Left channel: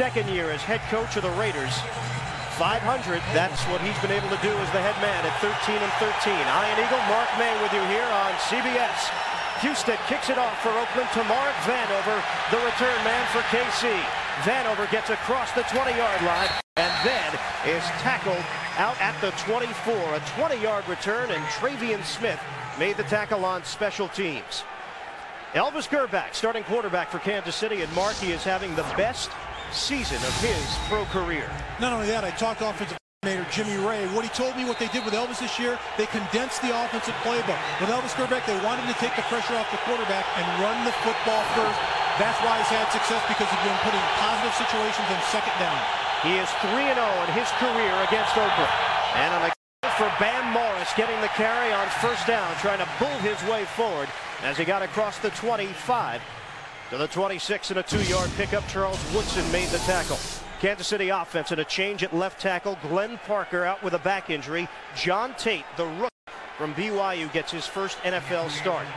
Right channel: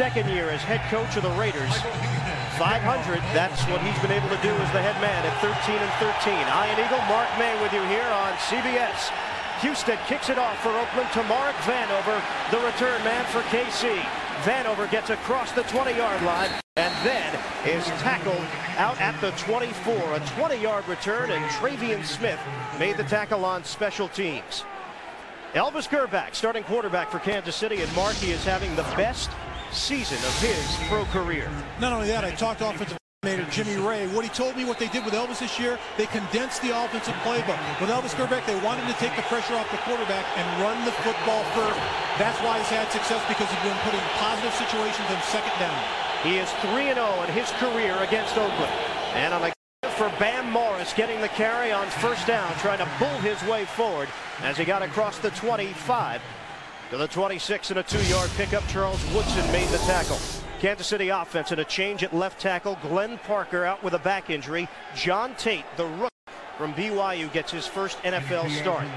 second year as head coach of the Raiders. 500, that's what he's been able to do as the head man at 13-13. Iron Eagle, Mark May with you here on CBS. Husted kicks it off for Oakland to Mark Vanover, the return man for KC. Vanover gets across the 20-yard line and then is tackled out at the 24. A 20-yard return, and Travian Smith made the tackle on special teams. Elvis Grbac, starting quarterback for Kansas City, and Markey is having the best season of his pro career. Not only that, I talked to offensive coordinator Jimmy Ray. What he told me, what they did with Elvis this year, they condensed the offensive playbook. With Elvis Grbac, they wanted to take the pressure off the quarterback and run the football first. That's why he's had success, because he's been putting positive situations in second down. He is 3-0 in his career against Oakland. And on the for Bam Morris, getting the carry on first down, trying to bull his way forward as he got across the 25 to the 26, and a 2-yard pickup. Charles Woodson made the tackle. Kansas City offense and a change at left tackle. Glenn Parker out with a back injury. John Tate, the rookie from BYU, gets his first NFL start.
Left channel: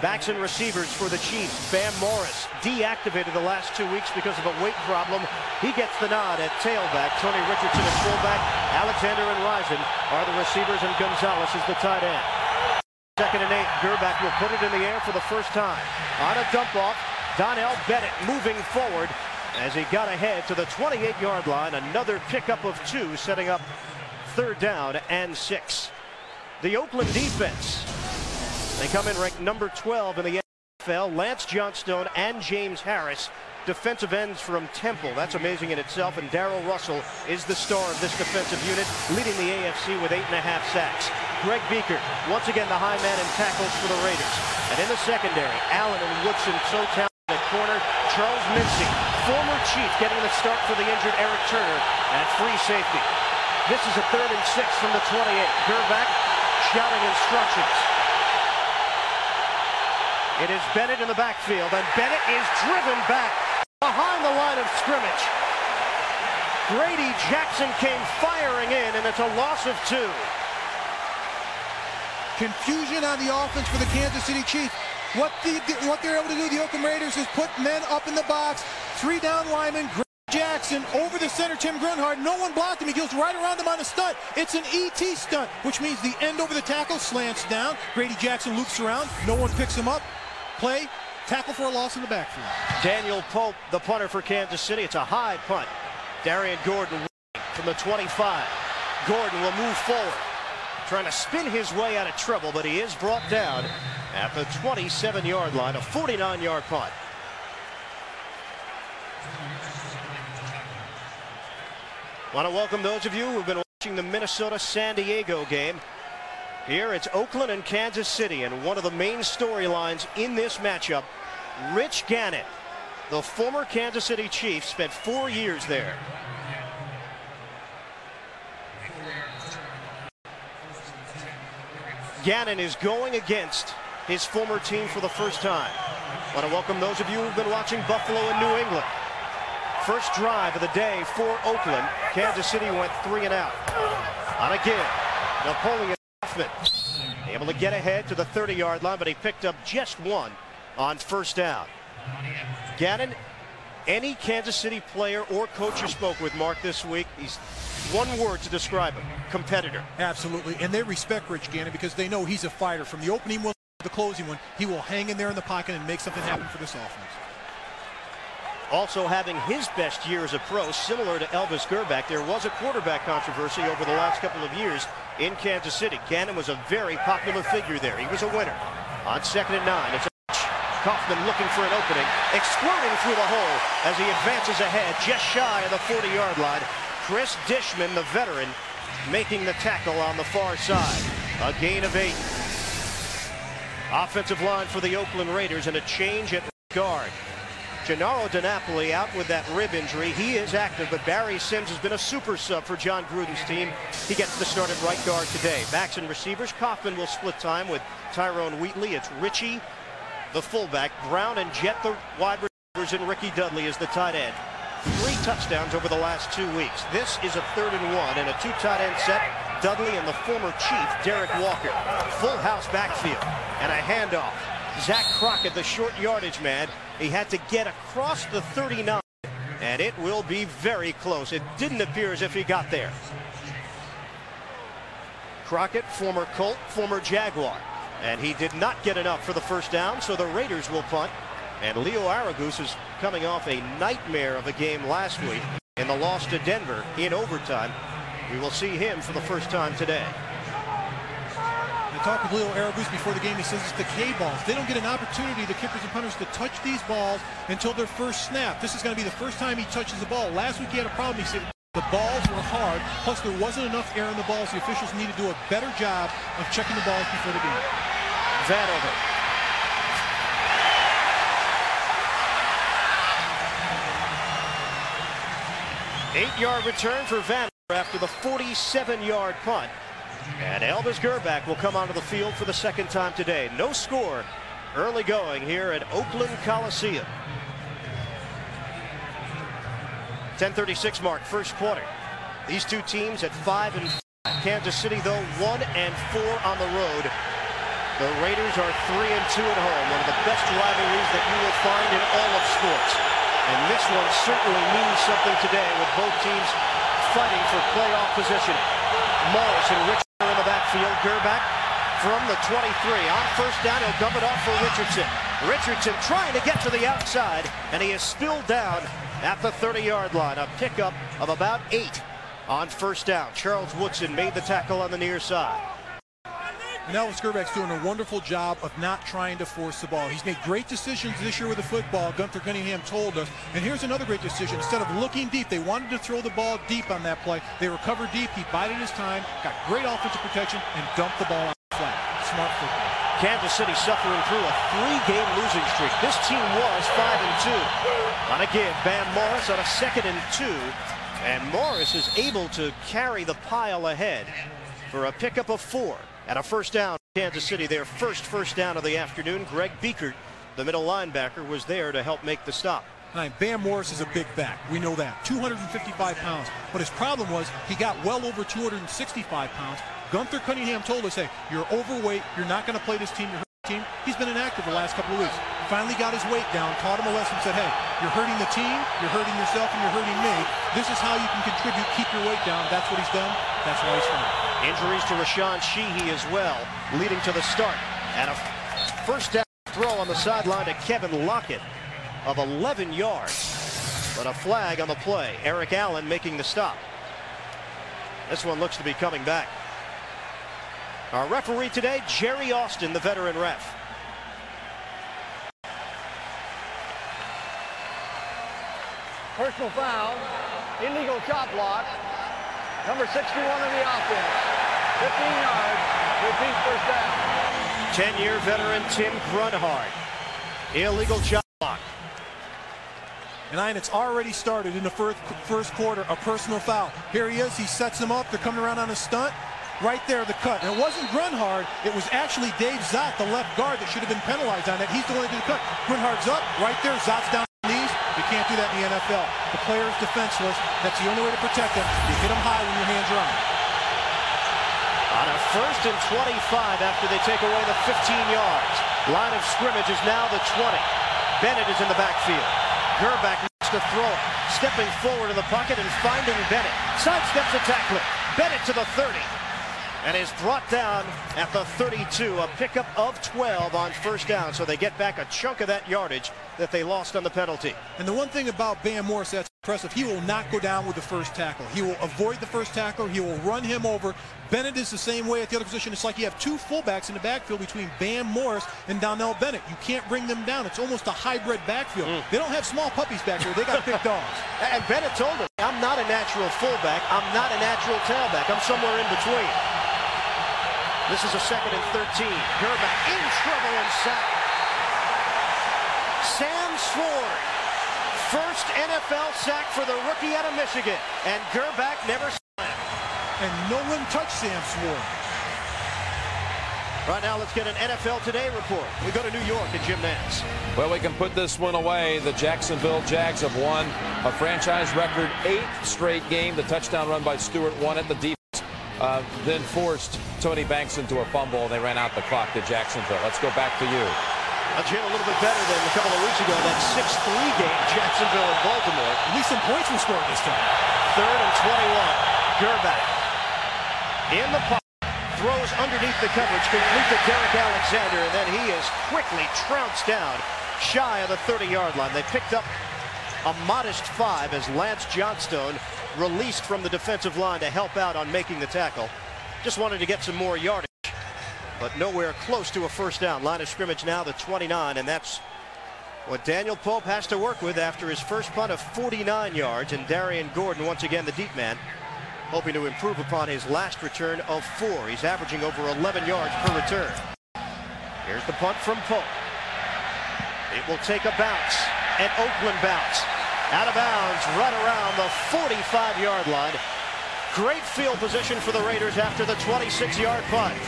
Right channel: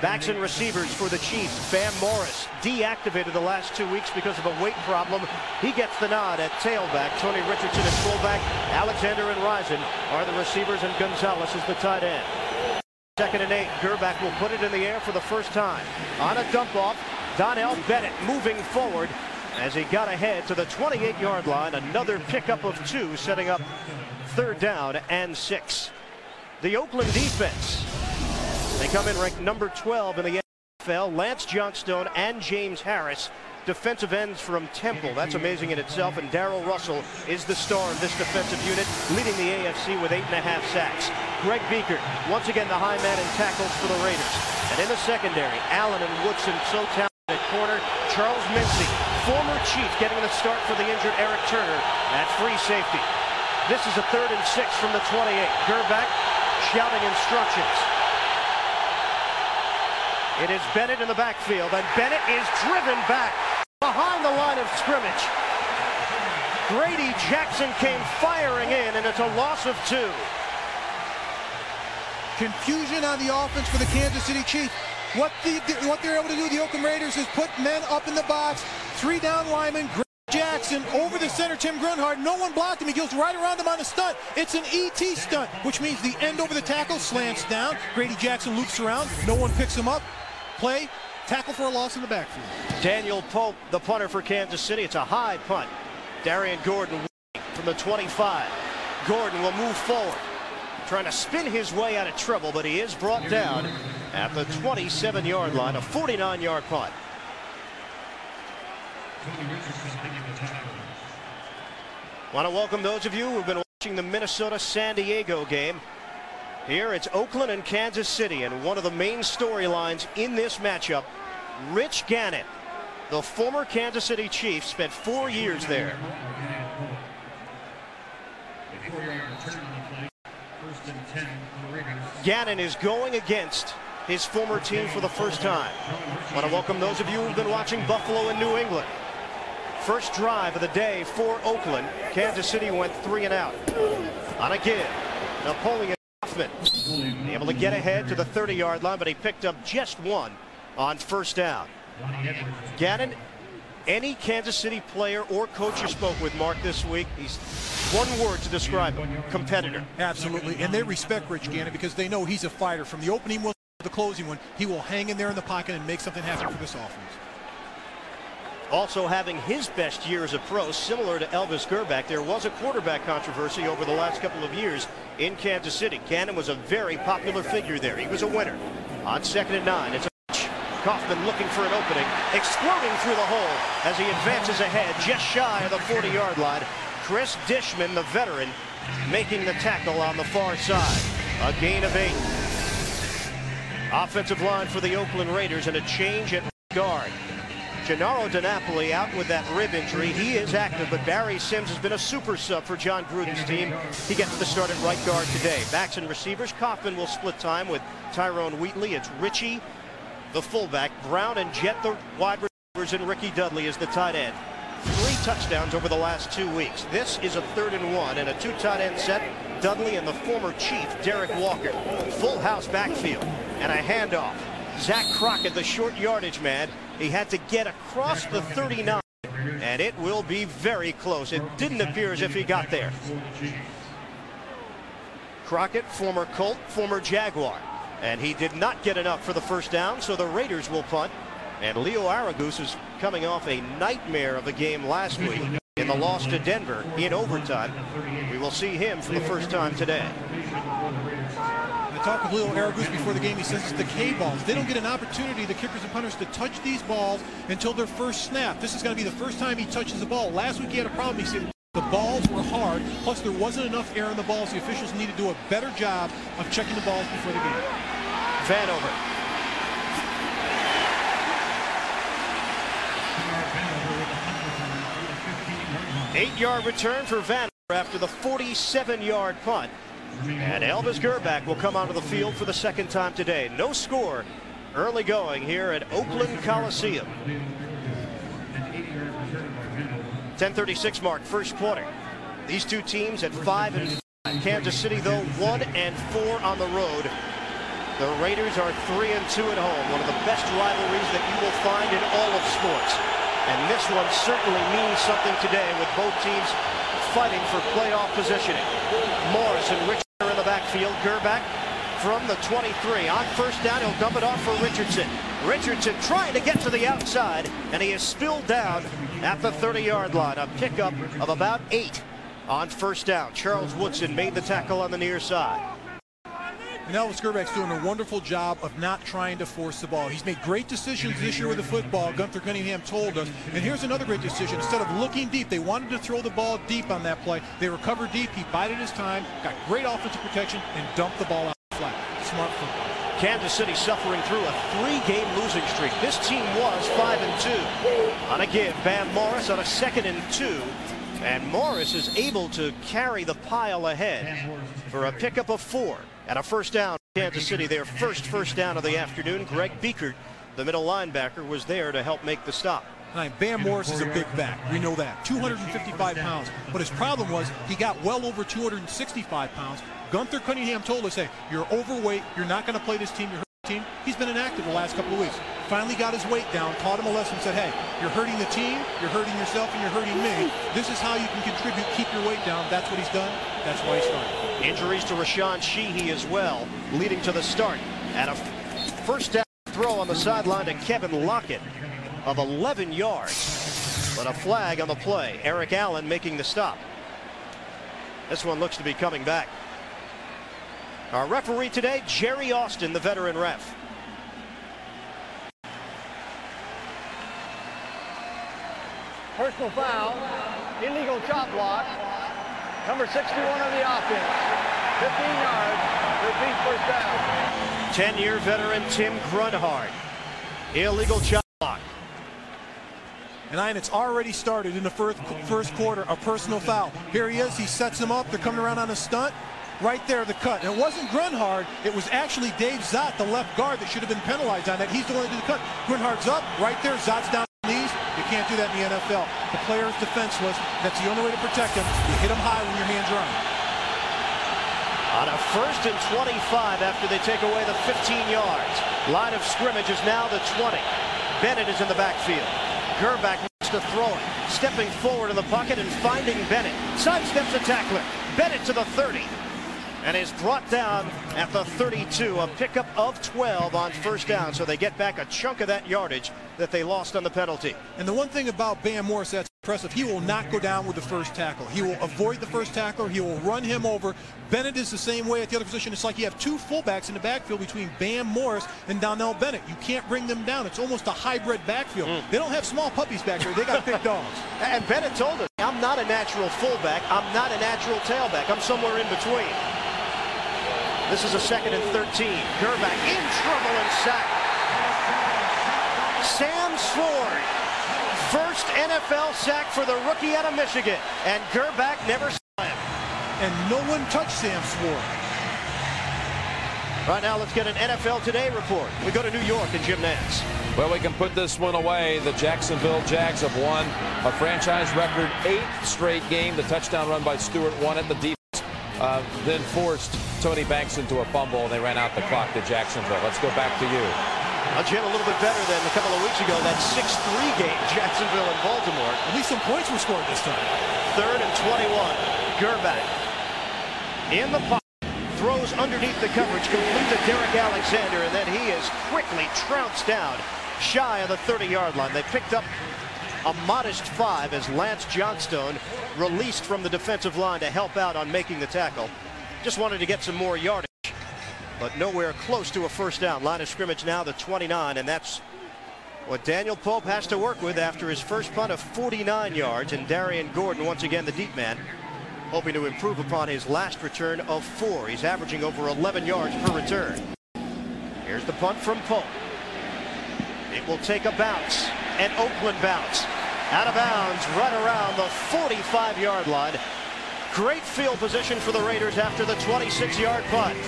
Backs and receivers for the Chiefs. Bam Morris deactivated the last 2 weeks because of a weight problem. He gets the nod at tailback. Tony Richardson at fullback. Alexander and Risen are the receivers, and Gonzalez is the tight end. 2nd and 8. Grbac will put it in the air for the first time. On a dump off, Donnell Bennett moving forward as he got ahead to the 28-yard line. Another pickup of 2, setting up 3rd down and 6. The Oakland defense, they come in ranked number 12 in the NFL. Lance Johnstone and James Harris, defensive ends from Temple. That's amazing in itself. And Darrell Russell is the star of this defensive unit, leading the AFC with 8.5 sacks. Greg Biekert, once again the high man in tackles for the Raiders. And in the secondary, Allen and Woodson so talented at corner. Charles Mincy, former Chief, getting the start for the injured Eric Turner at free safety. This is a 3rd and 6 from the 28. Grbac shouting instructions. It is Bennett in the backfield, and Bennett is driven back behind the line of scrimmage. Grady Jackson came firing in, and it's a loss of 2. Confusion on the offense for the Kansas City Chiefs. What they're able to do, the Oakland Raiders, is put men up in the box. 3 down linemen. Grady Jackson over the center, Tim Grunhard. No one blocked him. He goes right around him on a stunt. It's an ET stunt, which means the end over the tackle slants down. Grady Jackson loops around. No one picks him up. Play, tackle for a loss in the backfield. Daniel Pope, the punter for Kansas City. It's a high punt. Darian Gordon from the 25. Gordon will move forward, trying to spin his way out of trouble, but he is brought down at the 27-yard line. A 49-yard punt. Want to welcome those of you who've been watching the Minnesota-San Diego game. Here it's Oakland and Kansas City, and one of the main storylines in this matchup, Rich Gannon, the former Kansas City Chief, spent 4 years there. Gannon is going against his former team for the first time. Want to welcome those of you who've been watching Buffalo and New England. First drive of the day for Oakland. Kansas City went 3 and out. On a give, Napoleon Hoffman able to get ahead to the 30-yard line, but he picked up just 1 on first down. Gannon, any Kansas City player or coach you spoke with, Mark, this week, he's one word to describe him: competitor. Absolutely, and they respect Rich Gannon because they know he's a fighter. From the opening one to the closing one, he will hang in there in the pocket and make something happen for this offense. Also having his best year as a pro, similar to Elvis Grbac. There was a quarterback controversy over the last couple of years in Kansas City. Gannon was a very popular figure there. He was a winner. On 2nd and 9, it's a Kaufman looking for an opening, exploding through the hole as he advances ahead just shy of the 40-yard line. Chris Dishman, the veteran, making the tackle on the far side. A gain of 8. Offensive line for the Oakland Raiders, and a change at guard. Gennaro DiNapoli out with that rib injury. He is active, but Barry Sims has been a super sub for John Gruden's team. He gets the start at right guard today. Backs and receivers, Kaufman will split time with Tyrone Wheatley. It's Richie, the fullback, Brown and Jet, the wide receivers, and Ricky Dudley is the tight end. 3 touchdowns over the last 2 weeks. This is a 3rd and 1 and a 2 tight end set. Dudley and the former Chief, Derek Walker. Full house backfield and a handoff. Zach Crockett, the short yardage man. He had to get across the 39 and it will be very close. It didn't appear as if he got there. Crockett, former Colt, former Jaguar, and he did not get enough for the first down, so the Raiders will punt. And Leo Aragus is coming off a nightmare of a game last week in the loss to Denver in overtime. We will see him for the first time today. I talked with Leo Aragus before the game. He says it's the K balls. They don't get an opportunity, the kickers and punters, to touch these balls until their first snap. This is going to be the first time he touches the ball. Last week he had a problem. He said the balls were hard, plus there wasn't enough air in the balls. The officials need to do a better job of checking the balls before the game. Vanover. Eight-yard return for Vanover after the 47-yard punt. And Elvis Grbac will come onto the field for the second time today. No score early going here at Oakland Coliseum. 10:36 mark, first quarter. These two teams at 5-5. Kansas City, though, 1-4 on the road. The Raiders are 3-2 at home, one of the best rivalries that you will find in all of sports. And this one certainly means something today with both teams fighting for playoff positioning. Morris and Richardson are in the backfield. Grbac from the 23. On first down, he'll dump it off for Richardson. Richardson trying to get to the outside, and he is spilled down at the 30-yard line. A pickup of about 8 on first down. Charles Woodson made the tackle on the near side. And Elvis Grbac's doing a wonderful job of not trying to force the ball. He's made great decisions this year with the football, Gunther Cunningham told us. And here's another great decision. Instead of looking deep, they wanted to throw the ball deep on that play. They recovered deep. He bided his time, got great offensive protection, and dumped the ball out flat. Smart football. Kansas City suffering through a 3-game losing streak. This team was 5-2. On a give, Bam Morris on a 2nd and 2. And Morris is able to carry the pile ahead for a pickup of 4. And a first down. Kansas City, their first down of the afternoon. Greg Biekert, the middle linebacker, was there to help make the stop. Bam Morris is a big back. We know that. 255 pounds. But his problem was he got well over 265 pounds. Gunther Cunningham told us, hey, you're overweight. You're not going to play this team. You're hurting the team. He's been inactive the last couple of weeks. Finally got his weight down, taught him a lesson, said, hey, you're hurting the team, you're hurting yourself, and you're hurting me. This is how you can contribute, keep your weight down. That's what he's done. That's why he's starting. Injuries to Rashawn Sheehy as well, leading to the start. And a first down throw on the sideline to Kevin Lockett of 11 yards. But a flag on the play. Eric Allen making the stop. This one looks to be coming back. Our referee today, Jerry Austin, the veteran ref. Personal foul, illegal chop block, number 61 of the offense, 15 yards, repeat first down. 10-year veteran Tim Grunhard, illegal chop block. And it's already started in the first quarter, a personal foul. Here he is, he sets him up, they're coming around on a stunt. Right there, the cut. And it wasn't Grunhard, it was actually Dave Zott, the left guard, that should have been penalized on that. He's the one that did the cut. Grunhard's up, right there, Zott's down. Knees. You can't do that in the NFL. The player is defenseless. That's the only way to protect him. You hit him high when your hands are on. On a 1st and 25 after they take away the 15 yards. Line of scrimmage is now the 20. Bennett is in the backfield. Grbac needs to throw it. Stepping forward in the pocket and finding Bennett. Sidesteps the tackler. Bennett to the 30. And is brought down at the 32. A pickup of 12 on first down. So they get back a chunk of that yardage that they lost on the penalty. And the one thing about Bam Morris that's impressive, he will not go down with the first tackle. He will avoid the first tackler. He will run him over. Bennett is the same way at the other position. It's like you have two fullbacks in the backfield between Bam Morris and Donnell Bennett. You can't bring them down. It's almost a hybrid backfield. They don't have small puppies back there. They got big dogs. And Bennett told us, I'm not a natural fullback. I'm not a natural tailback. I'm somewhere in between. This is a 2nd and 13. Grbac in trouble and sacked. Sam Sword, first NFL sack for the rookie out of Michigan, and Grbac never saw him. And no one touched Sam Sword. Right now, let's get an NFL Today report. We go to New York and Jim Nantz. Well, we can put this one away. The Jacksonville Jags have won a franchise record 8th straight game. The touchdown run by Stewart won it. The defense then forced Tony Banks into a fumble, and they ran out the clock to Jacksonville. Let's go back to you. Jim, a little bit better than a couple of weeks ago, that 6-3 game, Jacksonville and Baltimore. At least some points were scored this time. 3rd and 21. Gerbach in the pocket, throws underneath the coverage, complete to Derek Alexander, and then he is quickly trounced down shy of the 30-yard line. They picked up a modest 5 as Lance Johnstone released from the defensive line to help out on making the tackle. Just wanted to get some more yardage, but nowhere close to a first down. Line of scrimmage now the 29, and that's what Daniel Pope has to work with after his first punt of 49 yards. And Darian Gordon, once again the deep man, hoping to improve upon his last return of 4. He's averaging over 11 yards per return. Here's the punt from Pope. It will take a bounce, an Oakland bounce. Out of bounds right around the 45-yard line. Great field position for the Raiders after the 26-yard punt.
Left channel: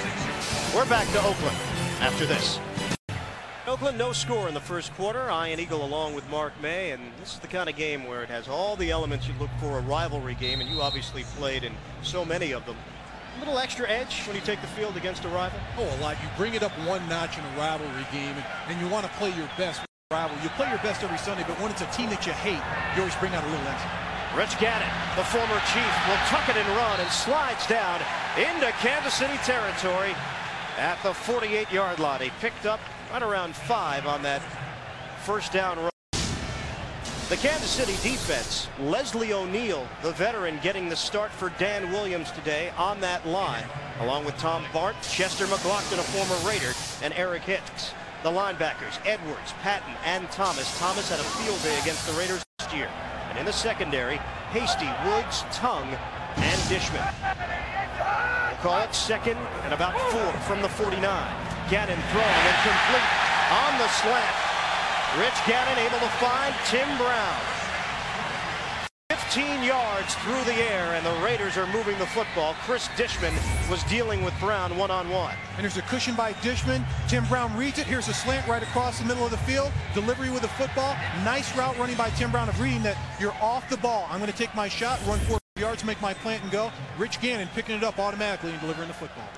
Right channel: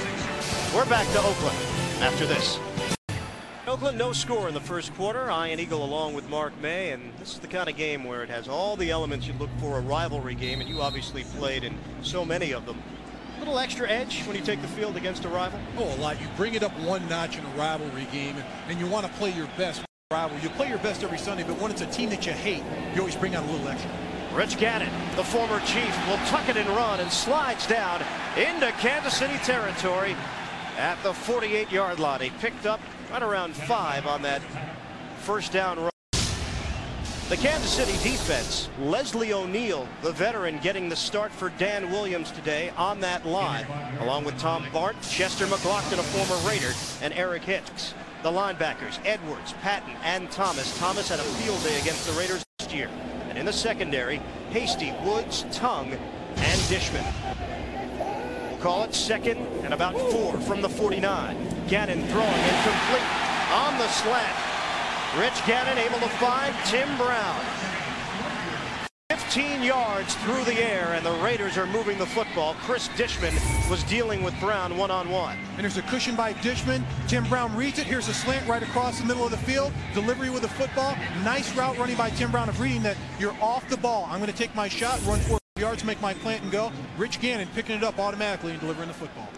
We're back to Oakland after this. Oakland, no score in the first quarter. Ian Eagle along with Mark May, and this is the kind of game where it has all the elements you look for a rivalry game, and you obviously played in so many of them. A little extra edge when you take the field against a rival? Oh, a lot. You bring it up one notch in a rivalry game, and you want to play your best with a rival. You play your best every Sunday, but when it's a team that you hate, you always bring out a little extra. Rich Gannon, the former Chief, will tuck it and run and slides down into Kansas City territory at the 48-yard line. He picked up right around 5 on that first down run. The Kansas City defense, Leslie O'Neal, the veteran, getting the start for Dan Williams today on that line, along with Tom Bart, Chester McLaughlin, a former Raider, and Eric Hicks. The linebackers, Edwards, Patton, and Thomas. Thomas had a field day against the Raiders last year. And in the secondary, Hasty, Woods, Tongue, and Dishman. We'll call it 2nd and about 4 from the 49. Gannon throwing and complete on the slant. Rich Gannon able to find Tim Brown. 15 yards through the air, and the Raiders are moving the football. Chris Dishman was dealing with Brown one-on-one. And there's a cushion by Dishman. Tim Brown reads it. Here's a slant right across the middle of the field. Delivery with the football. Nice route running by Tim Brown of reading that you're off the ball. I'm going to take my shot, run 4 yards, make my plant and go. Rich Gannon picking it up automatically and delivering the football.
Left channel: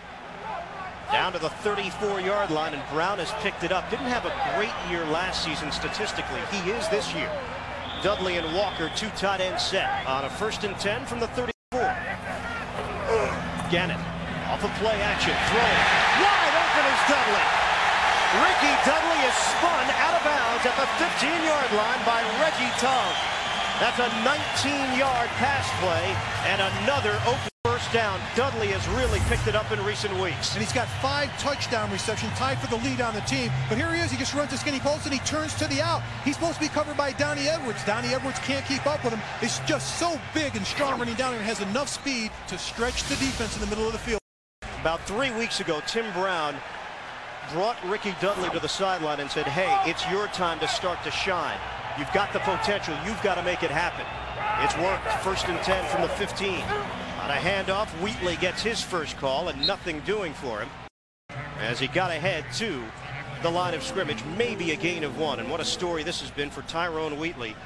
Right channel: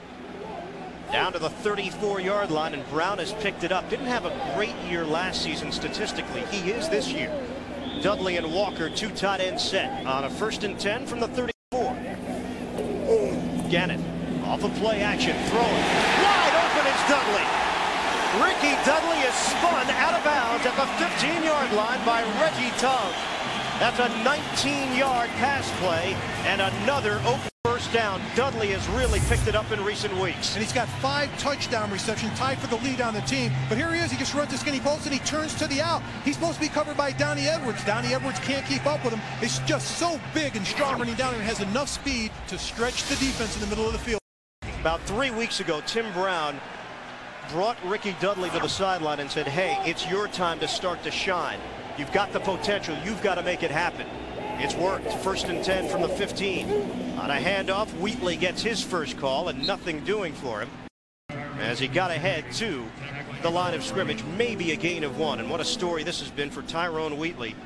Down to the 34-yard line, and Brown has picked it up. Didn't have a great year last season statistically. He is this year. Dudley and Walker, 2 tight end set on a 1st and 10 from the 34. Gannon off of play action, throwing. Wide open is Dudley. Ricky Dudley is spun out of bounds at the 15-yard line by Reggie Tongue. That's a 19-yard pass play and another Oakland first down. Dudley has really picked it up in recent weeks. And he's got 5 touchdown receptions, tied for the lead on the team. But here he is. He just runs a skinny post and he turns to the out. He's supposed to be covered by Donnie Edwards. Donnie Edwards can't keep up with him. He's just so big and strong running down there and has enough speed to stretch the defense in the middle of the field. About 3 weeks ago, Tim Brown brought Ricky Dudley to the sideline and said, hey, it's your time to start to shine. You've got the potential. You've got to make it happen. It's worked. 1st and 10 from the 15. On a handoff, Wheatley gets his first call and nothing doing for him as he got ahead to the line of scrimmage. Maybe a gain of 1. And what a story this has been for Tyrone Wheatley.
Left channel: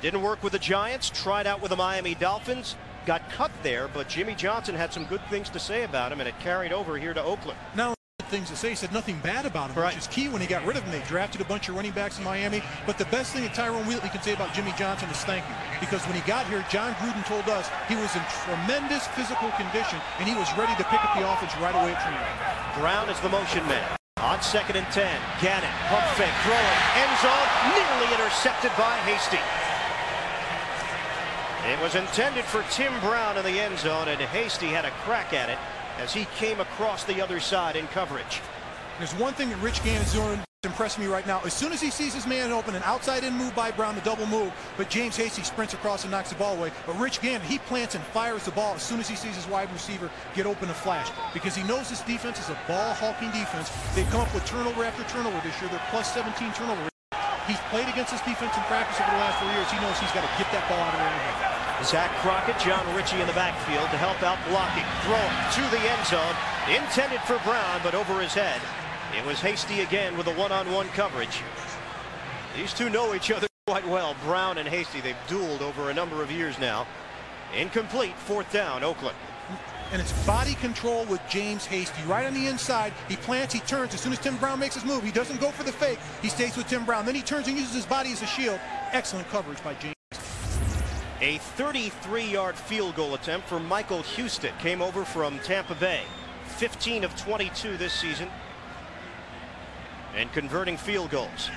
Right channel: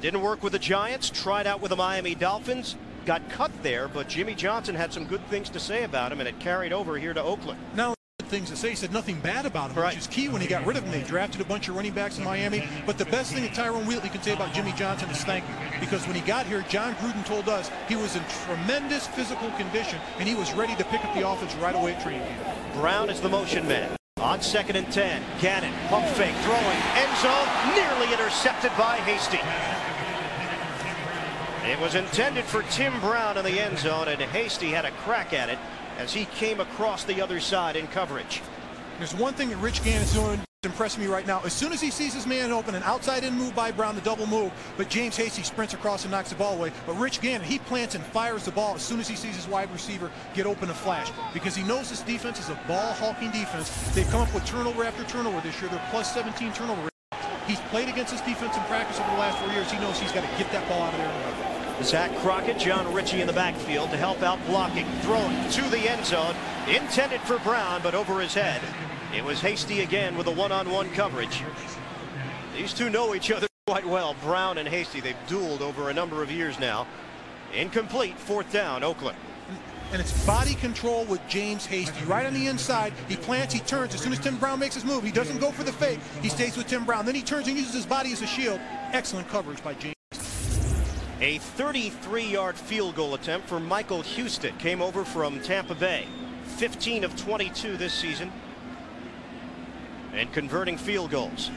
Didn't work with the Giants. Tried out with the Miami Dolphins. Got cut there, but Jimmy Johnson had some good things to say about him, and it carried over here to Oakland. Now, things to say. He said nothing bad about him, right, which is key when he got rid of him. They drafted a bunch of running backs in Miami. But the best thing that Tyrone Wheatley can say about Jimmy Johnson is thank you. Because when he got here, John Gruden told us he was in tremendous physical condition, and he was ready to pick up the offense right away at training camp. Brown is the motion man. On 2nd and 10, Gannon, pump fake, throwing, end zone, nearly intercepted by Hasty. It was intended for Tim Brown in the end zone, and Hasty had a crack at it as he came across the other side in coverage. There's one thing that Rich Gannon's doing that's impressing me right now. As soon as he sees his man open, an outside-in move by Brown, the double move, but James Hasty sprints across and knocks the ball away. But Rich Gannon, he plants and fires the ball as soon as he sees his wide receiver get open a flash, because he knows this defense is a ball-hawking defense. They've come up with turnover after turnover this year. They're plus 17 turnover rate. He's played against this defense in practice over the last 4 years. He knows he's got to get that ball out of there in a hurry. Zach Crockett, John Ritchie in the backfield to help out blocking. Throwing to the end zone. Intended for Brown, but over his head. It was Hasty again with a one-on-one coverage. These two know each other quite well. Brown and Hasty, they've dueled over a number of years now. Incomplete, 4th down, Oakland. and it's body control with James Hasty. Right on the inside, he plants, he turns. As soon as Tim Brown makes his move, he doesn't go for the fake. He stays with Tim Brown. Then he turns and uses his body as a shield. Excellent coverage by James. A 33-yard field goal attempt for Michael Houston. Came over from Tampa Bay. 15 of 22 this season. And converting field goals.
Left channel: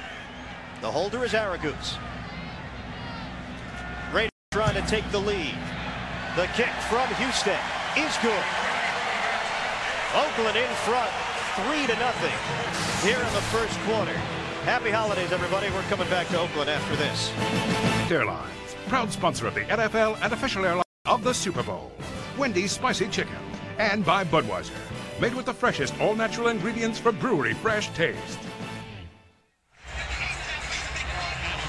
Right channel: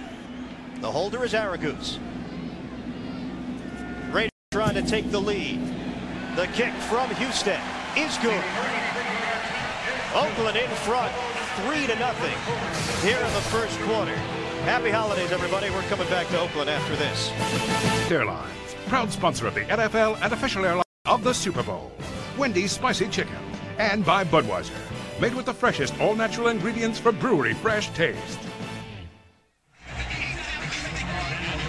The holder is Aragoose. Raiders trying to take the lead. The kick from Houston is good. Oakland in front, 3-0 here in the first quarter. Happy holidays, everybody. We're coming back to Oakland after this. Airlines, proud sponsor of the NFL and official airline of the Super Bowl. Wendy's Spicy Chicken. And by Budweiser, made with the freshest all-natural ingredients for brewery fresh taste.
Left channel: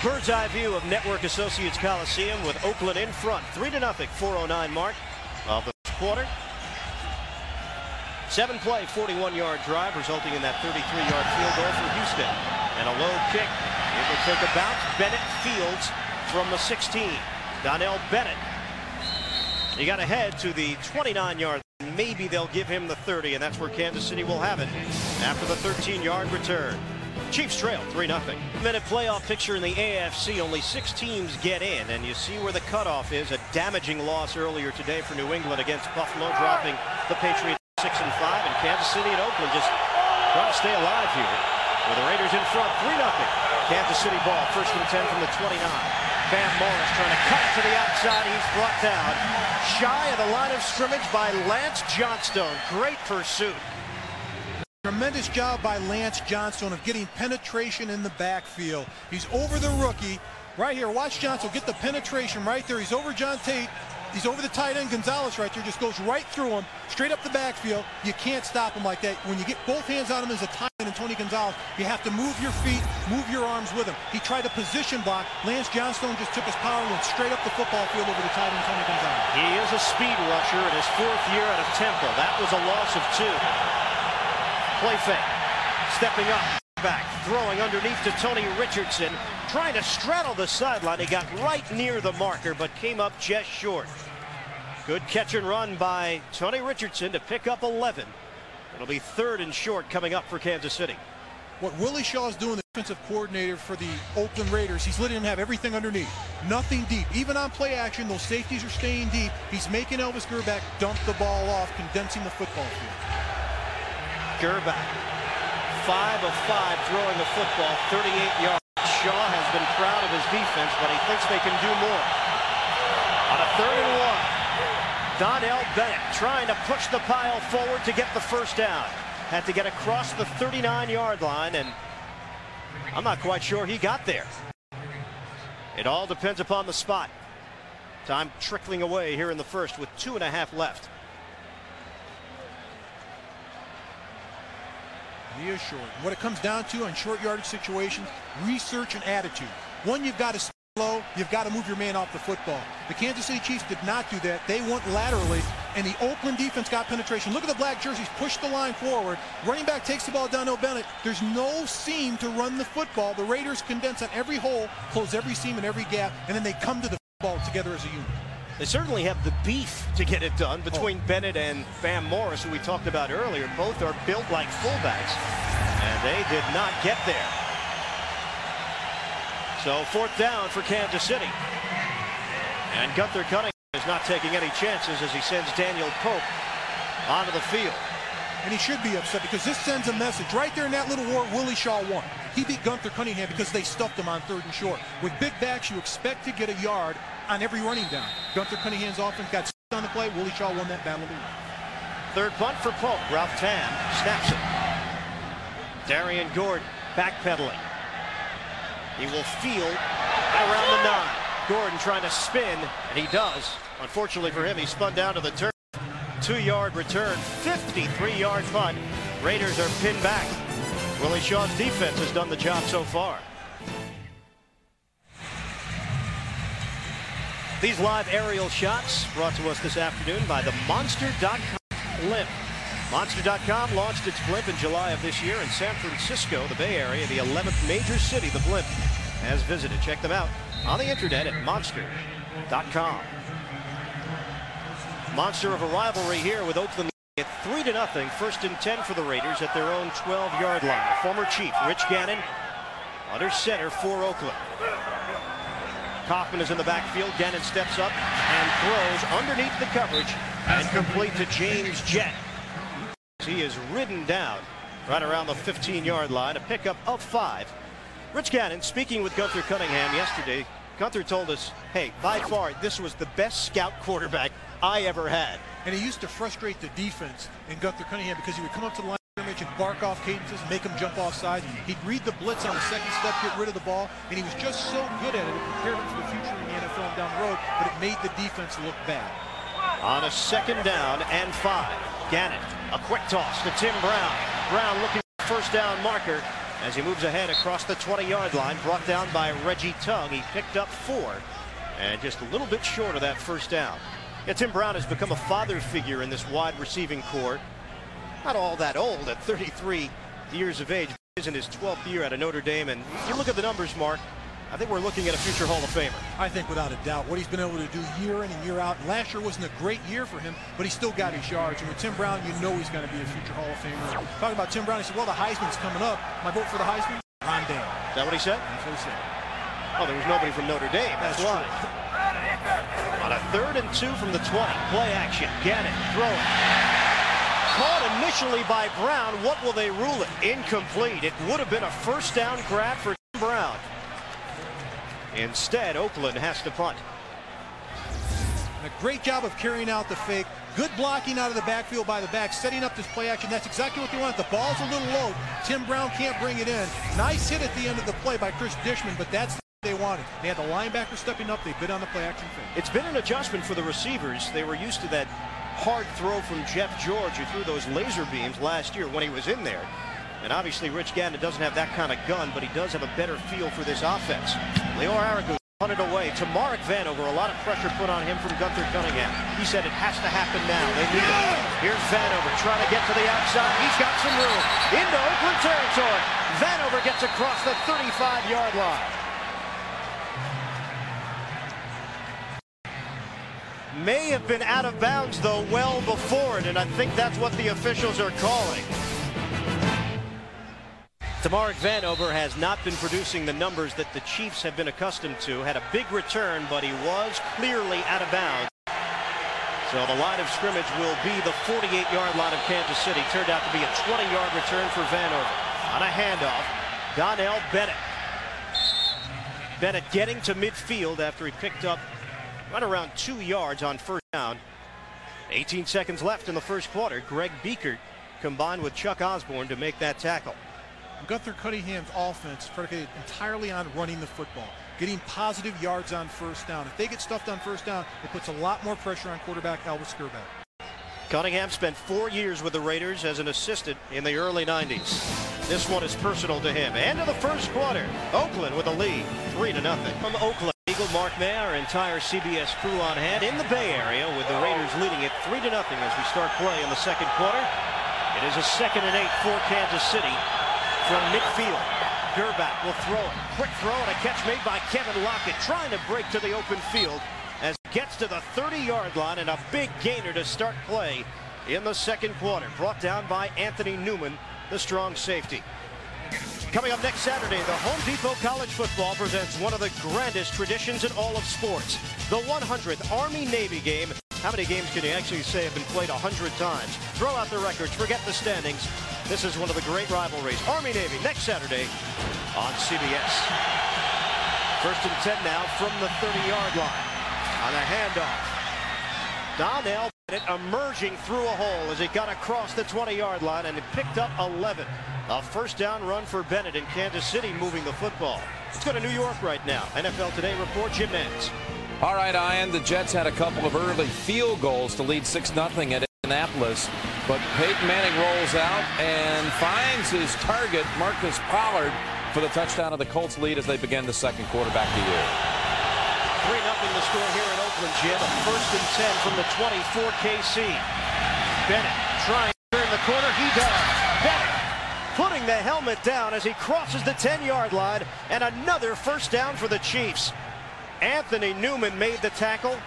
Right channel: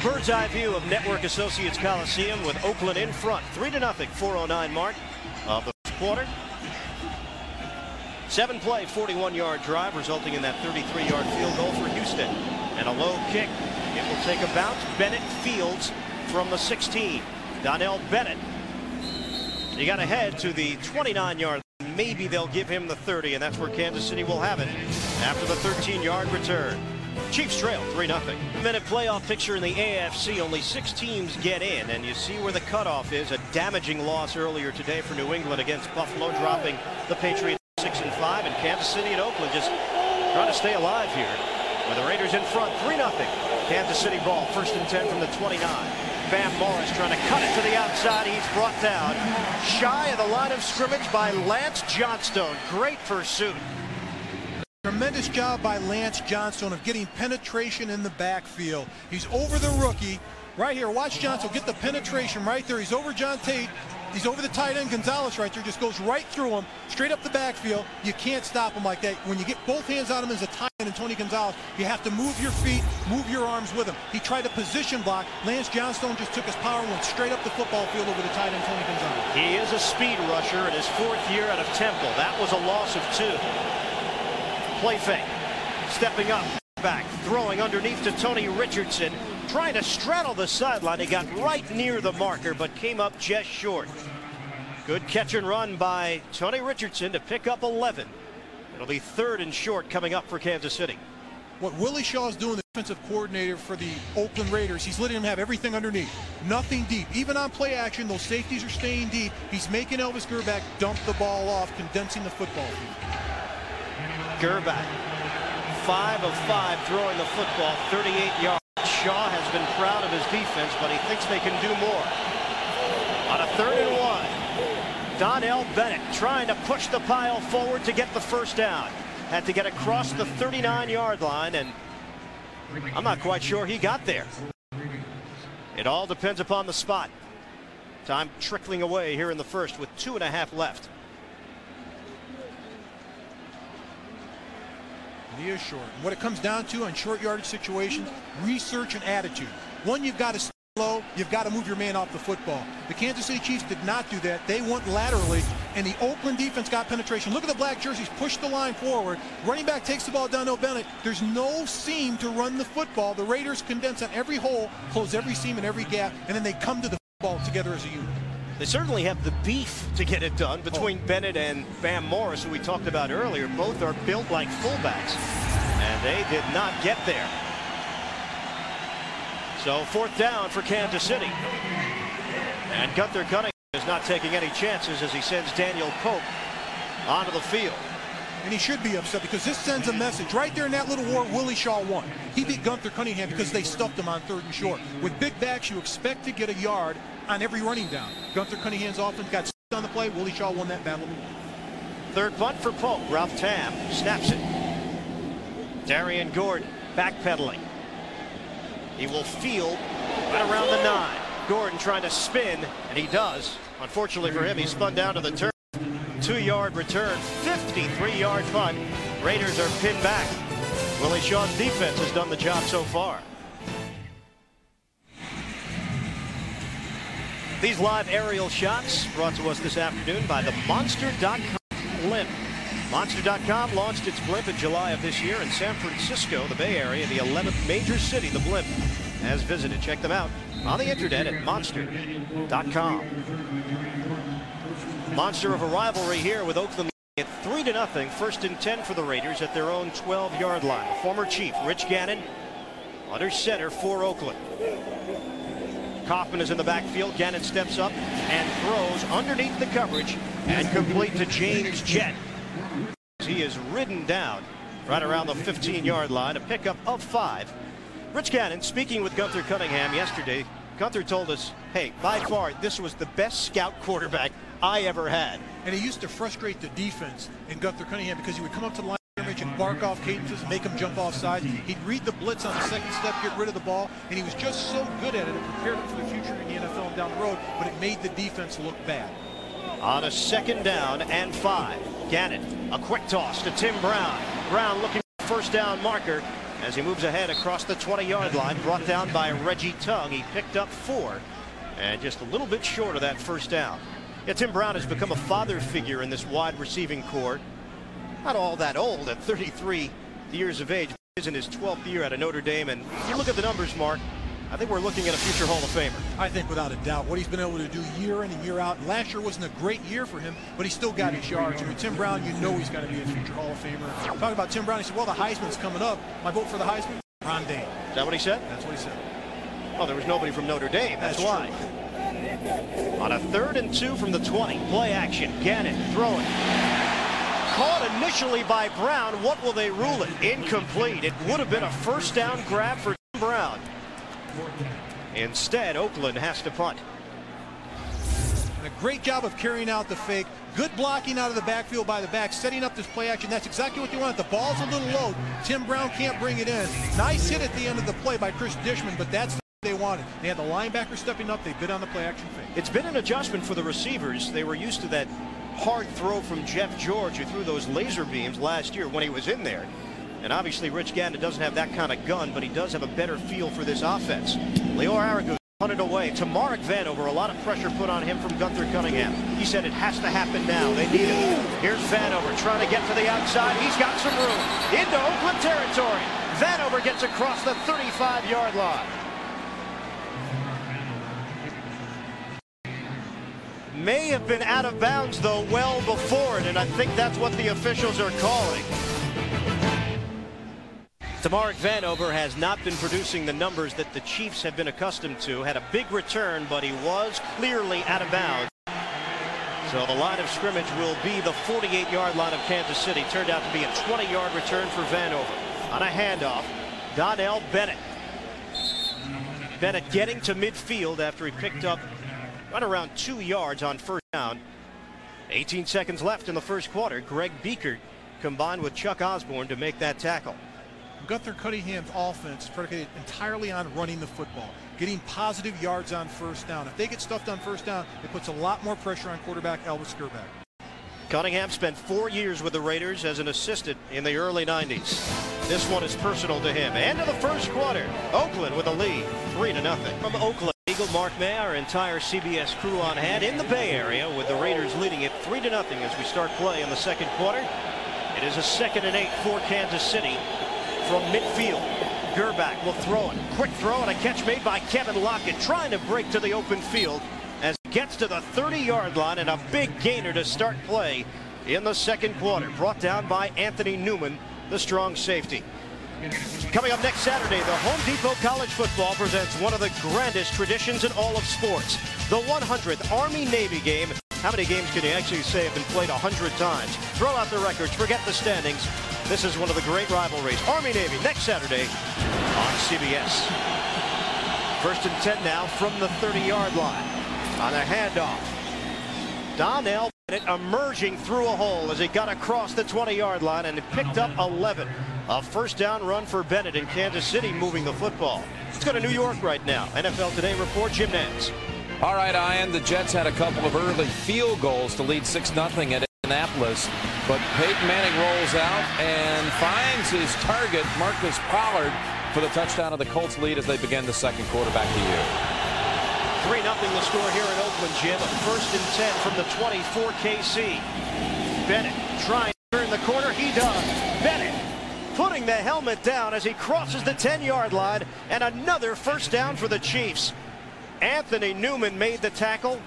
Bird's eye view of Network Associates Coliseum with Oakland in front. 3-0, 4:09 mark of the first quarter. 7-play, 41-yard drive, resulting in that 33-yard field goal for Houston. And a low kick. It will take a bounce. Bennett fields from the 16. Donnell Bennett. He got ahead to the 29-yard. Maybe they'll give him the 30, and that's where Kansas City will have it after the 13-yard return. Chiefs trail 3-0. Minute playoff picture in the AFC. Only 6 teams get in, and you see where the cutoff is. A damaging loss earlier today for New England against Buffalo, dropping the Patriots 6-5, and Kansas City and Oakland just trying to stay alive here. With the Raiders in front, 3-0. Kansas City ball, 1st and 10 from the 29. Bam Morris trying to cut it to the outside. He's brought down shy of the line of scrimmage by Lance Johnstone. Great pursuit. Tremendous job by Lance Johnstone of getting penetration in the backfield. He's over the rookie. Right here, watch Johnstone get the penetration right there. He's over John Tate. He's over the tight end Gonzalez right there. Just goes right through him, straight up the backfield. You can't stop him like that. When you get both hands on him as a tight end and Tony Gonzalez, you have to move your feet, move your arms with him. He tried to position block. Lance Johnstone just took his power and went straight up the football field over the tight end Tony Gonzalez. He is a speed rusher in his 4th year out of Temple. That was a loss of 2. Play fake. Stepping up, back, throwing underneath to Tony Richardson. Trying to straddle the sideline. He got right near the marker, but came up just short. Good catch and run by Tony Richardson to pick up 11. It'll be 3rd and short coming up for Kansas City. What Willie Shaw is doing, the defensive coordinator for the Oakland Raiders, he's letting him have everything underneath. Nothing deep. Even on play action, those safeties are staying deep. He's making Elvis Grbac dump the ball off, condensing the football field. Grbac, 5 of 5 throwing the football, 38 yards. Shaw has been proud of his defense, but he thinks they can do more. On a 3rd and 1, Donnell Bennett trying to push the pile forward to get the first down. Had to get across the 39-yard line, and I'm not quite sure he got there. It all depends upon the spot. Time trickling away here in the first with 2.5 left. And he is short. What it comes down to on short yardage situations, research and attitude. One, you've got to stay low, you've got to move your man off the football. The Kansas City Chiefs did not do that. They went laterally, and the Oakland defense got penetration. Look at the black jerseys, push the line forward. Running back takes the ball down to Bennett. There's no seam to run the football. The Raiders condense on every hole, close every seam and every gap, and then they come to the football together as a unit. They certainly have the beef to get it done between Bennett and Bam Morris, who we talked about earlier. Both are built like fullbacks, and they did not get there. So 4th down for Kansas City. And Gunther Cunningham is not taking any chances as he sends Daniel Pope onto the field. And he should be upset because this sends a message. Right there in that little war, Willie Shaw won. He beat Gunther Cunningham because they stuffed him on 3rd and short. With big backs, you expect to get a yard on every running down. Gunther Cunningham's offense got on the play. Willie Shaw won that battle of the war. 3rd punt for Pope. Ralph Tam snaps it. Darian Gordon backpedaling. He will field right around the 9. Gordon trying to spin, and he does. Unfortunately for him, he spun down to the turf. 2-yard return, 53-yard punt. Raiders are pinned back. Willie Shaw's defense has done the job so far. These live aerial shots brought to us this afternoon by the Monster.com blimp. Monster.com launched its blimp in July of this year in San Francisco, the Bay Area, the 11th major city the blimp has visited. Check them out on the internet at Monster.com. monster of a rivalry here with Oakland at 3-0, 1st and 10 for the Raiders at their own 12-yard line. The former Chief, Rich Gannon, under center for Oakland. Kaufman is in the backfield. Gannon steps up and throws underneath the coverage and complete to James Jett. He is ridden down right around the 15-yard line, a pickup of 5. Rich Gannon speaking with Gunther Cunningham yesterday. Gunther told us, hey, by far, this was the best scout quarterback I ever had. And he used to frustrate the defense in Gunther Cunningham because he would come up to the line of scrimmage and bark off cadences, make them jump off sides. He'd read the blitz on the second step, get rid of the ball, and he was just so good at it. It prepared him for the future in the NFL and down the road, but it made the defense look bad. On a 2nd down and 5, Gannon, a quick toss to Tim Brown. Brown looking for first down marker as he moves ahead across the 20-yard line, brought down by Reggie Tongue. He picked up 4 and just a little bit short of that first down. Yeah, Tim Brown has become a father figure in this wide receiving corps. Not all that old at 33 years of age. He's in his 12th year at Notre Dame, and you look at the numbers, Mark, I think we're looking at a future Hall of Famer. I think without a doubt what he's been able to do year in and year out. And last year wasn't a great year for him, but he still got his yards. And with Tim Brown, you know he's going to be a future Hall of Famer. Talking about Tim Brown, he said, well, the Heisman's coming up. My vote for the Heisman? Ron Dayne. Is that what he said? That's what he said. Oh, there was nobody from Notre Dame. That's why. True. On a 3rd and 2 from the 20, play action. Gannon throwing. Caught initially by Brown. What will they rule it? Incomplete. It would have been a first down grab for Tim Brown. Instead, Oakland has to punt. And a great job of carrying out the fake. Good blocking out of the backfield by the back, setting up this play action. That's exactly what they want. The ball's a little low. Tim Brown can't bring it in. Nice hit at the end of the play by Chris Dishman, but that's the they wanted. They had the linebacker stepping up. They bid on the play action fake. It's been an adjustment for the receivers. They were used to that hard throw from Jeff George, who threw those laser beams last year when he was in there. And obviously Rich Gannon doesn't have that kind of gun, but he does have a better feel for this offense. Leo Aragus punted away to Mark Vanover. A lot of pressure put on him from Gunther Cunningham. He said it has to happen now. They need it. Here's Vanover trying to get to the outside. He's got some room into Oakland territory. Vanover gets across the 35-yard line. May have been out of bounds, though, well before it, and I think that's what the officials are calling. Tamark Vanover has not been producing the numbers that the Chiefs have been accustomed to. Had a big return, but he was clearly out of bounds. So the line of scrimmage will be the 48-yard line of Kansas City. Turned out to be a 20-yard return for Vanover. On a handoff, Donnell Bennett. Bennett getting to midfield after he picked up right around 2 yards on first down. 18 seconds left in the first quarter. Greg Biekert combined with Chuck Osborne to make that tackle. Gunther Cunningham's offense is predicated entirely on running the football, getting positive yards on first down. If they get stuffed on first down, it puts a lot more pressure on quarterback Elvis Skerback. Cunningham spent 4 years with the Raiders as an assistant in the early 90s. This one is personal to him. End of the first quarter. Oakland with a lead, 3-0. From Oakland, Eagle, Mark May, our entire CBS crew on hand in the Bay Area with the Raiders leading it 3-0 as we start play in the second quarter. It is a 2nd and 8 for Kansas City. From midfield, Gerback will throw it. Quick throw and a catch made by Kevin Lockett, trying to break to the open field as he gets to the 30-yard line, and a big gainer to start play in the second quarter. Brought down by Anthony Newman, the strong safety. Coming up next Saturday, the Home Depot College Football presents one of the grandest traditions in all of sports, the 100th Army-Navy game. How many games can you actually say have been played 100 times? Throw out the records, forget the standings. This is one of the great rivalries. Army-Navy next Saturday on CBS. 1st and 10 now from the 30-yard line. On a handoff, Donnell Bennett emerging through a hole as he got across the 20-yard line and it picked up 11. A first down run for Bennett in Kansas City moving the football. Let's go to New York right now. NFL Today report, Jim Nantz. All right, Ian, the Jets had a couple of early field goals to lead 6-0 at Indianapolis, but Peyton Manning rolls out and finds his target, Marcus Pollard, for the touchdown of the Colts lead as they begin the second quarter. Back to you. 3-0 the score here in Oakland, Jim. A 1st and 10 from the 20 for KC. Bennett trying to turn the corner. He does. Bennett putting the helmet down as he crosses the 10-yard line, and another first down for the Chiefs. Anthony Newman made the tackle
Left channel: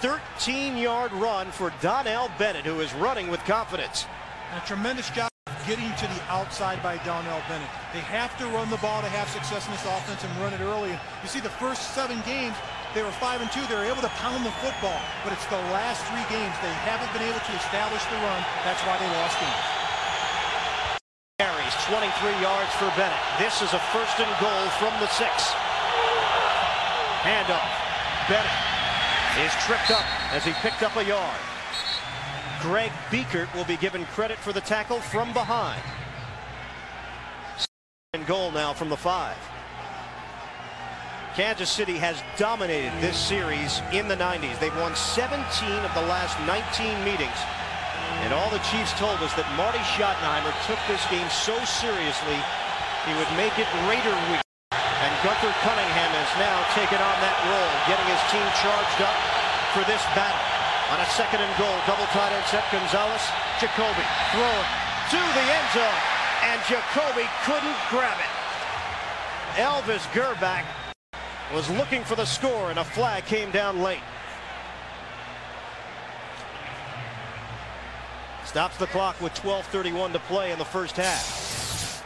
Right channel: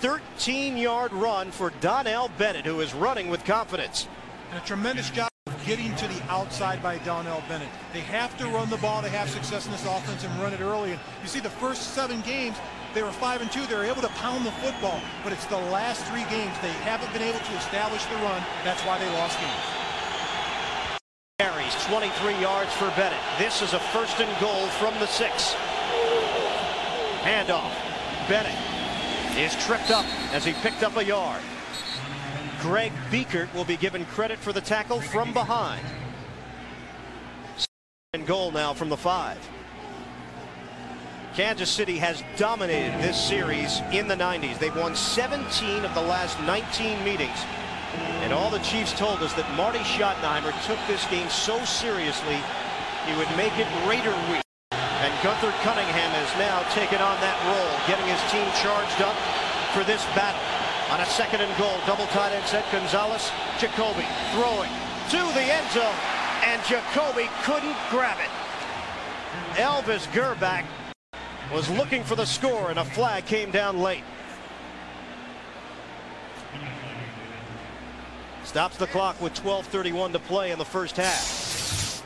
13-yard run for Donnell Bennett, who is running with confidence. And a tremendous job of getting to the outside by Donnell Bennett. They have to run the ball to have success in this offense and run it early. And you see the first 7 games, they were 5-2. They were able to pound the football. But it's the last 3 games they haven't been able to establish the run. That's why they lost games. Carries 23 yards for Bennett. This is a 1st and goal from the 6. Handoff. Bennett is tripped up as he picked up a yard. Greg Biekert will be given credit for the tackle from behind. 2nd and goal now from the 5. Kansas City has dominated this series in the 90s. They've won 17 of the last 19 meetings. And all the Chiefs told us that Marty Schottenheimer took this game so seriously he would make it Raider week. And Gunther Cunningham has now taken on that role, getting his team charged up for this battle. On a 2nd and goal, double tight end set, Gonzalez, Jacoby throwing to the end zone, and Jacoby couldn't grab it. Elvis Grbac was looking for the score, and a flag came down late. Stops the clock with 12:31 to play in the first half.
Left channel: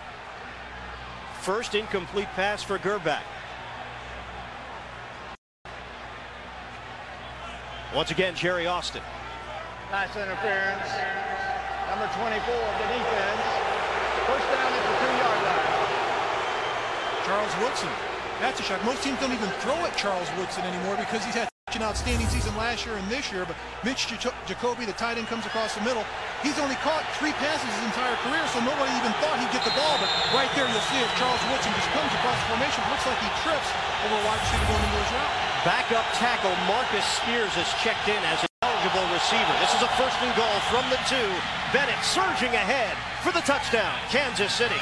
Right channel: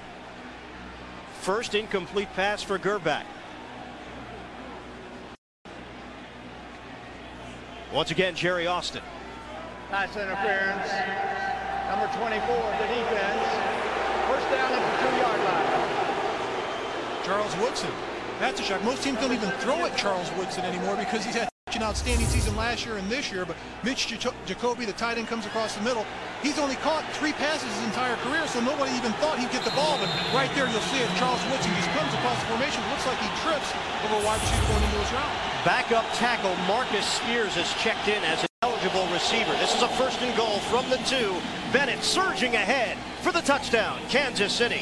First incomplete pass for Grbac. Once again, Jerry Austin. Nice interference. Number 24 of the defense. First down at the 2-yard line. Charles Woodson. That's a shock. Most teams don't even throw at Charles Woodson anymore because he's had an outstanding season last year and this year. But Mitch Jacoby, the tight end, comes across the middle. He's only caught 3 passes his entire career, so nobody even thought he'd get the ball. But right there, you'll see it. Charles Woodson just comes across the formation. It looks like he trips over a wide receiver going into his route. Backup tackle Marcus Spears is checked in as an eligible receiver. This is a 1st and goal from the 2. Bennett surging ahead for the touchdown, Kansas City.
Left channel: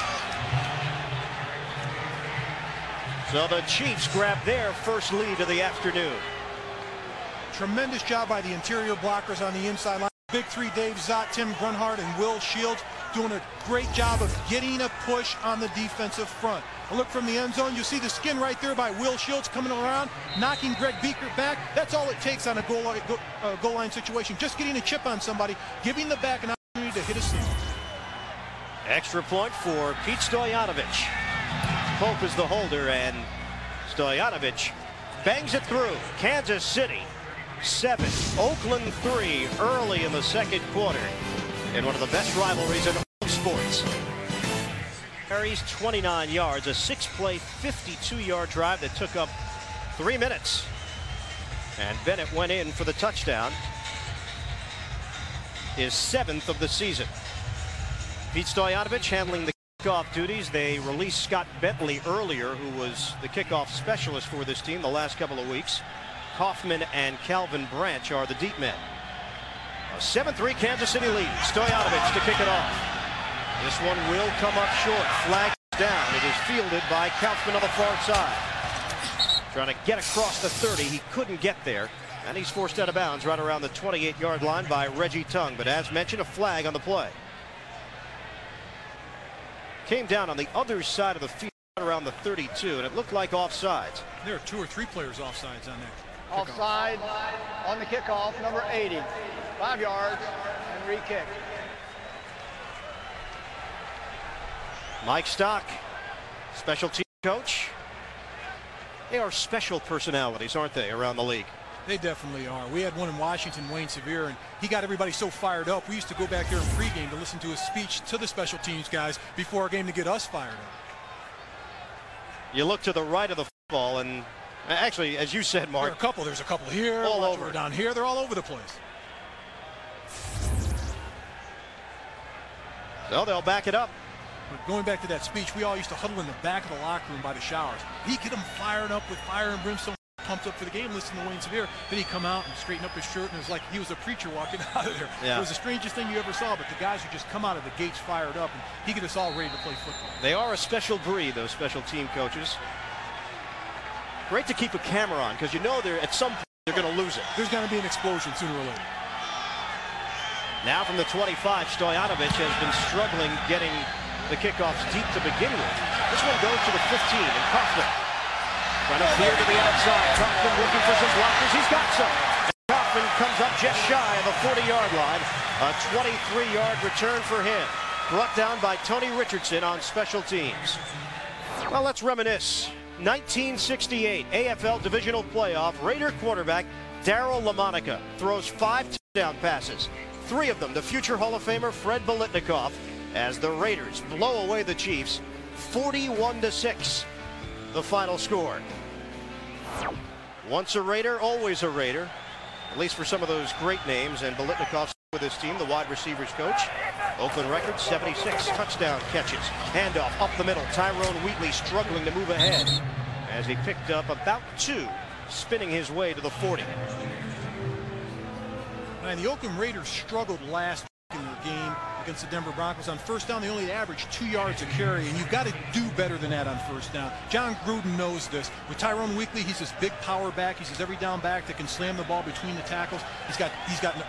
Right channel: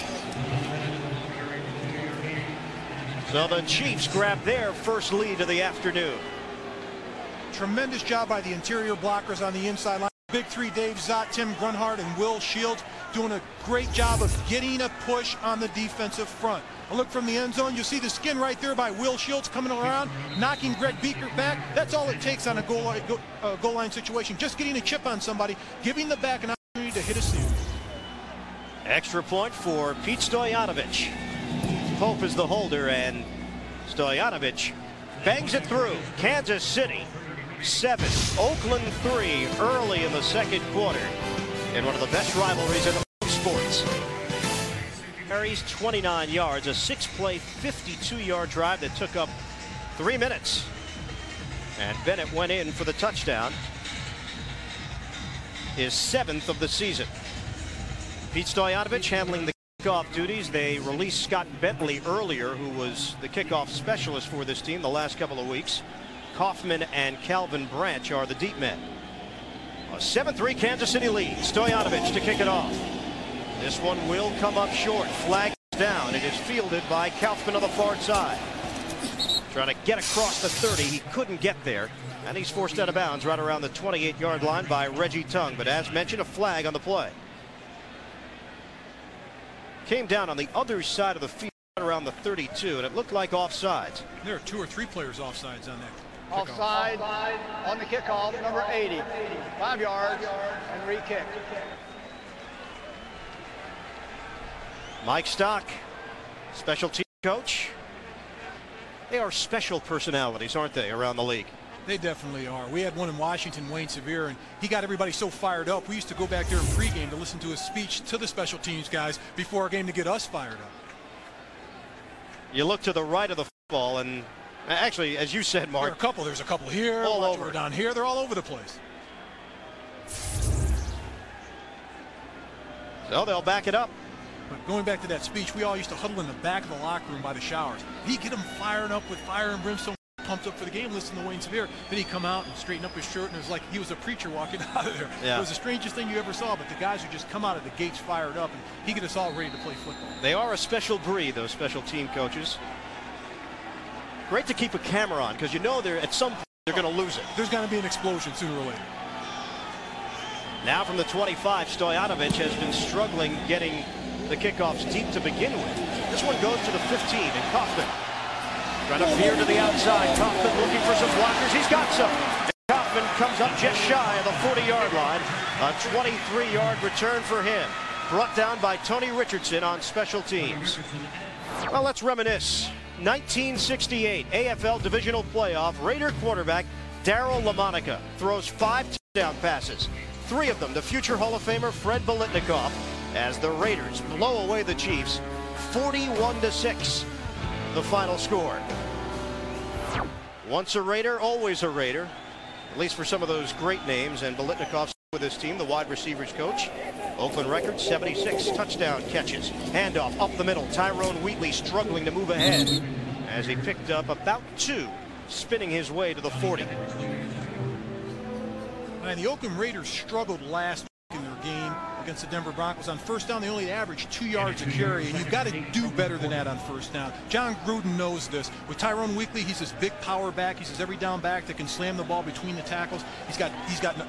So the Chiefs grab their first lead of the afternoon. Tremendous job by the interior blockers on the inside line. Big 3, Dave Zott, Tim Grunhard, and Will Shields doing a great job of getting a push on the defensive front. A look from the end zone. You see the skin right there by Will Shields coming around, knocking Greg Biekert back. That's all it takes on a goal line situation. Just getting a chip on somebody, giving the back an opportunity to hit a seam. Extra point for Pete Stoyanovich. Pope is the holder, and Stoyanovich bangs it through. Kansas City 7, Oakland 3 early in the 2nd quarter in one of the best rivalries in sports. Carries 29 yards, a 6-play, 52-yard drive that took up 3 minutes. And Bennett went in for the touchdown, his 7th of the season. Pete Stoyanovich handling the kickoff duties. They released Scott Bentley earlier, who was the kickoff specialist for this team the last couple of weeks. Kaufman and Calvin Branch are the deep men. A 7-3 Kansas City lead. Stoyanovich to kick it off. This one will come up short. Flag down. It is fielded by Kaufman on the far side. Trying to get across the 30. He couldn't get there. And he's forced out of bounds right around the 28-yard line by Reggie Tung. But as mentioned, a flag on the play. Came down on the other side of the field around the 32, and it looked like offsides. There are 2 or 3 players offsides on that. Offside on the kickoff, number 80. 5 yards and re-kick. Mike Stock, special team coach. They are special personalities, aren't they, around the league? They definitely are. We had one in Washington, Wayne Sevier, and he got everybody so fired up. We used to go back there in pregame to listen to his speech to the special teams guys before our game to get us fired up. You look to the right of the football, and actually, as you said, Mark, there's a couple here, all over down here. They're all over the place. So they'll back it up. But going back to that speech, we all used to huddle in the back of the locker room by the showers. He'd get them fired up with fire and brimstone, pumped up for the game, listen to Wayne Sevier. Then he'd come out and straighten up his shirt, and it was like he was a preacher walking out of there. Yeah. It was the strangest thing you ever saw, but the guys would just come out of the gates fired up, and he'd get us all ready to play football. They are a special breed, those special team coaches. Great to keep a camera on, because you know they're at some point they're going to lose it. There's going to be an explosion sooner or later. Now from the 25, Stoyanovich has been struggling getting the kickoffs deep to begin with. This one goes to the 15, and Kaufman trying to veer to the outside. Kaufman looking for some blockers. He's got some. Kaufman comes up just shy of the 40-yard line. A 23-yard return for him. Brought down by Tony Richardson on special teams. Well, let's reminisce. 1968 AFL Divisional Playoff. Raider quarterback Darryl LaMonica throws 5 touchdown passes. 3 of them to future Hall of Famer Fred Biletnikoff as the Raiders blow away the Chiefs 41-6. The final score. Once a Raider, always a Raider. At least for some of those great names, and Biletnikoff with his team, the wide receivers coach. Oakland record, 76 touchdown catches. Handoff up the middle. Tyrone Wheatley struggling to move ahead as he picked up about 2, spinning his way to the 40. And the Oakland Raiders struggled last week in their game against the Denver Broncos. On first down, they only averaged 2 yards a carry, and you've got to do better than that on first down. John Gruden knows this. With Tyrone Wheatley, he's this big power back. He's this every down back that can slam the ball between the tackles. He's got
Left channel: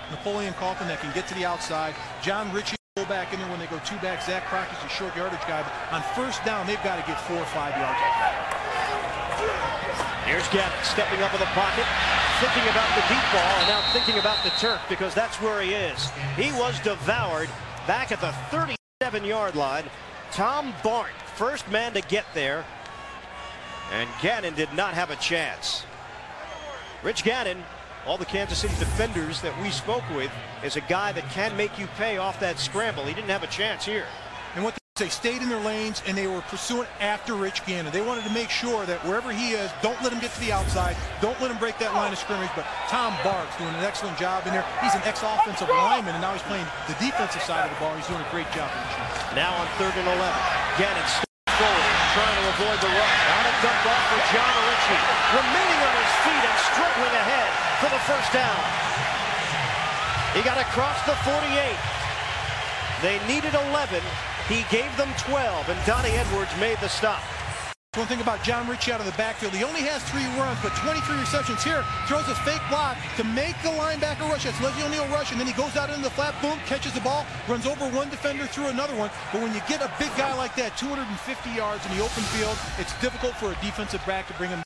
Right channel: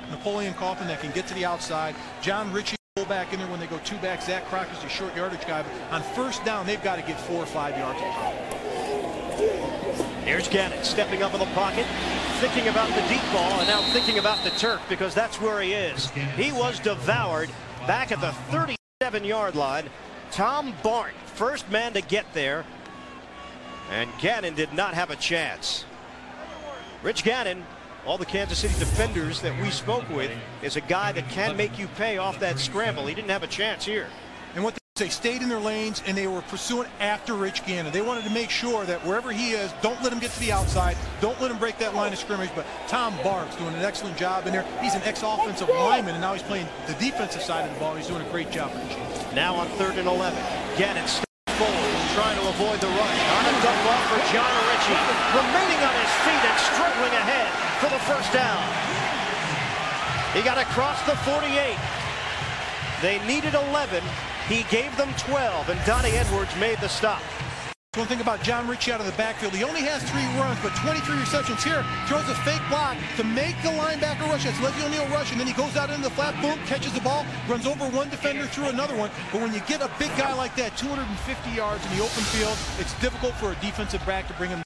Napoleon Kaufman that can get to the outside. John Ritchie back in there when they go 2 back. Zach Crockett's a short yardage guy, but on first down, they've got to get 4 or 5 yards. Here's Gannon stepping up in the pocket, thinking about the deep ball, and now thinking about the turf because that's where he is. He was devoured back at the 37-yard line. Tom Barnt, first man to get there, and Gannon did not have a chance. Rich Gannon, all the Kansas City defenders that we spoke with, is a guy that can make you pay off that scramble. He didn't have a chance here. And what they stayed in their lanes, and they were pursuing after Rich Gannon. They wanted to make sure that wherever he is, don't let him get to the outside, don't let him break that line of scrimmage. But Tom Bart's doing an excellent job in there. He's an ex-offensive lineman, and now he's playing the defensive side of the ball. He's doing a great job for the Chiefs. Now on 3rd and 11, Gannon steps forward, trying to avoid the rush. On a dump off for John Ritchie, remaining on his feet and struggling ahead for the first down. He got across the 48. They needed 11. He gave them 12, and Donnie Edwards made the stop. One thing about John Ritchie out of the backfield, he only has 3 runs, but 23 receptions here. Throws a fake block to make the linebacker rush. That's Leslie O'Neal rush, and then he goes out into the flat, boom, catches the ball, runs over one defender through another one. But when you get a big guy like that, 250 yards in the open field, it's difficult for a defensive back to bring him.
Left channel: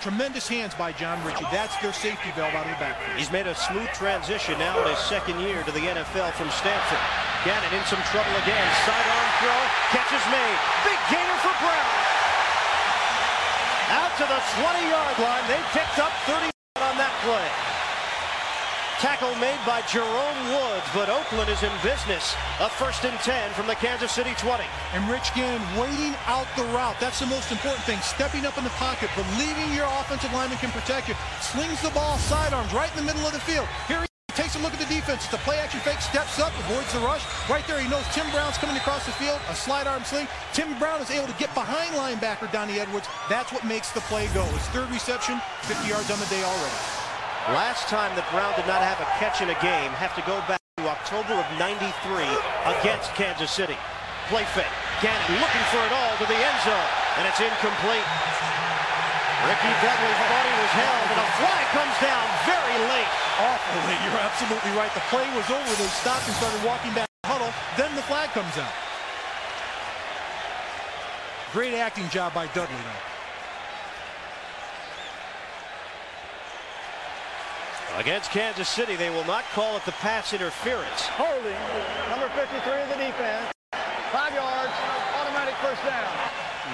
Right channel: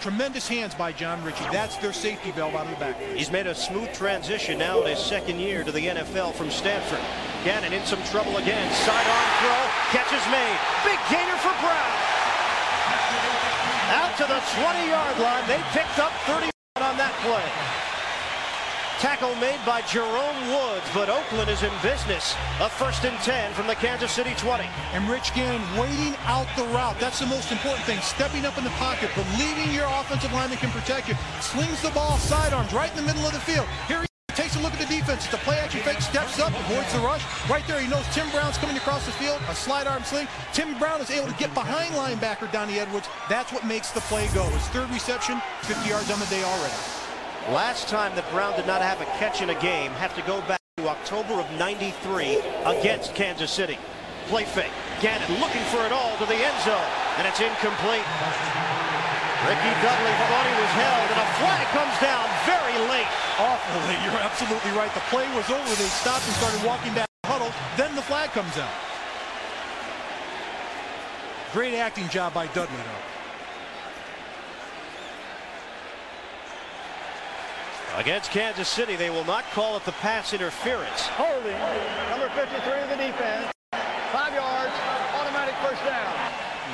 Tremendous hands by John Ritchie. That's their safety valve out of the backfield. He's made a smooth transition now in his 2nd year to the NFL from Stanford. Gannon in some trouble again. Sidearm throw. Catch is made. Big gainer for Brown. Out to the 20-yard line. They picked up 31 on that play. Tackle made by Jerome Woods, but Oakland is in business. A 1st and 10 from the Kansas City 20. And Rich Gannon waiting out the route. That's the most important thing. Stepping up in the pocket, believing your offensive lineman can protect you. Slings the ball, sidearms, right in the middle of the field. Here he takes a look at the defense. It's a play-action fake, steps up, avoids the rush. Right there, he knows Tim Brown's coming across the field, a slide arm sling. Tim Brown is able to get behind linebacker Donnie Edwards. That's what makes the play go. His 3rd reception, 50 yards on the day already. Last time that Brown did not have a catch in a game, have to go back to October of '93 against Kansas City. Play fake. Gannon looking for it all to the end zone, and it's incomplete. Ricky Dudley thought he was held, and a flag comes down very late. Awful late. You're absolutely right. The play was over. They stopped and started walking back to the huddle. Then the flag comes out. Great acting job by Dudley, though. Against Kansas City, they will not call it the pass interference. Holding, number 53 of the defense. 5 yards, automatic first down.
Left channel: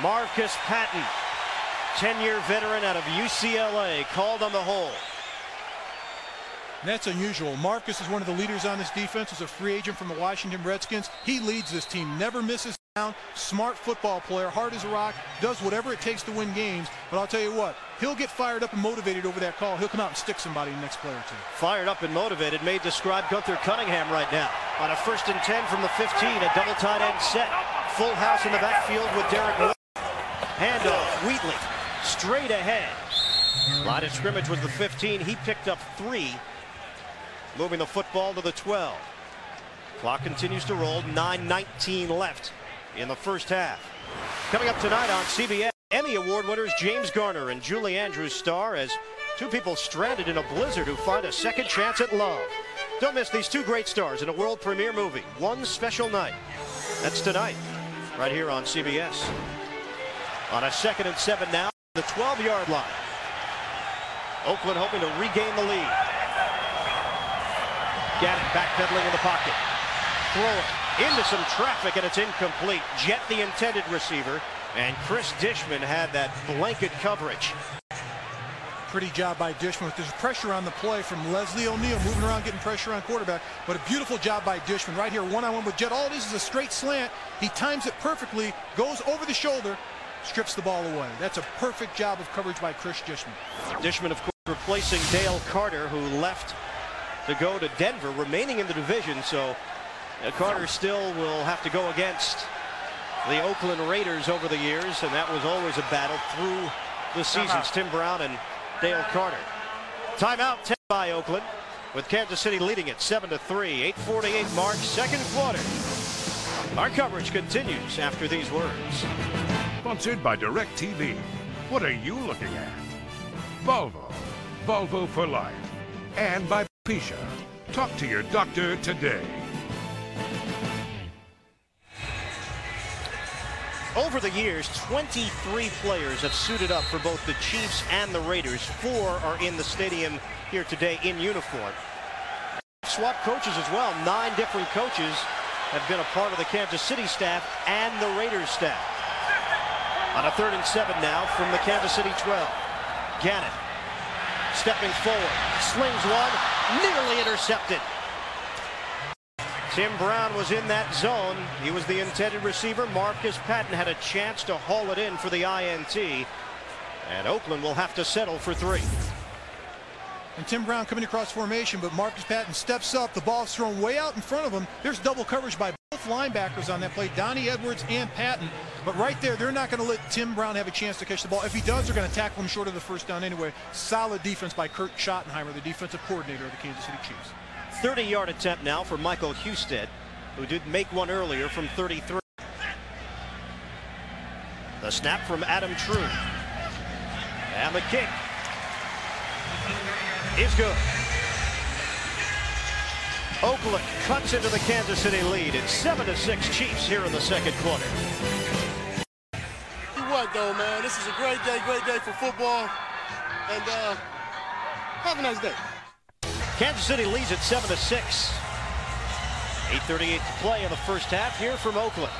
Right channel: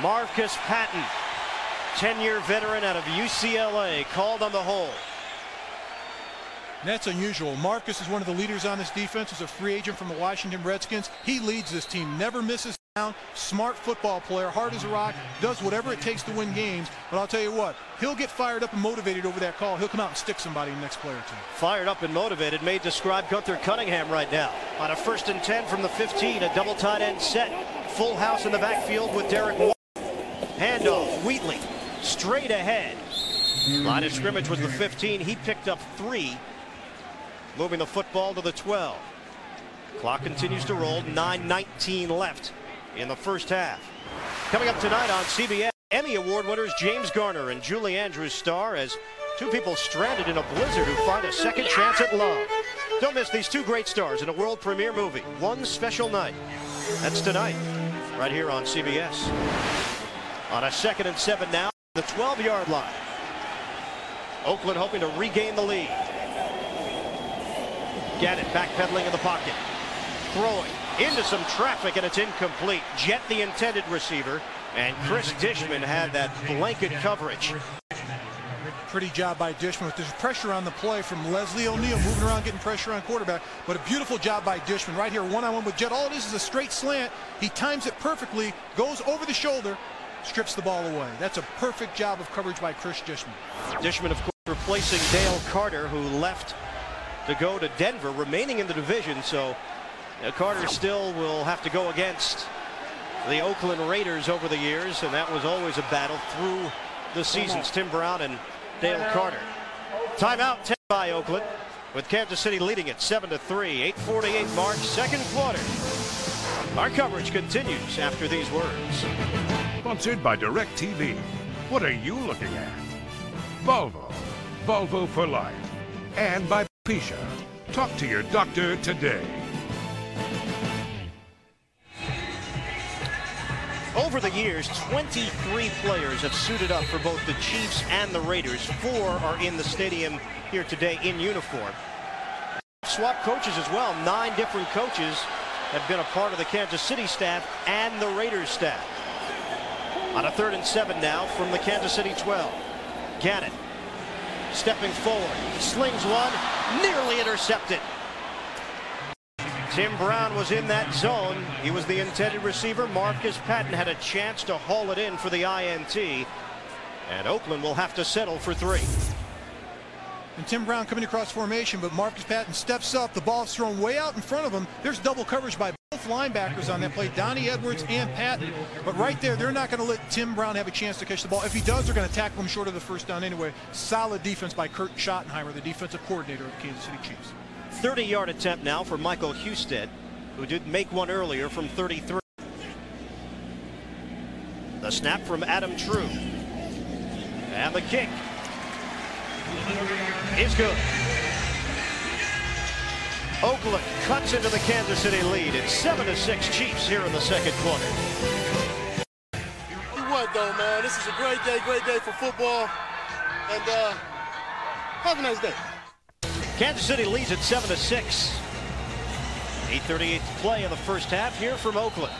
Marcus Patton, 10-year veteran out of UCLA, called on the hold. That's unusual. Marcus is one of the leaders on this defense. Is a free agent from the Washington Redskins. He leads this team, never misses down. Smart football player, hard as a rock, does whatever it takes to win games. But I'll tell you what, he'll get fired up and motivated over that call. He'll come out and stick somebody in the next play or two. Fired up and motivated may describe Gunther Cunningham right now. On a 1st and 10 from the 15, a double tight end set. Full house in the backfield with Derek White. Handoff, Wheatley, straight ahead. Line of scrimmage was the 15. He picked up 3. Moving the football to the 12. Clock continues to roll. 9:19 left in the first half. Coming up tonight on CBS, Emmy Award winners James Garner and Julie Andrews star as 2 people stranded in a blizzard who find a second chance at love. Don't miss these 2 great stars in a world premiere movie, One Special Night. That's tonight, right here on CBS. On a 2nd and 7 now, the 12-yard line. Oakland hoping to regain the lead. Gannon backpedaling in the pocket. Throwing into some traffic, and it's incomplete. Jet the intended receiver, and Chris Dishman had that blanket coverage. Pretty job by Dishman. There's pressure on the play from Leslie O'Neal, moving around, getting pressure on quarterback. But a beautiful job by Dishman right here, one-on-one with Jet. All it is a straight slant. He times it perfectly, goes over the shoulder, strips the ball away. That's a perfect job of coverage by Chris Dishman. Dishman, of course, replacing Dale Carter, who left to go to Denver, remaining in the division. So Carter still will have to go against the Oakland Raiders over the years, and that was always a battle through the seasons. Tim Brown and Dale Carter. Timeout 10 by Oakland, with Kansas City leading it 7-3. 8:48 mark, second quarter. Our coverage continues after these words. Sponsored by DirecTV. What are you looking at? Volvo. Volvo for life. And by Pisha. Talk to your doctor today. Over the years, 23 players have suited up for both the Chiefs and the Raiders. 4 are in the stadium here today in uniform. Swap coaches as well. 9 different coaches have been a part of the Kansas City staff and the Raiders staff. On a 3rd and 7 now from the Kansas City 12. Gannon stepping forward, slings one, nearly intercepted. Tim Brown was in that zone. He was the intended receiver. Marcus Patton had a chance to haul it in for the INT. And Oakland will have to settle for 3. And Tim Brown coming across formation, but Marcus Patton steps up. The ball's thrown way out in front of him. There's double coverage by both linebackers on that play, Donnie Edwards and Patton. But right there, they're not going to let Tim Brown have a chance to catch the ball. If he does, they're going to tackle him short of the first down anyway. Solid defense by Kurt Schottenheimer, the defensive coordinator of the Kansas City Chiefs. 30-yard attempt now for Michael Husted, who did make one earlier from 33. The snap from Adam True. And the kick is good. Oakland cuts into the Kansas City lead. It's 7-6 Chiefs here in the second quarter. What though, man? This is a great day for football. And have a nice day. Kansas City leads at 7-6. 8:38 to play in the first half here from Oakland.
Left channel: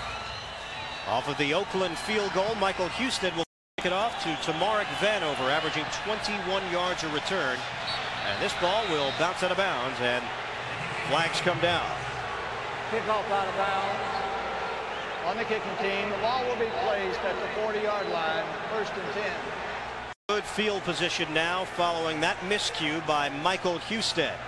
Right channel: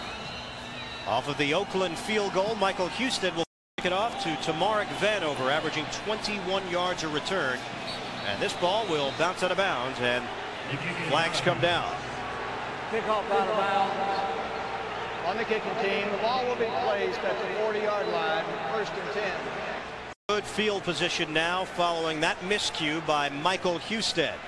Off of the Oakland field goal, Michael Husted will kick it off to Tamarick Vanover, averaging 21 yards a return. And this ball will bounce out of bounds, and flags come down. Kickoff out of bounds on the kicking team. The ball will be placed at the 40-yard line, 1st and 10. Good field position now following that miscue by Michael Husted.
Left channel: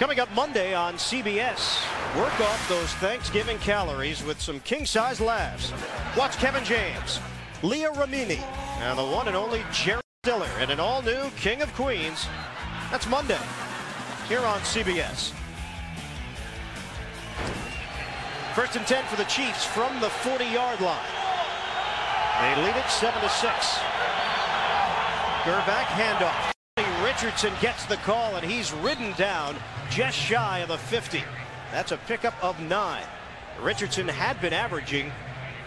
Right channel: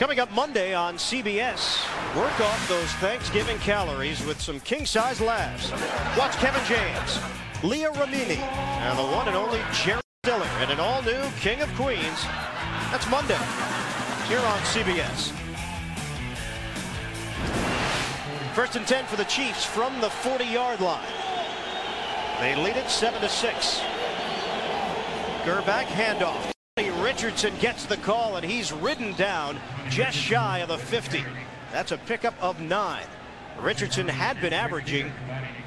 Coming up Monday on CBS, work off those Thanksgiving calories with some king-size laughs. Watch Kevin James, Leah Ramini, and the one and only Jerry Stiller in an all-new King of Queens. That's Monday here on CBS. 1st and 10 for the Chiefs from the 40-yard line. They lead it 7-6. Gerback handoff. Richardson gets the call, and he's ridden down just shy of the 50. That's a pickup of 9. Richardson had been averaging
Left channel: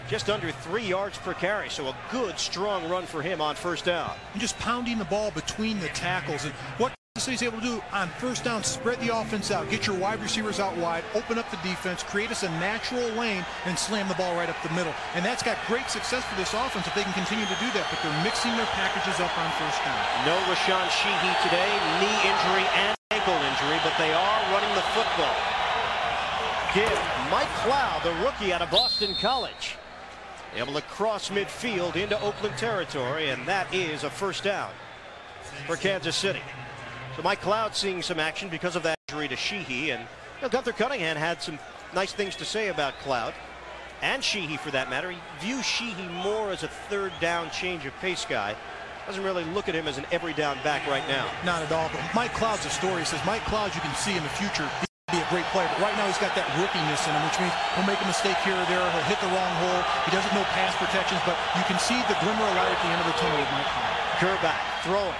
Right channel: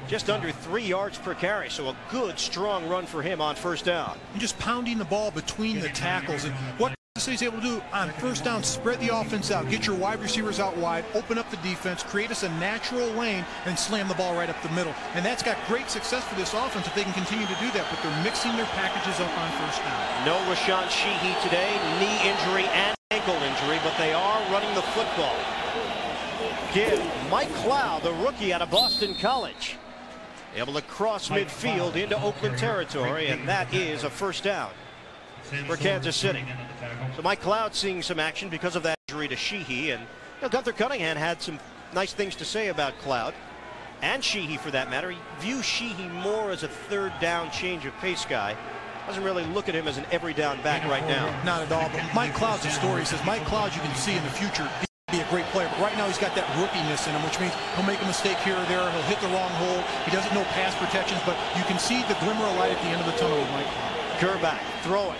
just under 3 yards per carry, so a good, strong run for him on 1st down. And just pounding the ball between the tackles. And what Kansas City's able to do on 1st down, spread the offense out, get your wide receivers out wide, open up the defense, create us a natural lane, and slam the ball right up the middle. And that's got great success for this offense if they can continue to do that, but they're mixing their packages up on 1st down. No Rashawn Sheehy today, knee injury and ankle injury, but they are running the football. Give Mike Cloud, the rookie out of Boston College, able to cross midfield into Oakland territory, and that is a 1st down for Kansas City. So Mike Cloud seeing some action because of that injury to Sheehy, and Gunther Cunningham had some nice things to say about Cloud and Sheehy for that matter. He views Sheehy more as a 3rd down change of pace guy. Doesn't really look at him as an every down back right now. Not at all, but Mike Cloud's a story. He says Mike Cloud, you can see in the future he can be a great player, but right now he's got that rookiness in him, which means he'll make a mistake here or there, he'll hit the wrong hole, he doesn't know pass protections, but you can see the glimmer of light at the end of the tunnel with Mike Cloud. Gerback throwing.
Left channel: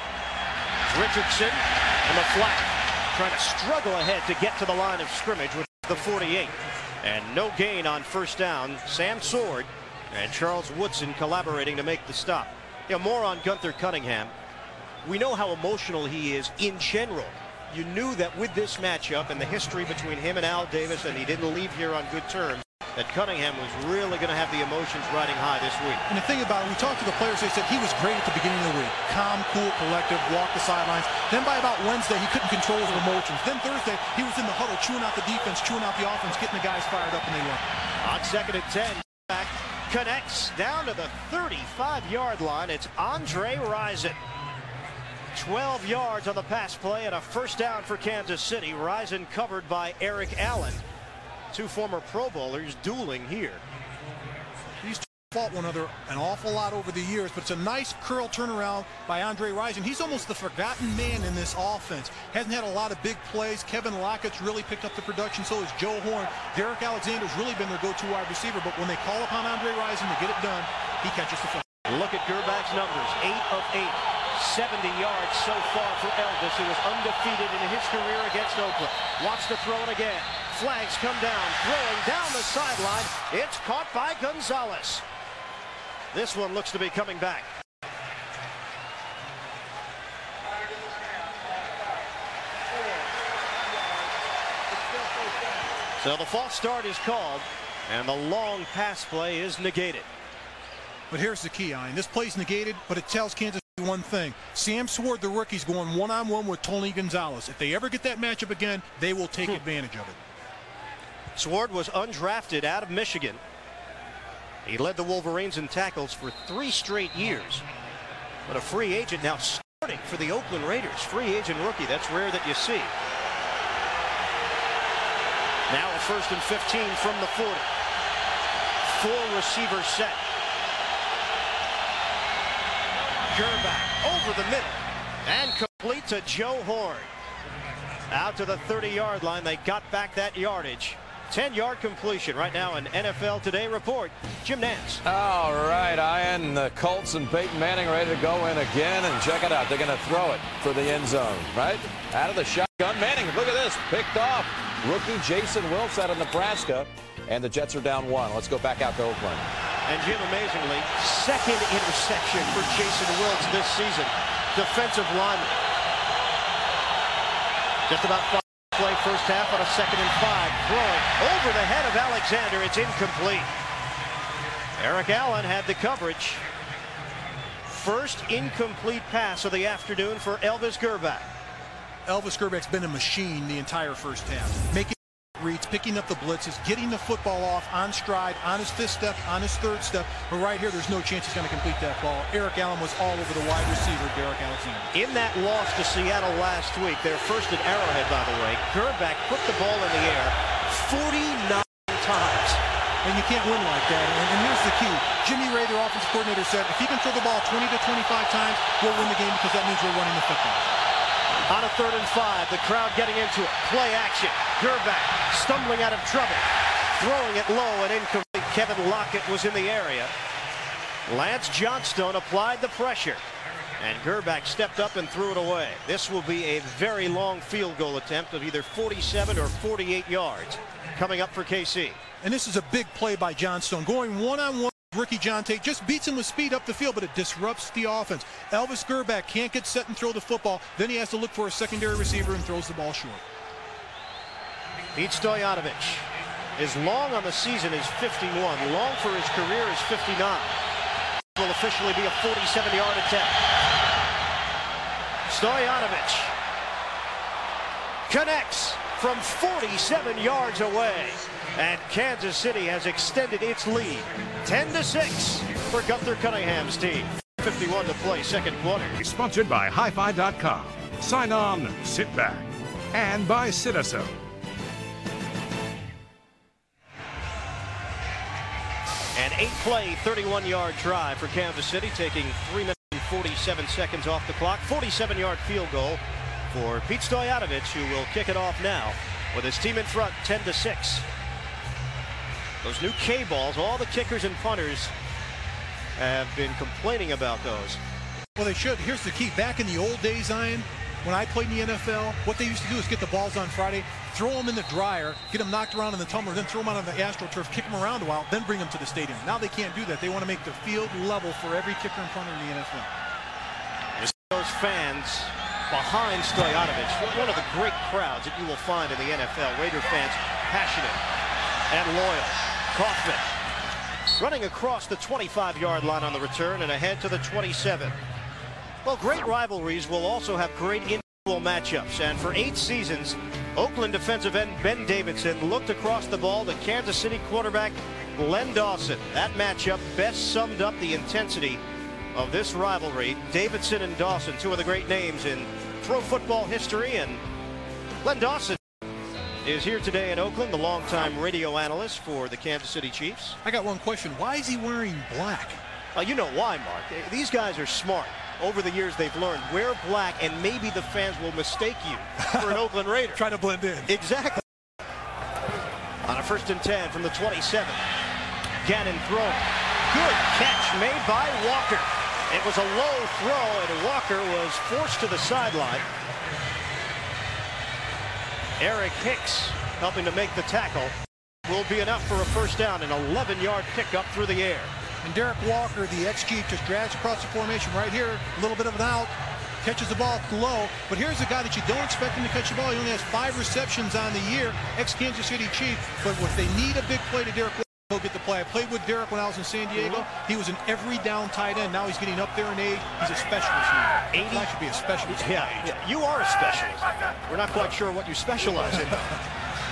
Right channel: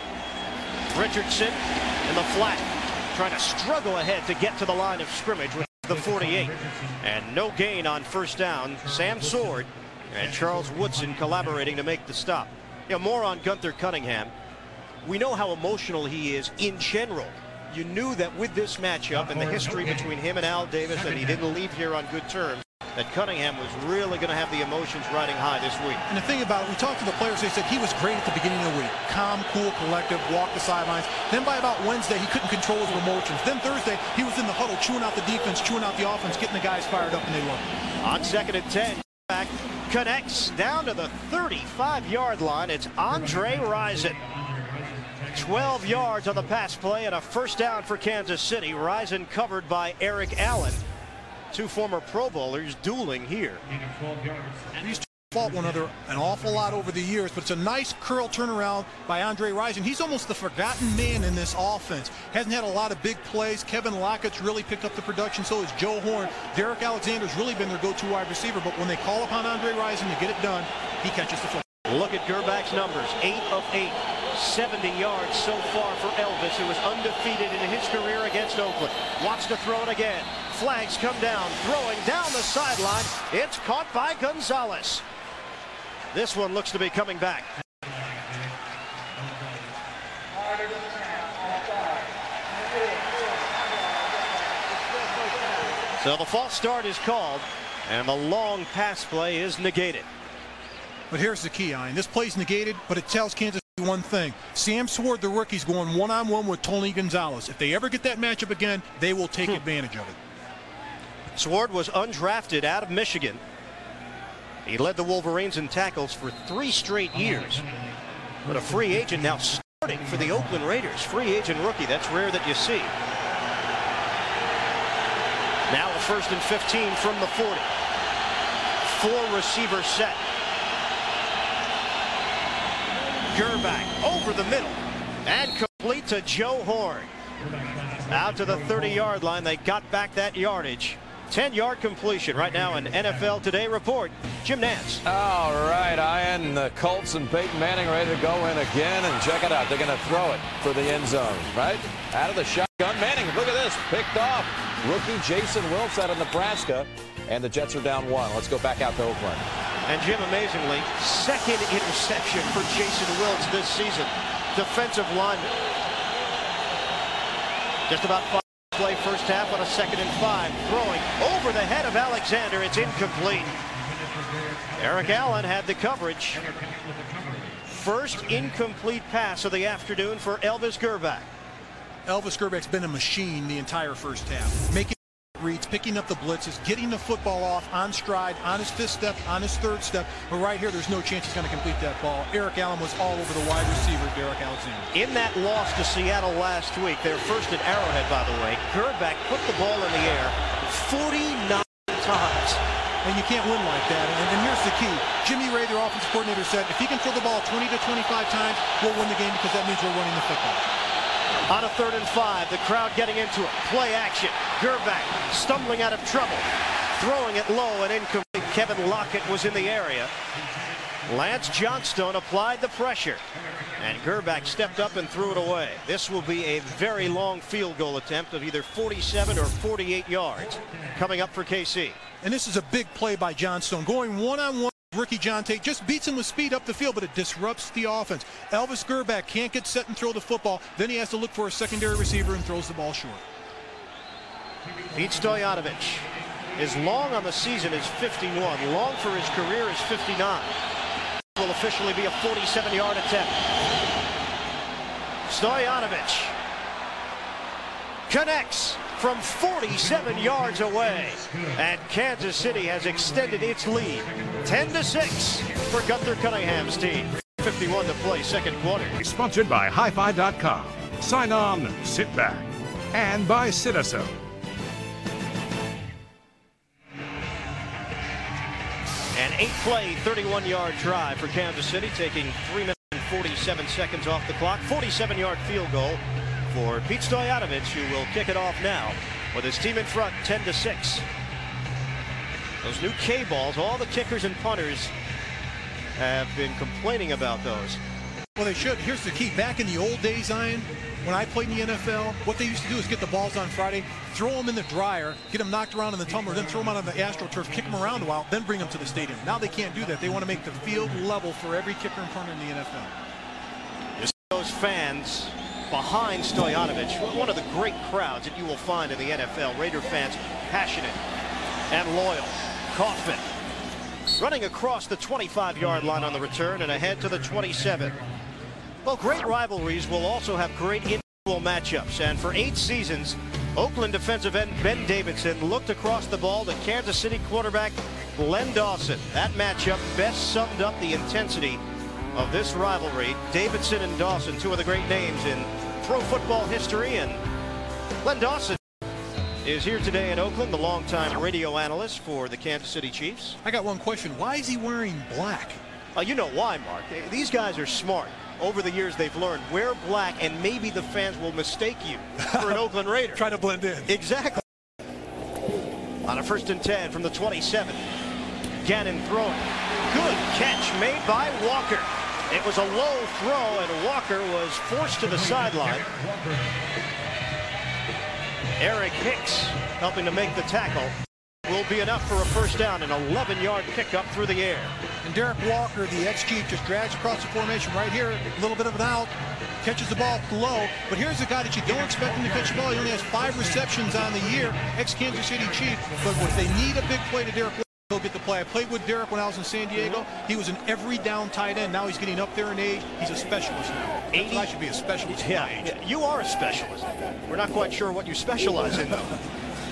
Richardson in the flat, trying to struggle ahead to get to the line of scrimmage with the 48. And no gain on 1st down. Sam Sword and Charles Woodson collaborating to make the stop. More on Gunther Cunningham. We know how emotional he is in general you knew that with this matchup and the history between him and Al Davis, and he didn't leave here on good terms, that Cunningham was really going to have the emotions riding high this week. And the thing about it, we talked to the players, they said he was great at the beginning of the week. Calm, cool, collective, walked the sidelines. Then by about Wednesday, he couldn't control his emotions. Then Thursday, he was in the huddle, chewing out the defense, chewing out the offense, getting the guys fired up, and they loved it. On 2nd and 10, back connects down to the 35-yard line. It's Andre Rison. 12 yards on the pass play and a first down for Kansas City. Rison covered by Eric Allen. Two former Pro Bowlers dueling here. These two fought one another an awful lot over the years, but it's a nice curl turnaround by Andre Rison. He's almost the forgotten man in this offense. Hasn't had a lot of big plays. Kevin Lockett's really picked up the production. So has Joe Horn. Derek Alexander's really been their go-to wide receiver, but when they call upon Andre Rison to get it done, he catches the football. Look at Gerbach's numbers. 8 of 8. 70 yards so far for Elvis, who was undefeated in his career against Oakland. Wants to throw it again. Flags come down. Throwing down the sideline. It's caught by Gonzalez. This one looks to be coming back. So the false start is called, and the long pass play is negated. But here's the key, Ian. This play's negated, but it tells Kansas City one thing. Sam Sword, the rookie's going one-on-one with Tony Gonzalez. If they ever get that matchup again, they will take advantage of it. Sword was undrafted out of Michigan. He led the Wolverines in tackles for 3 straight years. But a free agent now starting for the Oakland Raiders. Free agent rookie. That's rare that you see. Now a 1st and 15 from the 40. 4 receiver set. Gerbach over the middle and complete to Joe Horn. Out to the 30-yard line. They got back that yardage. 10-yard completion. Right now an NFL Today report. Jim Nance. All right, Ian. The Colts and Peyton Manning ready to go in again, and check it out. They're going to throw it for the end zone, right? Out of the shotgun. Manning, look at this. Picked off. Rookie Jason Wilkes out of Nebraska, and the Jets are down 1. Let's go back out to Oakland. And Jim, amazingly, 2nd interception for Jason Wilkes this season. Defensive lineman. Just about 5 play first half on a 2nd and 5. Throwing over the head of Alexander. It's incomplete. Eric Allen had the coverage. First incomplete pass of the afternoon for Elvis Gerbach. Elvis Gerbach's been a machine the entire first half. Making reads, picking up the blitzes, getting the football off on stride, on his 5th step, on his 3rd step. But right here, there's no chance he's going to complete that ball. Eric Allen was all over the wide receiver, Derek Alexander. In that loss to Seattle last week, their first at Arrowhead, by the way, Gerbach put the ball in the air 49 times. And you can't win like that. And here's the key. Jimmy Ray, their offensive coordinator, said if he can throw the ball 20 to 25 times, we'll win the game because that means we're running the football. On a 3rd and 5, the crowd getting into it. Play action. Gerbach stumbling out of trouble. Throwing it low and incomplete. Kevin Lockett was in the area. Lance Johnstone applied the pressure. And Gerbach stepped up and threw it away. This will be a very long field goal attempt of either 47 or 48 yards coming up for KC. And this is a big play by Johnstone. Going one-on-one. Rookie John Tate just beats him with speed up the field, but it disrupts the offense. Elvis Gerbach can't get set and throw the football. Then he has to look for a secondary receiver and throws the ball short. Pete Stoyanovich. His long on the season is 51. Long for his career is 59. Will officially be a 47-yard attempt. Stoyanovich connects from 47 yards away, and Kansas City has extended its lead 10-6 for Gunther Cunningham's team. 51 to play, 2nd quarter. Sponsored by HiFi.com. Sign on, sit back. And by Citaso. An 8-play, 31-yard drive for Kansas City, taking 3 minutes and 47 seconds off the clock. 47-yard field goal for Pete Stoyanovich, who will kick it off now with his team in front, 10-6. Those new K balls, all the kickers and punters have been complaining about those. Well, they should. Here's the key. Back in the old days, Ian, when I played in the NFL, what they used to do is get the balls on Friday, throw them in the dryer, get them knocked around in the tumbler, then throw them out on the AstroTurf, kick them around a while, then bring them to the stadium. Now they can't do that. They want to make the field level for every kicker and punter in the NFL. You see those fans behind Stoyanovich. One of the great crowds that you will find in the NFL. Raider fans passionate and loyal. Kaufman running across the 25-yard line on the return and ahead to the 27. Well, great rivalries will also have great individual matchups. And for 8 seasons, Oakland defensive end Ben Davidson looked across the ball to Kansas City quarterback Len Dawson. That matchup best summed up the intensity of this rivalry. Davidson and Dawson, two of the great names in pro football history. And Len Dawson is here today in Oakland, the longtime radio analyst for the Kansas City Chiefs. I got one question. Why is he wearing black? You know why, Mark. These guys are smart. Over the years, they've learned, wear black and maybe the fans will mistake you for an Oakland Raider. Try to blend in. Exactly. On a 1st and 10 from the 27. Gannon throwing. Good catch made by Walker. It was a low throw, and Walker was forced to the sideline. Eric Hicks helping to make the tackle. Will be enough for a first down, an 11-yard pickup through the air. And Derek Walker, the ex-Chief, just drags across the formation right here. A little bit of an out. Catches the ball low. But here's a guy that you don't expect him to catch the ball. He only has 5 receptions on the year. Ex-Kansas City Chief. But if they need a big play to Derek Walker, he'll get the play. I played with Derek when I was in San Diego. He was an every down tight end. Now he's getting up there in age. He's a specialist now. I should be a specialist. Yeah, you are a specialist. We're not quite sure what you specialize in, though.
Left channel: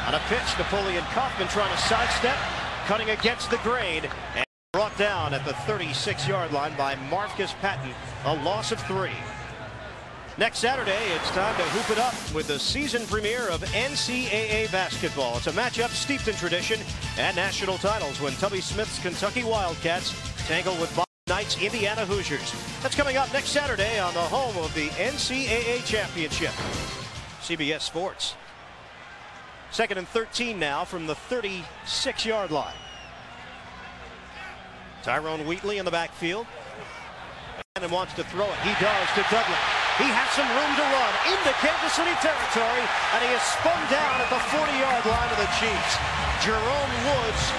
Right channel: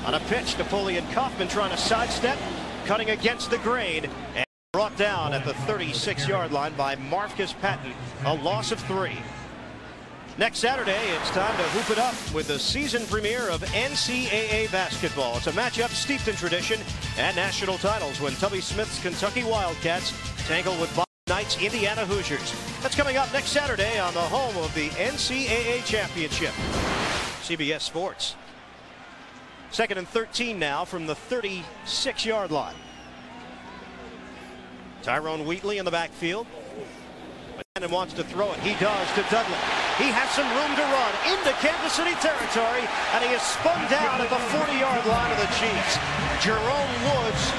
On a pitch, Napoleon Kaufman trying to sidestep, cutting against the grain, and brought down at the 36-yard line by Marcus Patton, a loss of 3. Next Saturday, it's time to hoop it up with the season premiere of NCAA basketball. It's a matchup steeped in tradition and national titles when Tubby Smith's Kentucky Wildcats tangle with Boston Knight's Indiana Hoosiers. That's coming up next Saturday on the home of the NCAA Championship. CBS Sports. 2nd and 13 now from the 36-yard line. Tyrone Wheatley in the backfield. And wants to throw it. He does to Dudley. He has some room to run into Kansas City territory, and he is spun down at the 40-yard line of the Chiefs. Jerome Woods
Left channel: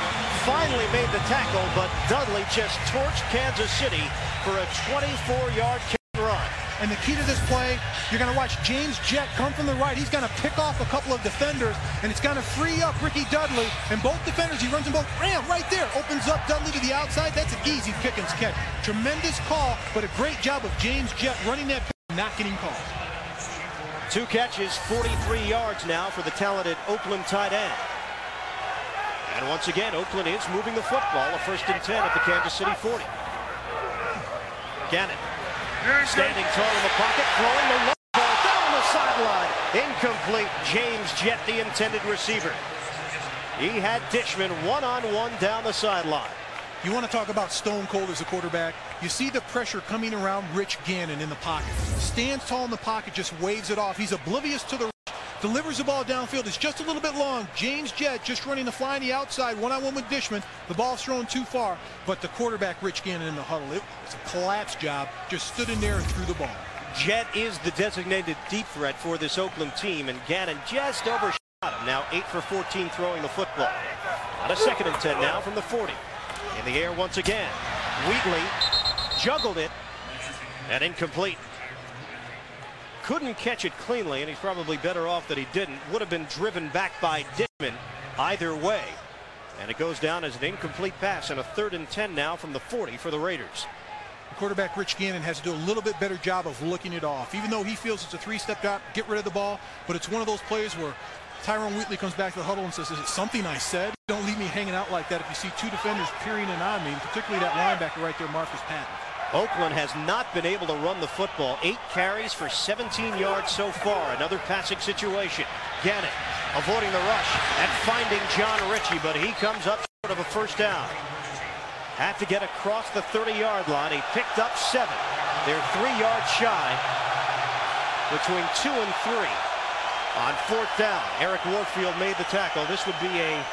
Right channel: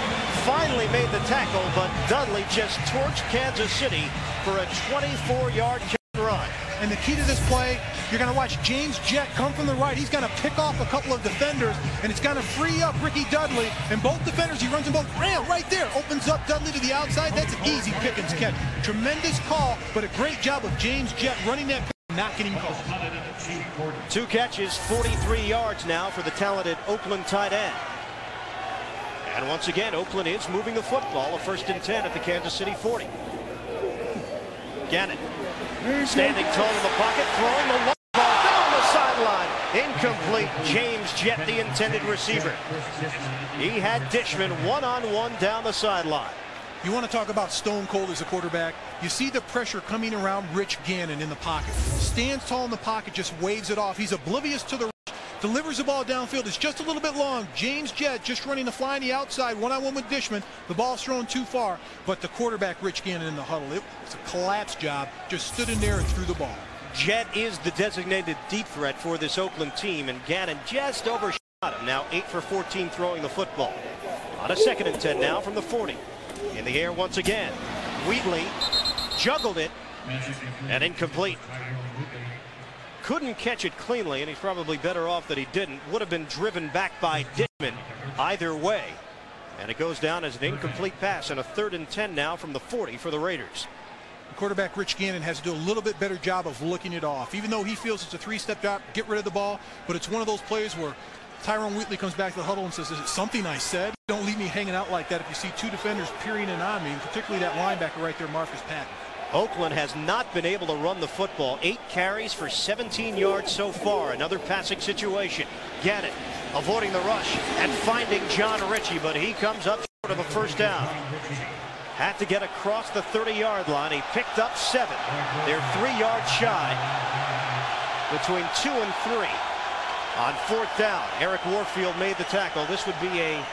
finally made the tackle, but Dudley just torched Kansas City for a 24-yard run. And the key to this play, you're going to watch James Jett come from the right. He's going to pick off a couple of defenders, and it's going to free up Ricky Dudley. And both defenders, he runs them both. Ram right there, opens up Dudley to the outside. That's an easy Pickens catch. Tremendous call, but a great job of James Jett running that pick and not getting called. 2 catches, 43 yards now for the talented Oakland tight end. And once again, Oakland is moving the football. A 1st and 10 at the Kansas City 40. Gannon. Standing tall in the pocket, throwing the long ball down the sideline. Incomplete. James Jett, the intended receiver. He had Dishman one-on-one down the sideline. You want to talk about stone cold as a quarterback? You see the pressure coming around Rich Gannon in the pocket. Stands tall in the pocket, just waves it off. He's oblivious to the rush. Delivers the ball downfield. It's just a little bit long. James Jett just running the fly on the outside, one-on-one with Dishman. The ball's thrown too far, but the quarterback, Rich Gannon, in the huddle, it was a collapse job. Just stood in there and threw the ball. Jett is the designated deep threat for this Oakland team, and Gannon just overshot him. Now 8 for 14 throwing the football. On a 2nd and 10 now from the 40. In the air once again. Wheatley juggled it and incomplete. Couldn't catch it cleanly, and he's probably better off that he didn't. Would have been driven back by Dishman either way. And it goes down as an incomplete pass, and a 3rd and 10 now from the 40 for the Raiders. Quarterback Rich Gannon has to do a little bit better job of looking it off. Even though he feels it's a 3-step drop, get rid of the ball, but it's one of those plays where Tyrone Wheatley comes back to the huddle and says, is it something I said? Don't leave me hanging out like that if you see 2 defenders peering in on me, and particularly that linebacker right there, Marcus Patton. Oakland has not been able to run the football. 8 carries for 17 yards so far. Another passing situation. Gannon avoiding the rush and finding John Ritchie, but he comes up short of a first down. Had to get across the 30-yard line. He picked up 7. They're 3 yards shy between 2 and 3. On 4th down, Eric Warfield made the tackle. This would be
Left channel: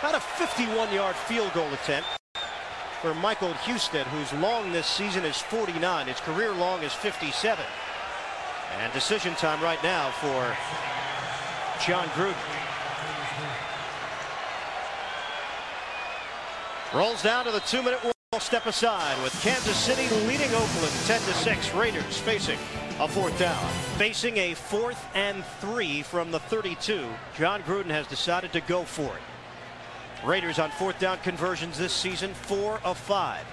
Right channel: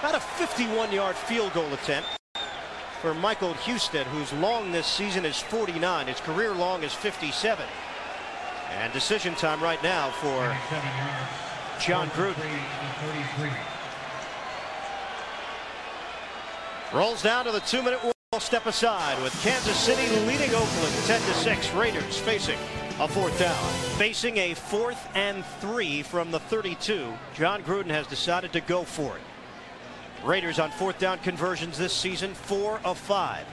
about a 51-yard field goal attempt for Michael Husted, whose long this season is 49. His career long is 57. And decision time right now for John Gruden. Rolls down to the 2-minute warning Step aside with Kansas City leading Oakland 10-6. Raiders facing a 4th down. Facing a 4th and 3 from the 32. Jon Gruden has decided to go for it. Raiders on 4th down conversions this season, 4 of 5.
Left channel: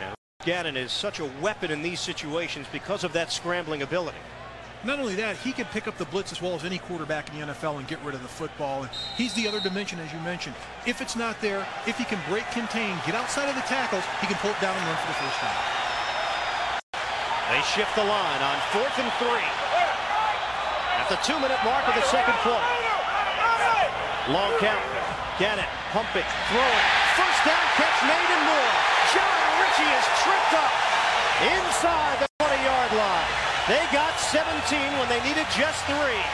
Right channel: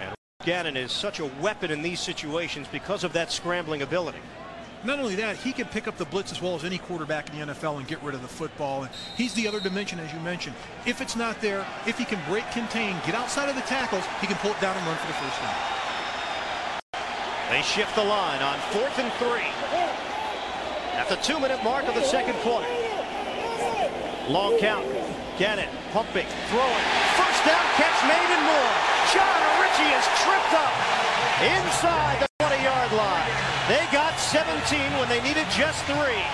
And Gannon is such a weapon in these situations because of that scrambling ability. Not only that, he can pick up the blitz as well as any quarterback in the NFL and get rid of the football. And he's the other dimension, as you mentioned. If it's not there, if he can break, contain, get outside of the tackles, he can pull it down and run for the first down. They shift the line on 4th and 3. At the 2-minute mark of the second quarter. Long count. Gannon pumping, throwing. First down catch made and more. John Ritchie is tripped up inside the 20-yard line. They got 17 when they needed just 3.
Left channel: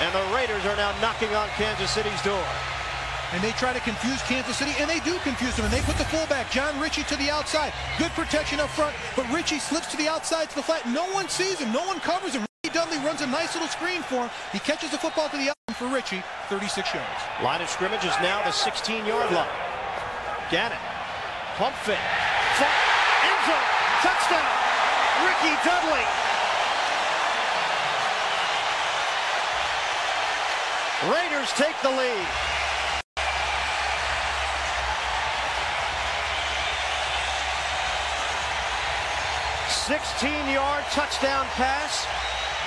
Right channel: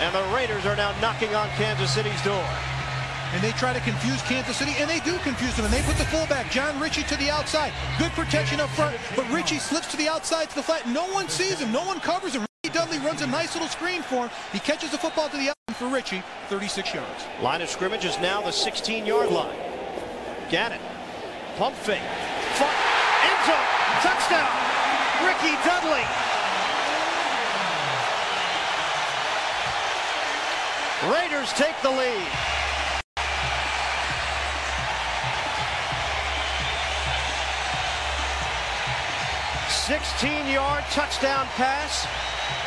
And the Raiders are now knocking on Kansas City's door. And they try to confuse Kansas City, and they do confuse them. And they put the fullback, John Ritchie, to the outside. Good protection up front, but Ritchie slips to the outside to the flat. No one sees him. No one covers him. Dudley runs a nice little screen for him. He catches the football to the outside for Ritchie, 36 yards. Line of scrimmage is now the 16-yard line. Gannon, pump fake, end zone, touchdown, Ricky Dudley. Raiders take the lead. $16-yard touchdown pass.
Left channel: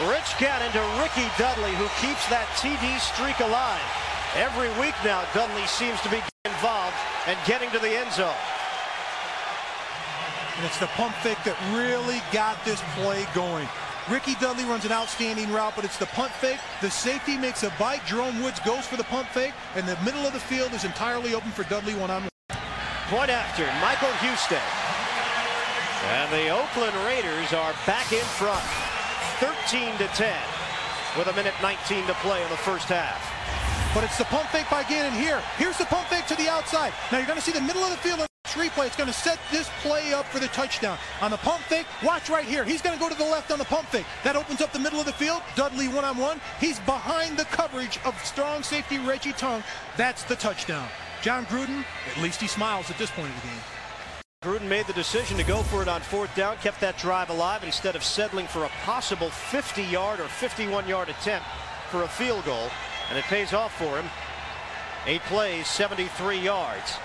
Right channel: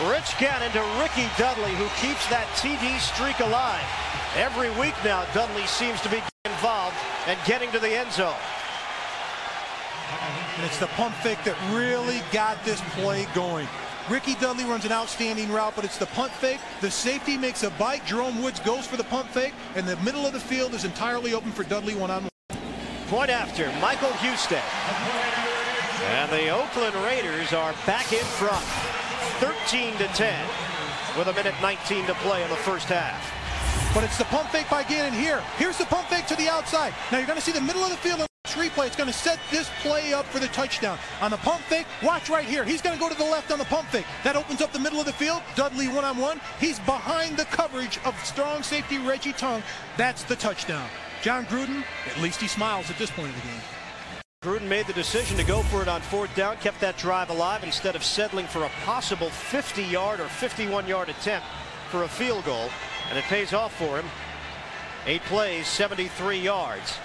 Rich Gannon to Ricky Dudley, who keeps that TD streak alive. Every week now, Dudley seems to be involved and getting to the end zone. And it's the pump fake that really got this play going. Ricky Dudley runs an outstanding route, but it's the punt fake. The safety makes a bite. Jerome Woods goes for the pump fake, and the middle of the field is entirely open for Dudley one-on-one. Point after, Michael Husted. And the Oakland Raiders are back in front, 13-10, with 1:19 to play in the first half. But it's the pump fake by Gannon here. Here's the pump fake to the outside. Now you're going to see the middle of the field in this replay. It's going to set this play up for the touchdown. On the pump fake, watch right here. He's going to go to the left on the pump fake. That opens up the middle of the field. Dudley one-on-one. He's behind the coverage of strong safety Reggie Tongue. That's the touchdown. Jon Gruden, at least he smiles at this point of the game. Gruden made the decision to go for it on 4th down, kept that drive alive instead of settling for a possible 50-yard or 51-yard attempt for a field goal, and it pays off for him. 8 plays, 73 yards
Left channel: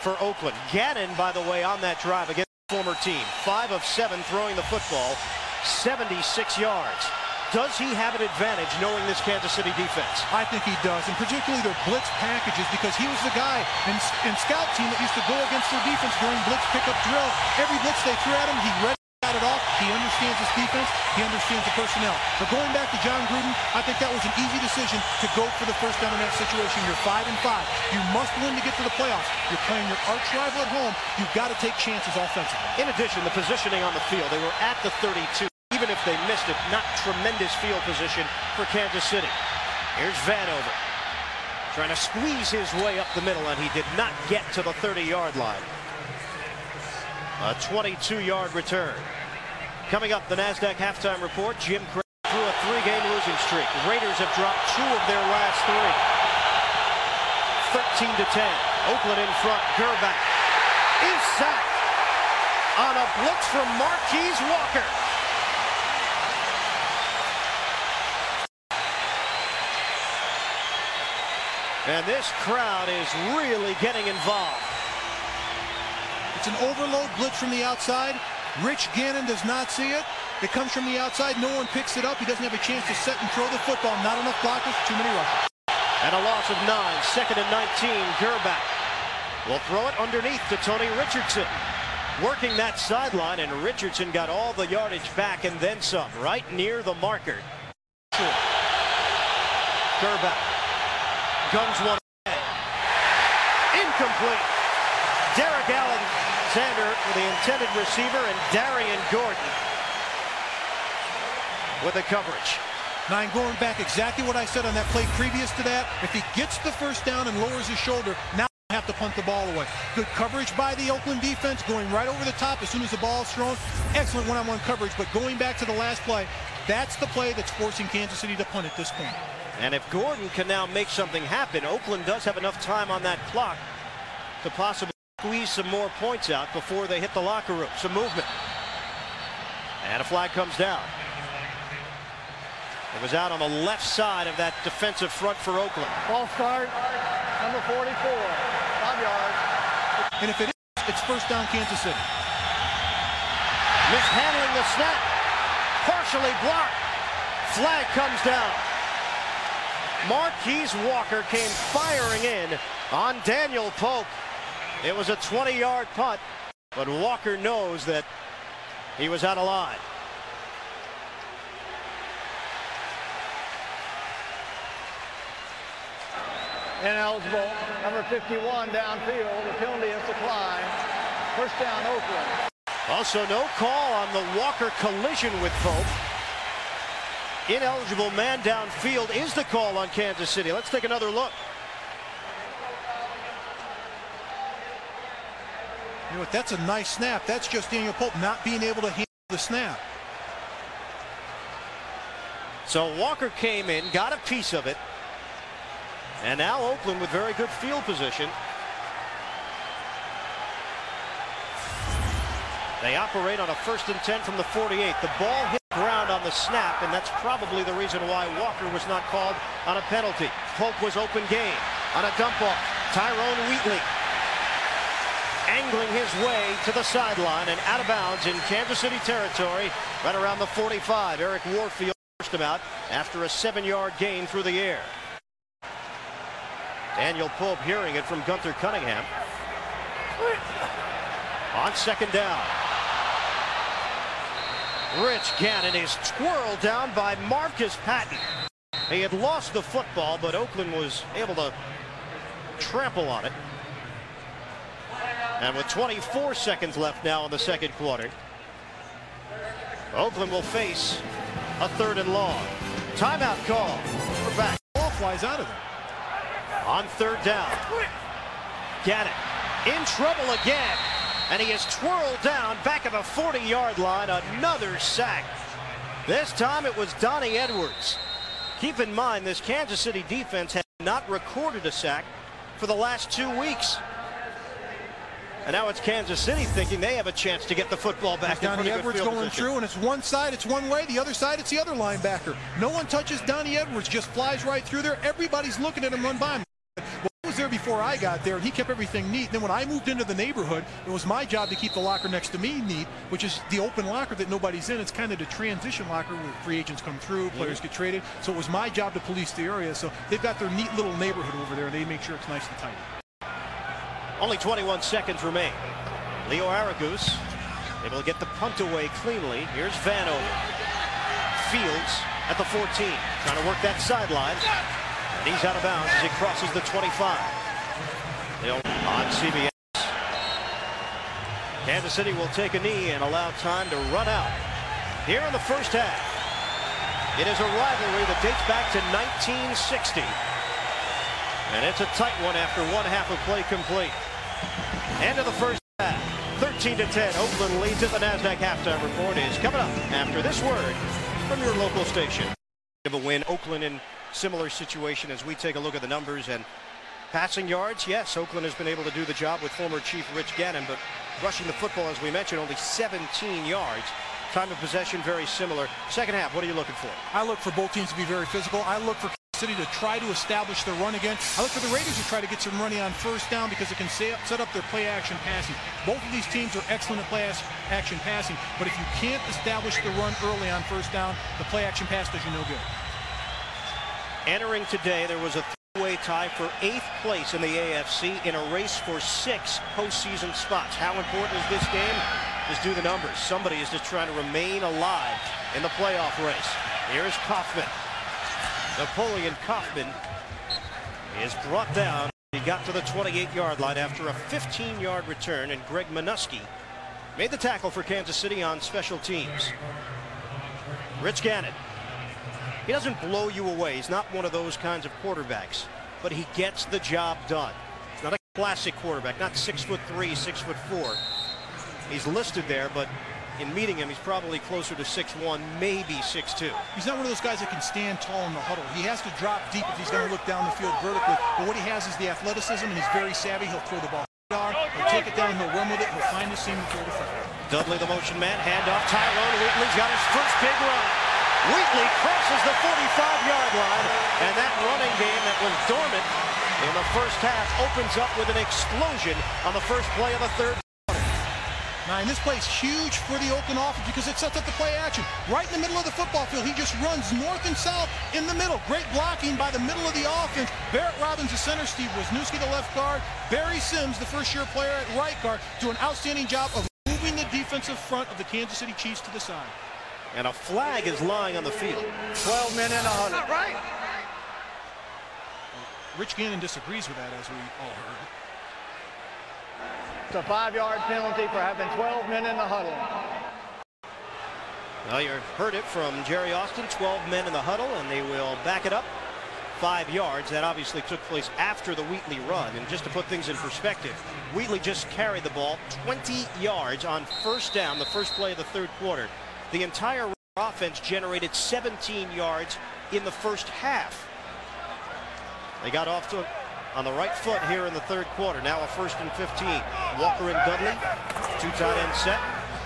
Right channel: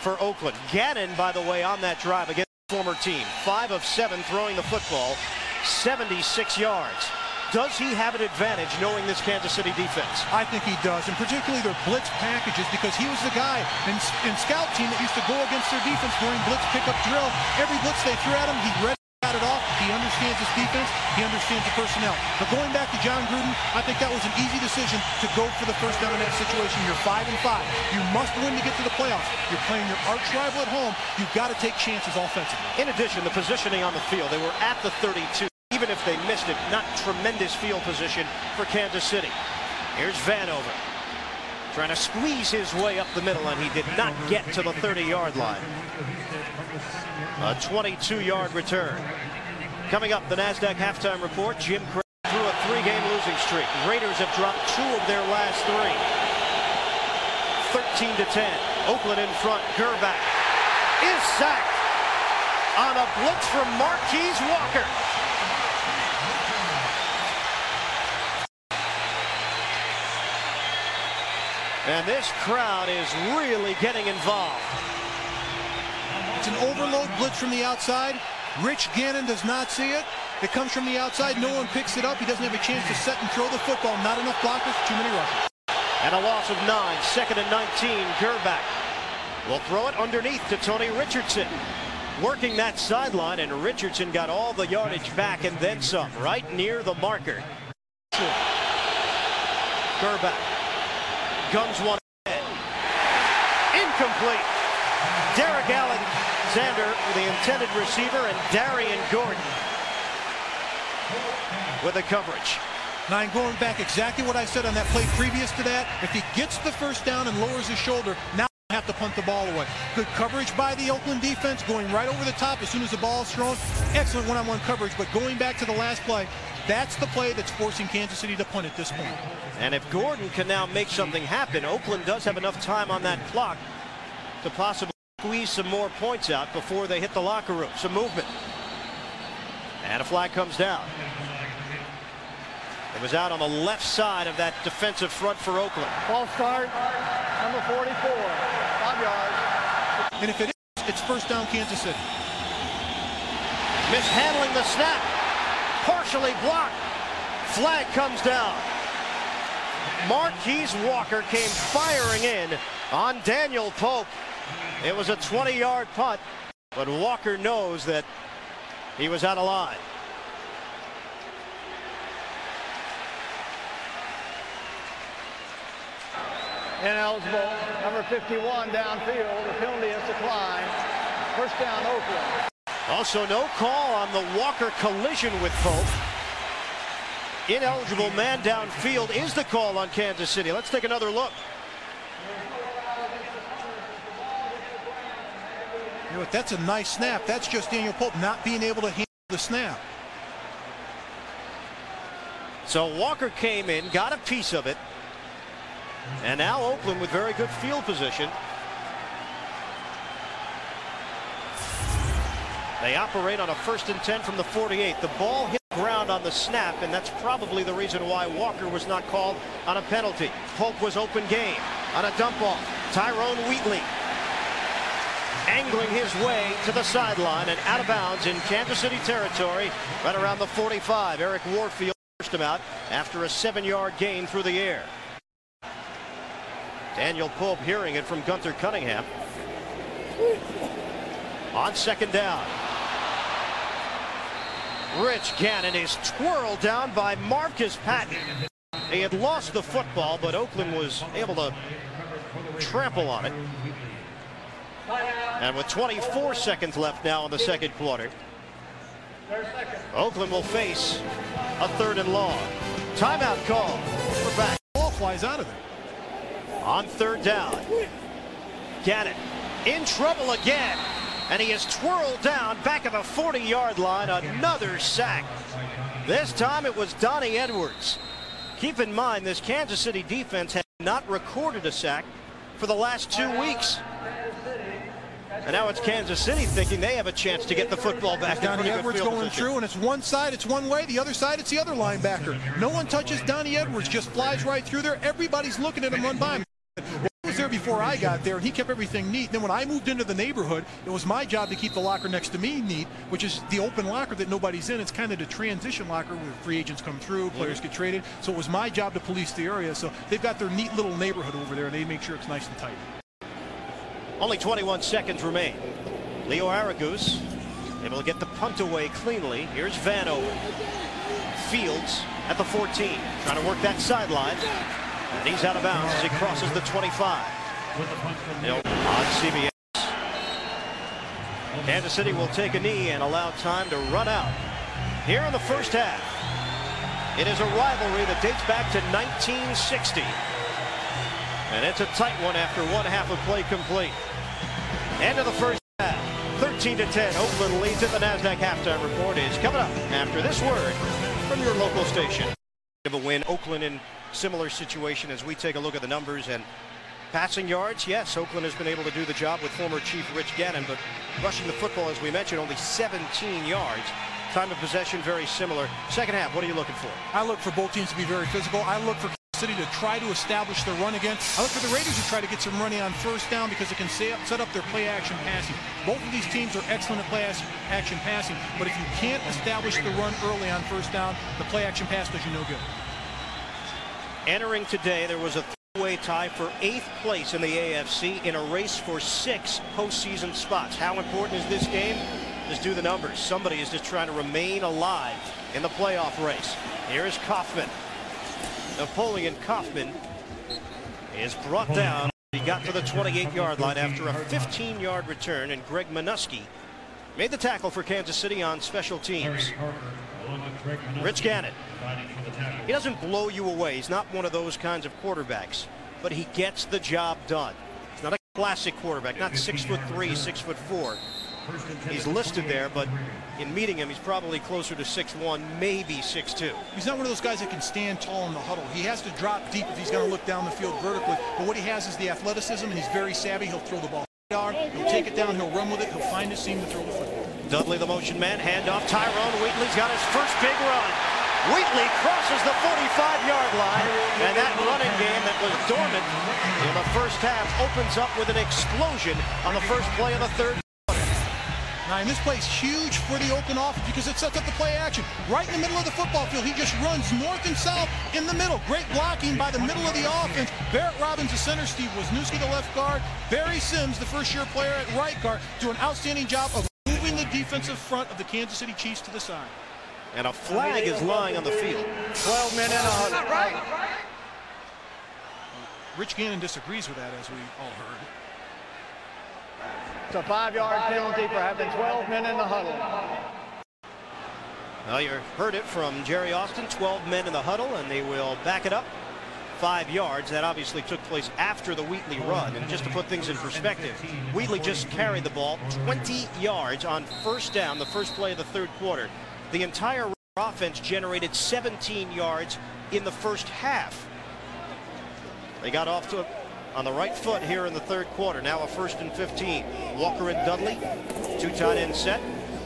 for Oakland. Gannon, by the way, on that drive against the former team, 5 of 7 throwing the football, 76 yards. Does he have an advantage knowing this Kansas City defense? I think he does, and particularly their blitz packages, because he was the guy in scout team that used to go against their defense during blitz pickup drill. Every blitz they threw at him, he read it off. He understands his defense. He understands the personnel. But going back to Jon Gruden, I think that was an easy decision to go for the first down in that situation. You're 5-5. You must win to get to the playoffs. You're playing your arch rival at home. You've got to take chances offensively. In addition, the positioning on the field, they were at the 32. Even if they missed it, not tremendous field position for Kansas City. Here's Vanover trying to squeeze his way up the middle, and he did not get to the 30-yard line. A 22-yard return. Coming up, the NASDAQ halftime report. Jim Craig through a 3-game losing streak. Raiders have dropped 2 of their last 3. 13-10. Oakland in front. Gerback is sacked on a blitz from Marquise Walker. And this crowd is really getting involved. It's an overload blitz from the outside. Rich Gannon does not see it. It comes from the outside. No one picks it up. He doesn't have a chance to set and throw the football. Not enough blockers, too many rushers. And a loss of 9, 2nd and 19. Gerback will throw it underneath to Tony Richardson. Working that sideline, and Richardson got all the yardage back and then some, right near the marker. Sure. Gerback guns one ahead. Incomplete. Derek Alexander, the intended receiver, and Darian Gordon with the coverage. Now, I'm going back exactly what I said on that play previous to that. If he gets the first down and lowers his shoulder, now have to punt the ball away. Good coverage by the Oakland defense, going right over the top as soon as the ball is thrown. Excellent one-on-one coverage, but going back to the last play, that's the play that's forcing Kansas City to punt at this point. And if Gordon can now make something happen, Oakland does have enough time on that clock to possibly squeeze some more points out before they hit the locker room. Some movement. And a flag comes down. It was out on the left side of that defensive front for Oakland. False start, number 44, 5 yards. And if it is, it's first down Kansas City. Mishandling the snap. Partially blocked. Flag comes down. Marquise Walker came firing in on Daniel Pope. It was a 20-yard punt, but Walker knows that he was out of line. Ineligible, number 51 downfield. The penalty is declined. First down, Oakland. Also, no call on the Walker collision with Pope. Ineligible man downfield is the call on Kansas City. Let's take another look. You know what? That's a nice snap. That's just Daniel Pope not being able to handle the snap. So Walker came in, got a piece of it. And now Oakland with very good field position. They operate on a 1st and 10 from the 48. The ball hit the ground on the snap, and that's probably the reason why Walker was not called on a penalty. Pope was open game on a dump off. Tyrone Wheatley angling his way to the sideline and out of bounds in Kansas City territory right around the 45. Eric Warfield forced him out after a 7-yard gain through the air. Daniel Pope hearing it from Gunther Cunningham. On 2nd down. Rich Gannon is twirled down by Marcus Patton. He had lost the football, but Oakland was able to trample on it. And with 24 seconds left now in the 2nd quarter, Oakland will face a 3rd and long. Timeout call. We're back. Ball flies out of there. On 3rd down. Gannon in trouble again. And he is twirled down back at the 40-yard line. Another sack. This time it was Donnie Edwards. Keep in mind, this Kansas City defense had not recorded a sack for the last 2 weeks. And now it's Kansas City thinking they have a chance to get the football back. Donnie Edwards going through, and it's one side, it's one way. The other side, it's the other linebacker. No one touches Donnie Edwards, just flies right through there. Everybody's looking at him run by him. Well, he was there before I got there, and he kept everything neat. And then when I moved into the neighborhood, it was my job to keep the locker next to me neat, which is the open locker that nobody's in. It's kind of the transition locker where free agents come through, players get traded. So it was my job to police the area. So they've got their neat little neighborhood over there, and they make sure it's nice and tidy. Only 21 seconds remain. Leo Aragus able to get the punt away cleanly. Here's Vanover. Fields at the 14, trying to work that sideline. And he's out of bounds as he crosses the 25. On CBS. Kansas City will take a knee and allow time to run out. Here in the first half, it is a rivalry that dates back to 1960. And it's a tight one after 1 half of play complete. End of the first half, 13-10. Oakland leads it. The NASDAQ halftime report is coming up after this word from your local station. Of a win, Oakland in similar situation as we take a look at the numbers and passing yards. Yes, Oakland has been able to do the job with former Chief Rich Gannon, but rushing the football, as we mentioned, only 17 yards. Time of possession very similar. Second half, what are you looking for? I look for both teams to be very physical. I look for City to try to establish the run again. I look for the Raiders to try to get some running on 1st down because it can set up their play action passing. Both of these teams are excellent at play action passing, but if you can't establish the run early on 1st down, the play action pass does you no good. Entering today, there was a three-way tie for 8th place in the AFC in a race for 6 postseason spots. How important is this game? Just do the numbers. Somebody is just trying to remain alive in the playoff race. Here's Kaufman. Napoleon Kaufman is brought down. He got to the 28-yard line after a 15-yard return, and Greg Minuski made the tackle for Kansas City on special teams. Rich Gannon. He doesn't blow you away. He's not one of those kinds of quarterbacks, but he gets the job done. He's not a classic quarterback, not 6'3", 6'4". He's listed there, but in meeting him, he's probably closer to 6'1", maybe 6'2". He's not one of those guys that can stand tall in the huddle. He has to drop deep if he's going to look down the field vertically. But what he has is the athleticism, and he's very savvy. He'll throw the ball He'll take it down, he'll run with it, he'll find his seam to throw the football. Dudley, the motion man, handoff. Tyrone Wheatley's got his first big run. Wheatley crosses the 45-yard line, and that running game that was dormant in the first half opens up with an explosion on the first play of the third quarter. Now, and this play's huge for the Oakland offense because it sets up the play action. Right in the middle of the football field, he just runs north and south in the middle. Great blocking by the middle of the offense. Barrett Robbins, the center, Steve Wisniewski, the left guard. Barry Sims, the first-year player at right guard, do an outstanding job of moving the defensive front of the Kansas City Chiefs to the side. And a flag is lying on the field. 12 men in a huddle. Not right. Rich Gannon disagrees with that, as we all heard. It's a 5-yard penalty for having 12 men in the huddle. Well, you heard it from Jerry Austin, 12 men in the huddle, and they will back it up 5 yards. That obviously took place after the Wheatley run. And just to put things in perspective, Wheatley just carried the ball 20 yards on first down, the first play of the third quarter. The entire offense generated 17 yards in the first half. They got off to on the right foot here in the third quarter. Now a 1st and 15. Walker and Dudley, 2 tight end set.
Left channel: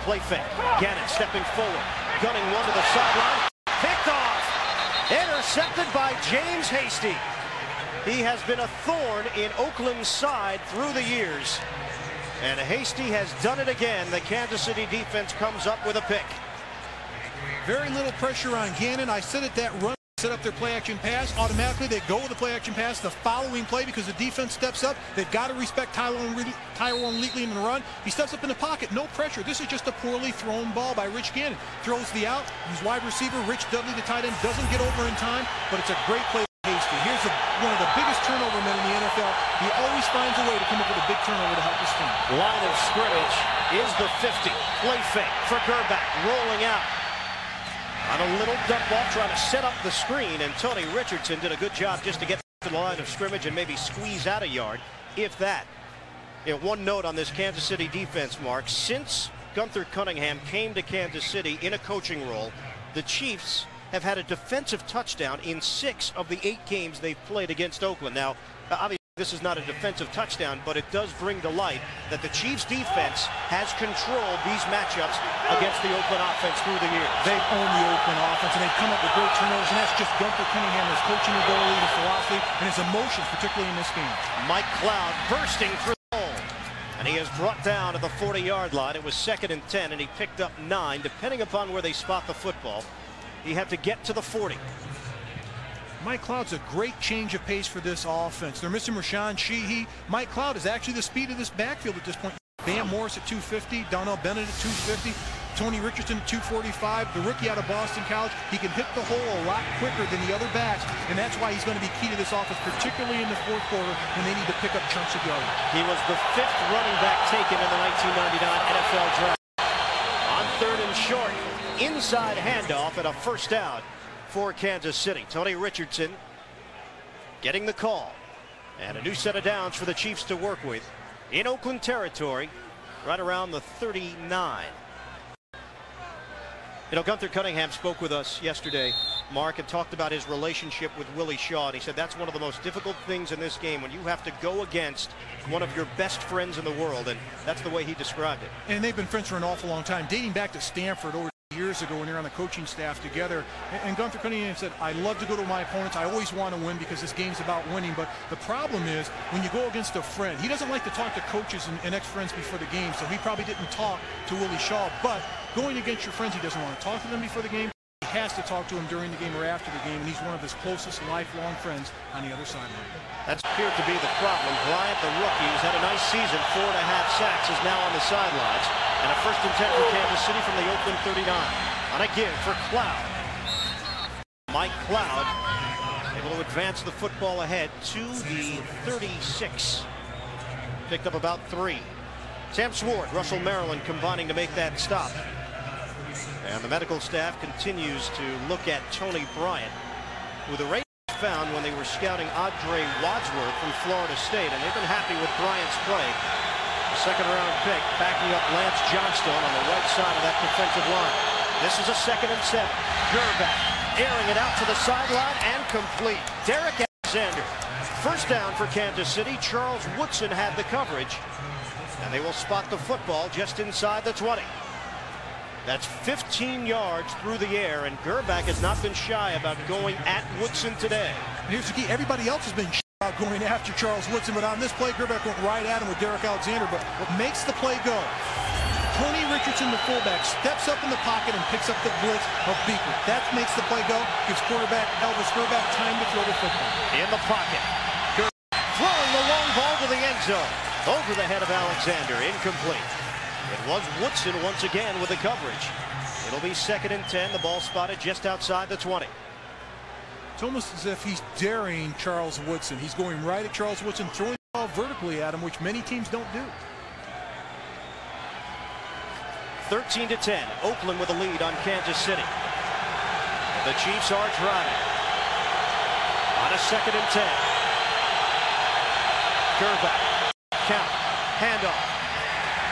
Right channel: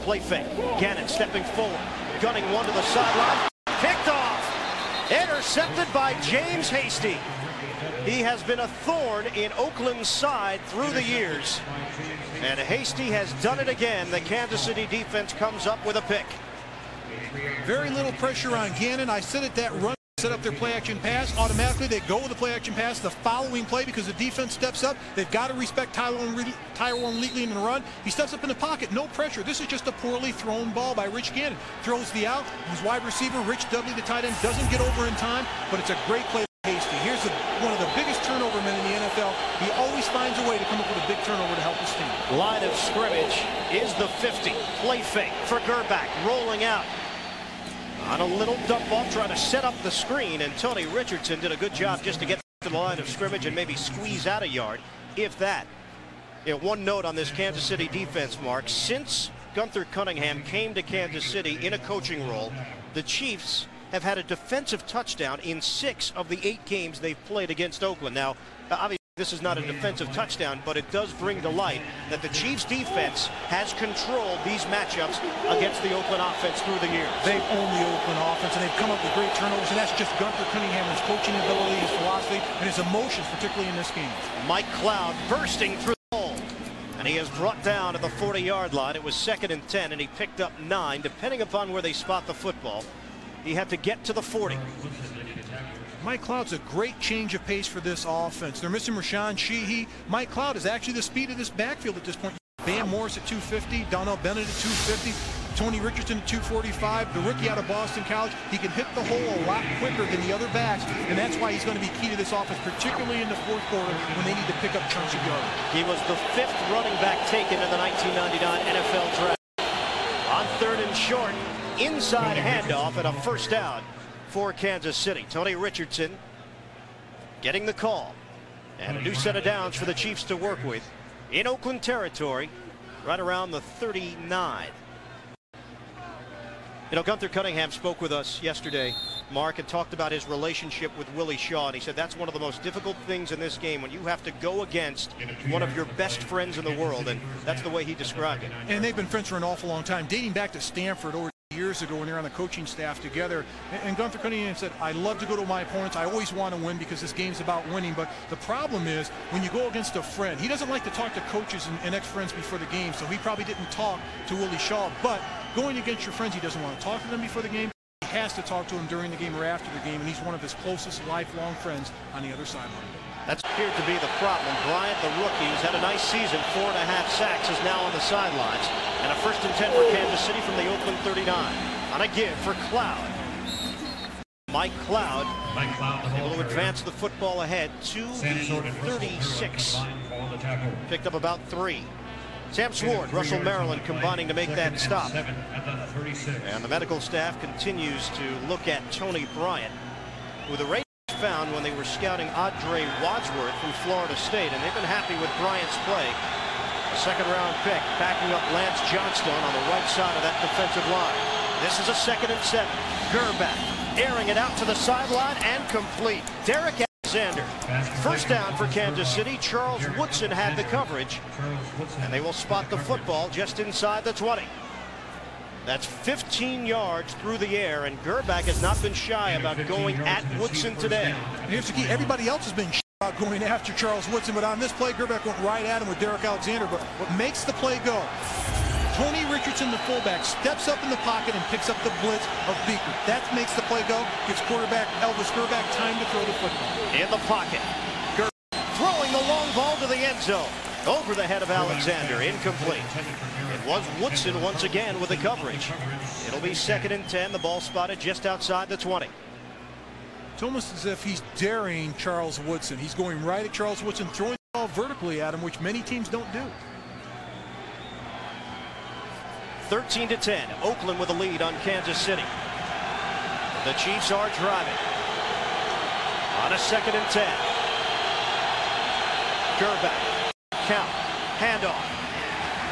Play fake. Gannon stepping forward, gunning one to the sideline. Picked off. Intercepted by James Hasty. He has been a thorn in Oakland's side through the years. And Hasty has done it again. The Kansas City defense comes up with a pick. Very little pressure on Gannon. I said it, that run set up their play action pass. Automatically they go with the play action pass the following play because the defense steps up. They've got to respect Tyrone Wheatley in the run. He steps up in the pocket, no pressure. This is just a poorly thrown ball by Rich Gannon. Throws the out, who's wide receiver. Rich Dudley, the tight end, doesn't get over in time, but it's a great play by Hasty. Here's one of the biggest turnover men in the NFL. He always finds a way to come up with a big turnover to help his team. Line of scrimmage is the 50. Play fake for Gerback, rolling out. On a little dump off, trying to set up the screen, and Tony Richardson did a good job just to get to the line of scrimmage and maybe squeeze out a yard, if that. You know, one note on this Kansas City defense, Mark. Since Gunther Cunningham came to Kansas City in a coaching role, the Chiefs have had a defensive touchdown in 6 of the 8 games they've played against Oakland. Now, obviously, this is not a defensive touchdown, but it does bring to light that the Chiefs defense has controlled these matchups against the Oakland offense through the years. They've owned the Oakland offense, and they've come up with great turnovers, and that's just Gunther Cunningham, his coaching ability, his philosophy, and his emotions, particularly in this game. Mike Cloud bursting through the hole, and he is brought down to the 40-yard line. It was 2nd and 10, and he picked up 9. Depending upon where they spot the football, he had to get to the 40. Mike Cloud's a great change of pace for this offense. They're missing Rashawn Sheehy. Mike Cloud is actually the speed of this backfield at this point. Van Morris at 250, Donnell Bennett at 250, Tony Richardson at 245, the rookie out of Boston College. He can hit the hole a lot quicker than the other backs, and that's why he's going to be key to this offense, particularly in the fourth quarter when they need to pick up chunks of yardage. He was the 5th running back taken in the 1999 NFL draft. On 3rd and short, inside handoff and a first down for Kansas City. Tony Richardson getting the call, and a new set of downs for the Chiefs to work with in Oakland territory, right around the 39. You know, Gunther Cunningham spoke with us yesterday, Mark, and talked about his relationship with Willie Shaw, and he said that's one of the most difficult things in this game when you have to go against one of your best friends in the world, and that's the way he described it. And they've been friends for an awful long time, dating back to Stanford over years ago when they were on the coaching staff together. And Gunther Cunningham said, I love to go to my opponents. I always want to win because this game's about winning. But the problem is when you go against a friend, he doesn't like to talk to coaches and ex-friends before the game. So he probably didn't talk to Willie Shaw. But going against your friends, he doesn't want to talk to them before the game. He has to talk to them during the game or after the game. And he's one of his closest lifelong friends on the other sideline. That's appeared to be the problem. Bryant, the rookie, who's had a nice season, 4.5 sacks, is now on the sidelines. And a 1st and 10 for Kansas City from the Oakland 39. On a give for Cloud. Mike Cloud able to advance the football ahead to the 36. Picked up about 3. Sam Sword, Russell, Maryland combining to make that stop. And the medical staff continues to look at Tony Bryant, who the Raiders found when they were scouting Audrey Wadsworth from Florida State, and they've been happy with Bryant's play. A 2nd-round pick backing up Lance Johnstone on the right side of that defensive line. This is a 2nd and 7. Gerback airing it out to the sideline and complete. Derek Alexander. First down for Kansas City. Charles Woodson had the coverage, and they will spot the football just inside the 20. That's 15 yards through the air, and Gerback has not been shy about going at Woodson today. And here's the key. Everybody else has been shy about going after Charles Woodson, but on this play, Gerback went right at him with Derek Alexander. But what makes the play go? Tony Richardson, the fullback, steps up in the pocket and picks up the blitz of Beaker. That makes the play go. Gives quarterback Elvis Gerback time to throw the football. In the pocket. Gerback throwing the long ball to the end zone. Over the head of Alexander. Incomplete. It was Woodson once again with the coverage. It'll be 2nd and 10. The ball spotted just outside the 20. It's almost as if he's daring Charles Woodson. He's going right at Charles Woodson, throwing the ball vertically at him, which many teams don't do. 13-10. Oakland with a lead on Kansas City. But the Chiefs are driving. On a 2nd and 10. Gerback. Count. Handoff.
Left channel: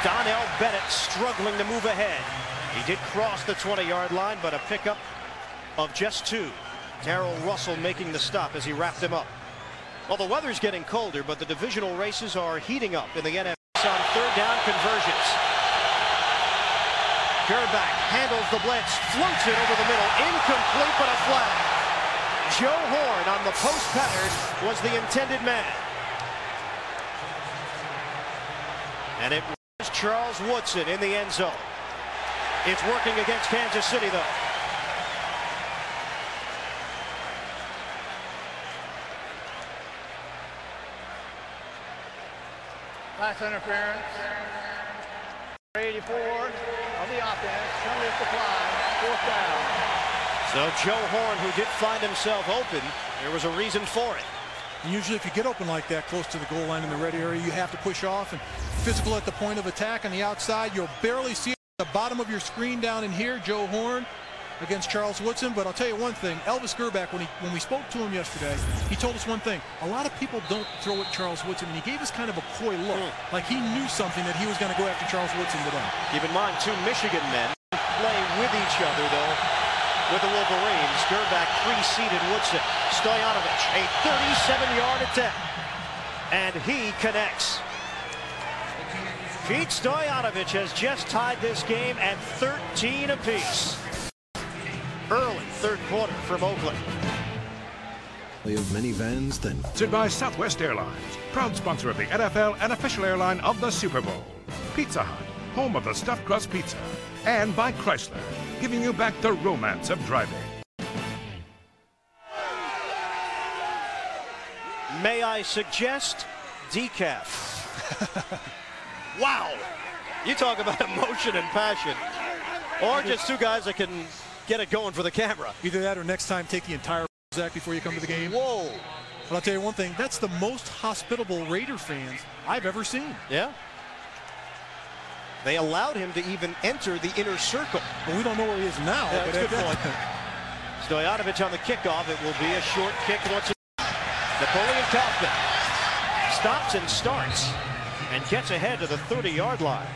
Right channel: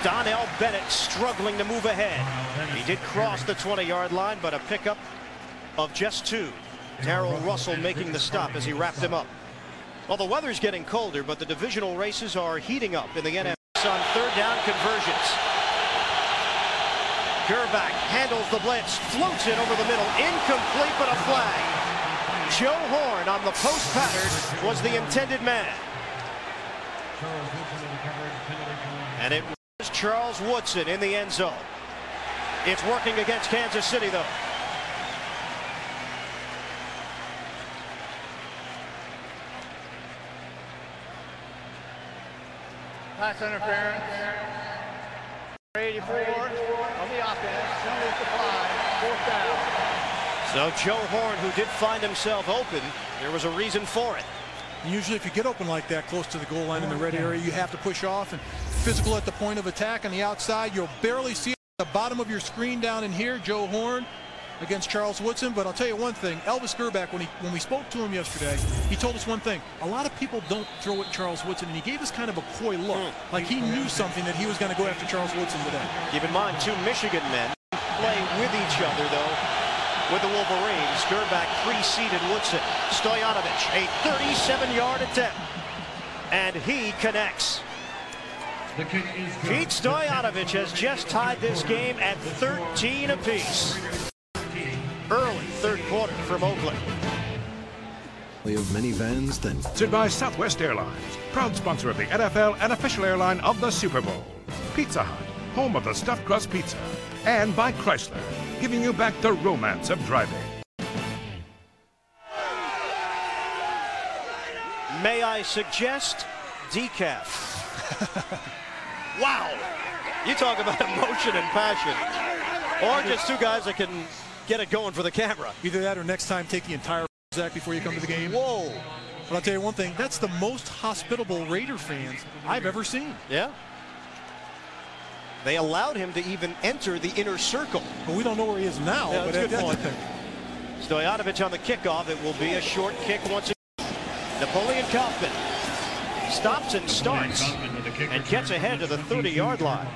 Donnell Bennett struggling to move ahead. He did cross the 20-yard line, but a pickup of just 2. Darrell Russell making the stop as he wrapped him up. Well, the weather's getting colder, but the divisional races are heating up in the NFC on 3rd down conversions. Gerback handles the blitz, floats it over the middle, incomplete, but a flag. Joe Horn on the post pattern was the intended man. And it was Charles Woodson in the end zone. It's working against Kansas City, though. Pass interference. 84 of the offense. Penalty supply. 4th down. So Joe Horn, who did find himself open, there was a reason for it. And usually if you get open like that close to the goal line in the red area, you have to push off and physical at the point of attack on the outside. You'll barely see it at the bottom of your screen down in here. Joe Horn against Charles Woodson. But I'll tell you one thing, Elvis Gerback, when we spoke to him yesterday, he told us one thing. A lot of people don't throw at Charles Woodson, and he gave us kind of a coy look, like he knew something that he was going to go after Charles Woodson today. Keep in mind, 2 Michigan men play with each other, though, with the Wolverines. Gerback preceded Woodson. Stoyanovich, a 37-yard attempt, and he connects. Pete Stoyanovich has just tied this game at 13 apiece. Early 3rd quarter from Oakland. Of minivans then. Sponsored by Southwest Airlines, proud sponsor of the NFL and official airline of the Super Bowl. Pizza Hut, home of the stuffed crust pizza. And by Chrysler, giving you back the romance of driving. May I suggest decaf? Wow! You talk about emotion and passion. Or just 2 guys that can get it going for the camera. Either that or next time take the entire Zach before you come to the game. Whoa! But I'll tell you one thing, that's the most hospitable Raider fans I've ever seen. Yeah. They allowed him to even enter the inner circle. Well, we don't know where he is now. Yeah, but that's a good point. Stoyanovich on the kickoff. It will be a short kick once again. Napoleon Kaufman stops and starts and gets ahead to the 30-yard line.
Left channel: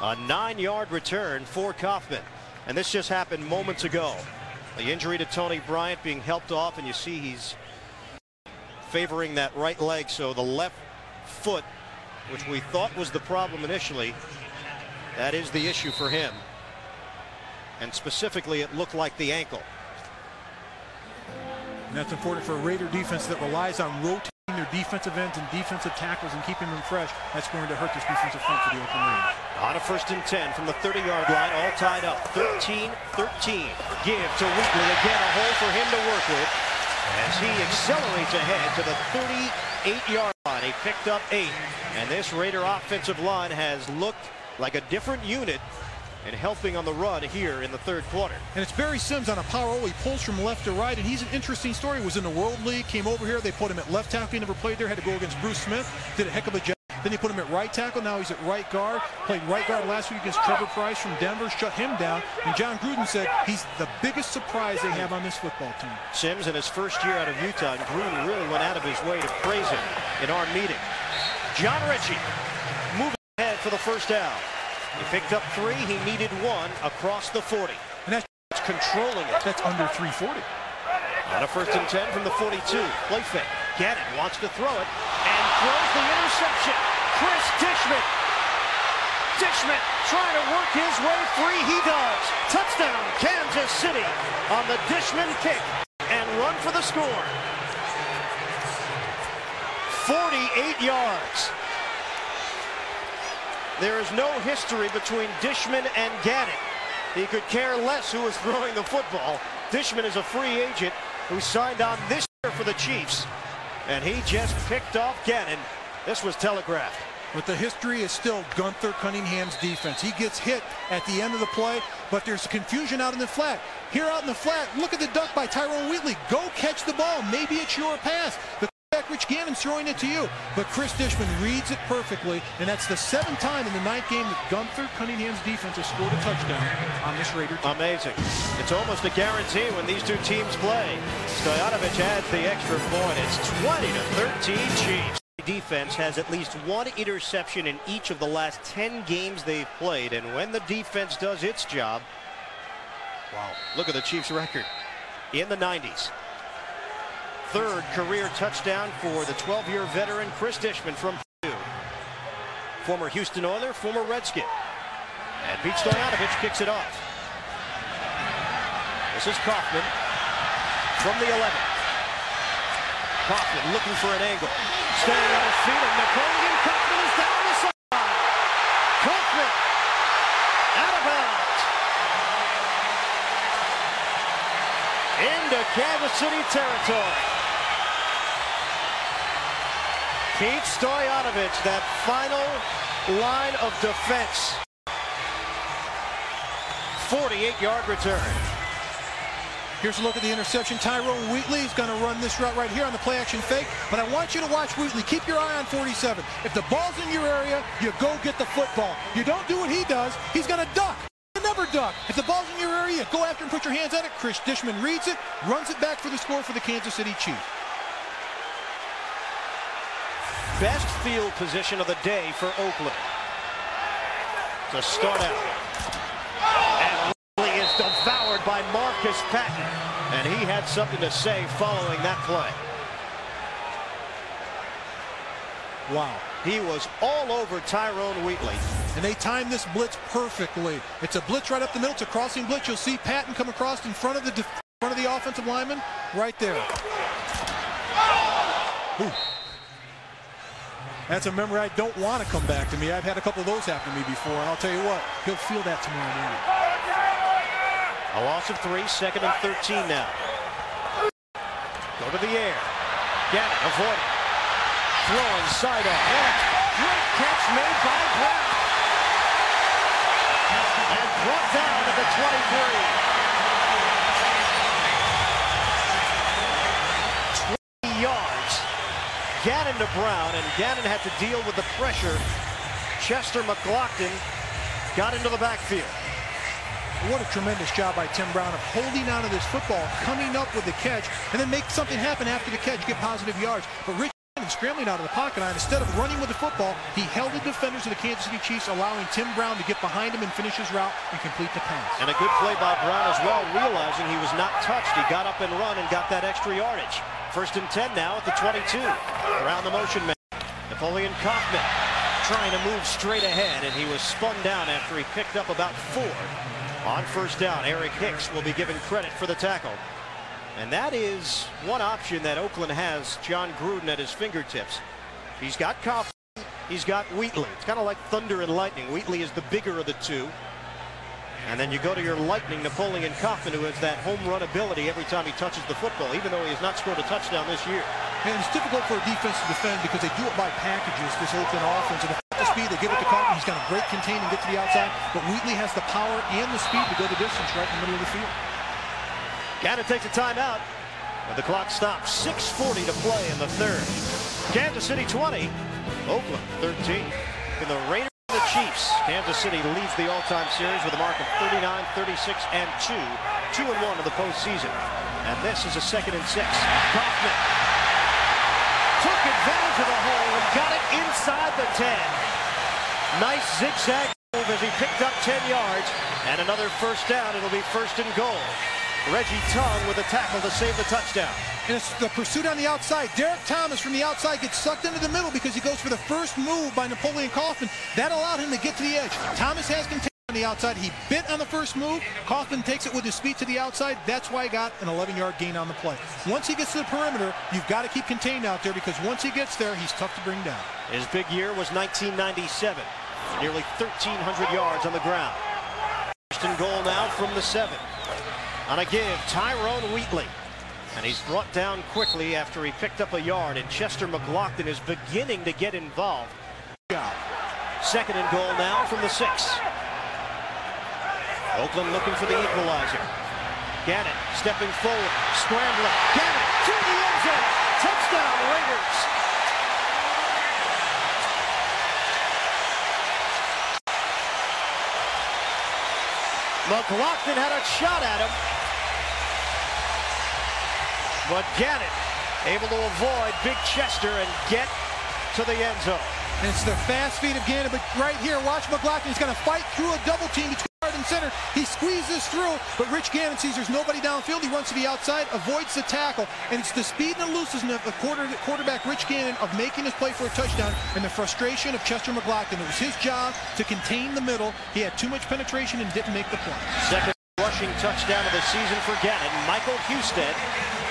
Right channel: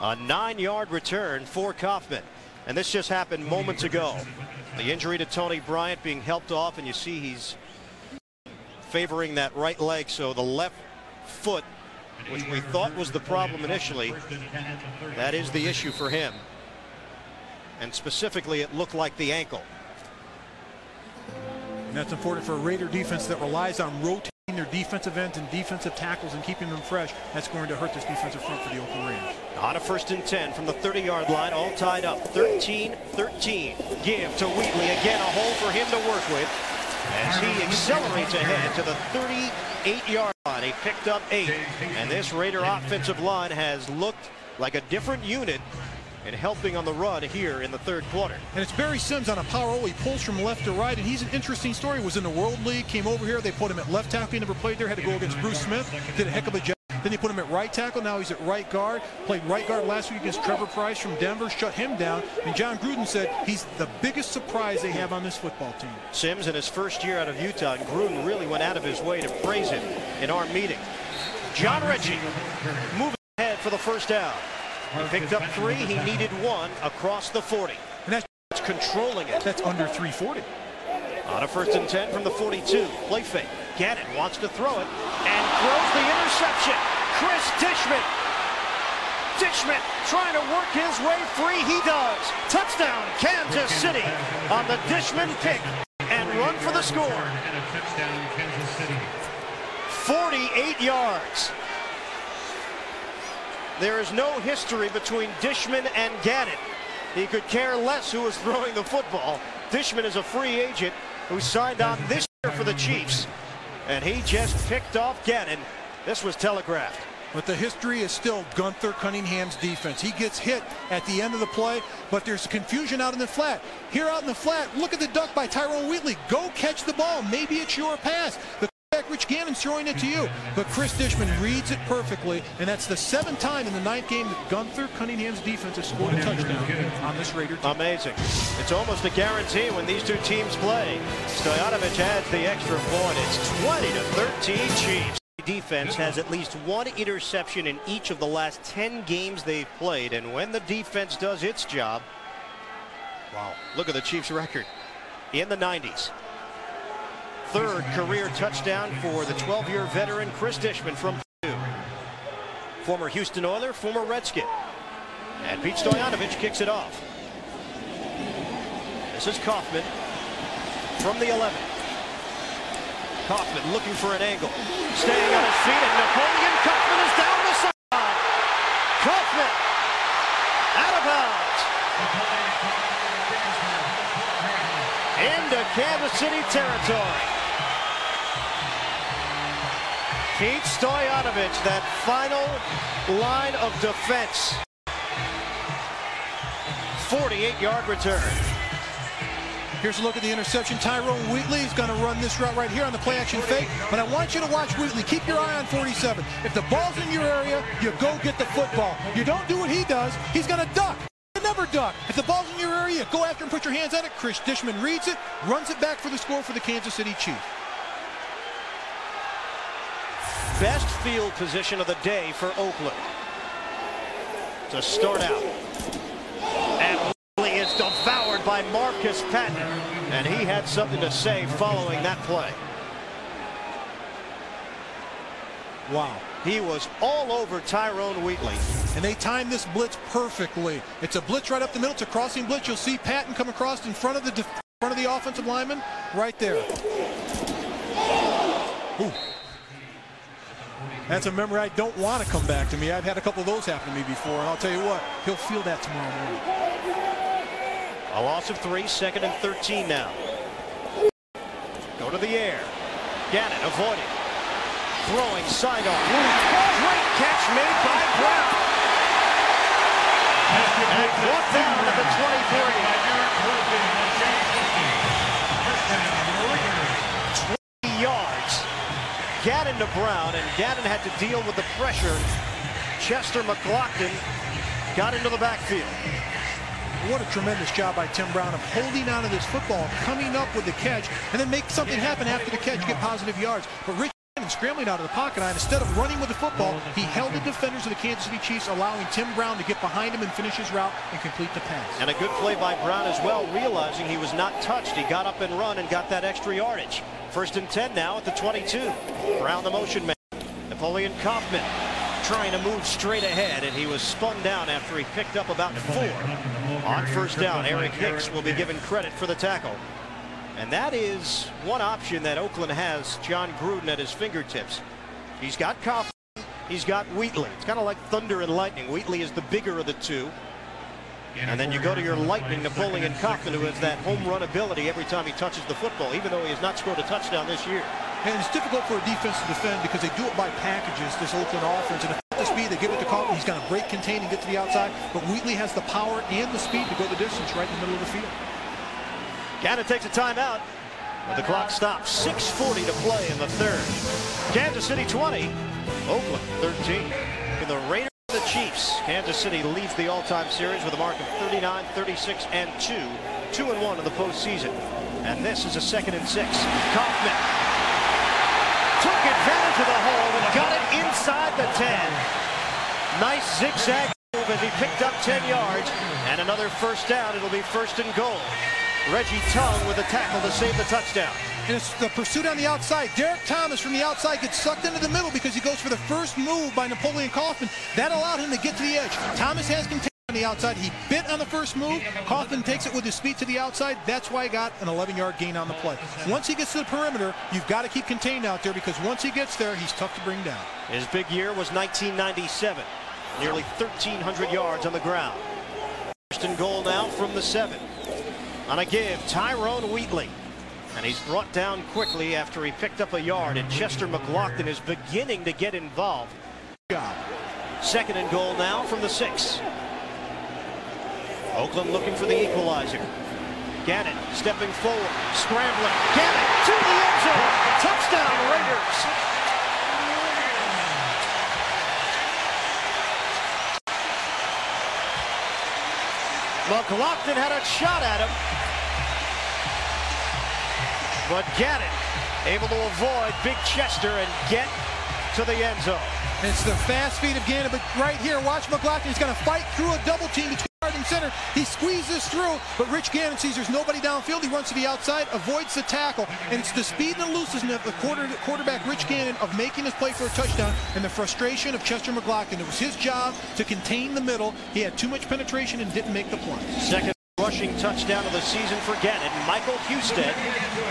A 9-yard return for Kaufman. And this just happened moments ago. The injury to Tony Bryant being helped off, and you see he's favoring that right leg, so the left foot, which we thought was the problem initially, that is the issue for him. And specifically, it looked like the ankle. And that's important for a Raider defense that relies on rotating their defensive ends and defensive tackles and keeping them fresh. That's going to hurt this defensive front for the Oakland Raiders. On a 1st and 10 from the 30-yard line, all tied up. 13-13. Give to Wheatley. Again, a hole for him to work with as he accelerates ahead to the 38-yard line. He picked up 8. And this Raider offensive line has looked like a different unit and helping on the run here in the 3rd quarter. And it's Barry Sims on a power roll. He pulls from left to right, and he's an interesting story. He was in the World League, came over here. They put him at left tackle. He never played there. Had to go against Bruce Smith. Did a heck of a job. Then they put him at right tackle. Now he's at right guard. Played right guard last week against Trevor Price from Denver. Shut him down. And John Gruden said he's the biggest surprise they have on this football team. Sims in his first year out of Utah, and Gruden really went out of his way to praise him in our meeting. John Ritchie moving ahead for the 1st down. He picked up 3. He needed 1 across the 40. And that's controlling it. That's under 340. On a 1st and 10 from the 42. Play fake. Gannon wants to throw it and throws the interception. Chris Dishman. Dishman trying to work his way free. He does. Touchdown, Kansas City on the Dishman pick and run for the score. 48 yards. There is no history between Dishman and Gannon. He could care less who was throwing the football. Dishman is a free agent who signed on this year for the Chiefs, and he just picked off Gannon. This was telegraphed. But the history is still Gunther Cunningham's defense. He gets hit at the end of the play, but there's confusion out in the flat. Here out in the flat, look at the duck by Tyrone Wheatley. Go catch the ball. Maybe it's your pass. The quarterback, Rich Gannon's throwing it to you. But Chris Dishman reads it perfectly, and that's the 7th time in the 9th game that Gunther Cunningham's defense has scored a touchdown on this Raider team. Amazing. It's almost a guarantee when these two teams play. Stoyanovich adds the extra point. It's 20-13 Chiefs. Defense has at least one interception in each of the last 10 games they've played, and when the defense does its job, wow, look at the Chiefs record in the 90s. 3rd career touchdown for the 12-year veteran Chris Dishman from Purdue. Former Houston Oiler, former Redskin. And Pete Stoyanovich kicks it off. This is Kaufman from the 11. Kaufman looking for an angle. Staying on his feet, and Napoleon Kaufman is down the sideline. Kaufman out of bounds. Into Kansas City territory. Pete Stoyanovich, that final line of defense. 48-yard return. Here's a look at the interception. Tyrone Wheatley is going to run this route right here on the play-action fake. But I want you to watch Wheatley. Keep your eye on 47. If the ball's in your area, you go get the football. You don't do what he does. He's going to duck. You never duck. If the ball's in your area, go after him, put your hands on it. Chris Dishman reads it, runs it back for the score for the Kansas City Chiefs. Best field position of the day for Oakland to start out. And Wheatley is devoured by Marcus Patton, and he had something to say following that play. Wow. He was all over Tyrone Wheatley. And they timed this blitz perfectly. It's a blitz right up the middle. It's a crossing blitz. You'll see Patton come across in front of the offensive lineman right there. Ooh. That's a memory I don't want to come back to me. I've had a couple of those happen to me before, and I'll tell you what, he'll feel that tomorrow morning. A loss of 3, 2nd and 13 now. Go to the air. Gannon avoiding. Throwing sidearm. Great catch made by Brown. And brought down at the 23. 20 yards. Gannon to Brown, and Gannon had to deal with the pressure. Chester McLaughlin got into the backfield. What a tremendous job by Tim Brown of holding on to this football, coming up with the catch, and then make something happen after the catch, get positive yards. But Rich Gannon scrambling out of the pocket, and instead of running with the football, he held the defenders of the Kansas City Chiefs, allowing Tim Brown to get behind him and finish his route and complete the pass. And a good play by Brown as well, realizing he was not touched. He got up and run and got that extra yardage. 1st and 10 now at the 22. Brown the motion man. Napoleon Kaufman trying to move straight ahead, and he was spun down after he picked up about 4 on 1st down. Eric Hicks will be given credit for the tackle. And that is one option that Oakland has John Gruden at his fingertips. He's got Kaufman, he's got Wheatley. It's kind of like thunder and lightning. Wheatley is the bigger of the two. And then you go to your lightning, Napoleon Kaufman, who has that home run ability every time he touches the football, even though he has not scored a touchdown this year. And it's difficult for a defense to defend because they do it by packages, this Oakland offense. And if at the speed, they give it to Kaufman, he's going to break, contain, and get to the outside. But Wheatley has the power and the speed to go the distance right in the middle of the field. Gannon takes a timeout, but the clock stops. 6:40 to play in the 3rd. Kansas City 20, Oakland 13. In the Raiders and the Chiefs, Kansas City leads the all-time series with a mark of 39, 36, and 2. 2-1 in the postseason. And this is a 2nd and 6. Kaufman took advantage of the hole and got it inside the 10. Nice zigzag move as he picked up 10 yards. And another 1st down. It'll be 1st and goal. Reggie Tongue with a tackle to save the touchdown. And it's the pursuit on the outside. Derek Thomas from the outside gets sucked into the middle because he goes for the first move by Napoleon Kaufman. That allowed him to get to the edge. Thomas has contained on the outside. He bit on the first move. Kaufman takes it with his feet to the outside. That's why he got an 11-yard gain on the play. Once he gets to the perimeter, you've got to keep contained out there because once he gets there, he's tough to bring down. His big year was 1997. Nearly 1,300 yards on the ground. First and goal now from the 7. On a give, Tyrone Wheatley. And he's brought down quickly after he picked up a yard. And Chester McLaughlin is beginning to get involved. Job. Second and goal now from the 6. Oakland looking for the equalizer. Gannon stepping forward, scrambling. Gannon to the end zone. Touchdown, Raiders. McLaughlin had a shot at him, but Gannon able to avoid Big Chester and get to the end zone. And it's the fast feet of Gannon, but right here, watch McLaughlin. He's going to fight through a double team between guard and center. He squeezes through, but Rich Gannon sees there's nobody downfield. He runs to the outside, avoids the tackle, and it's the speed and elusiveness of the quarterback Rich Gannon of making his play for a touchdown, and the frustration of Chester McLaughlin. It was his job to contain the middle. He had too much penetration and didn't make the play. Second rushing touchdown of the season for Gannon. Michael Husted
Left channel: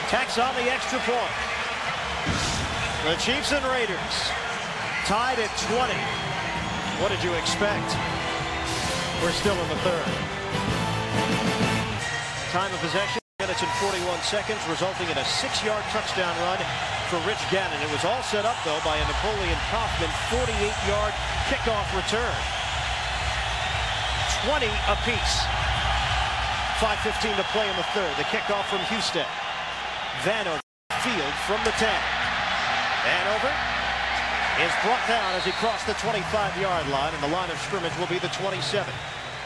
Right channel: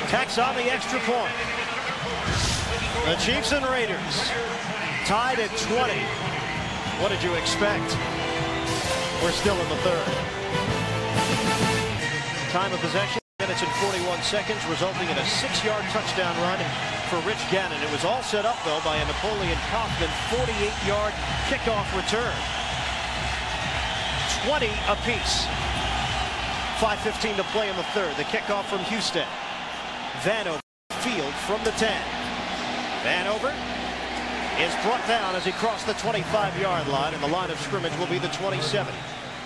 tacks on the extra point. The Chiefs and Raiders tied at 20. What did you expect? We're still in the third. Time of possession, minutes and 41 seconds, resulting in a 6-yard touchdown run for Rich Gannon. It was all set up, though, by a Napoleon Kaufman 48-yard kickoff return. 20 apiece. 5:15 to play in the third. The kickoff from Husted. Vanover field from the 10. Vanover is brought down as he crossed the 25-yard line, and the line of scrimmage will be the 27.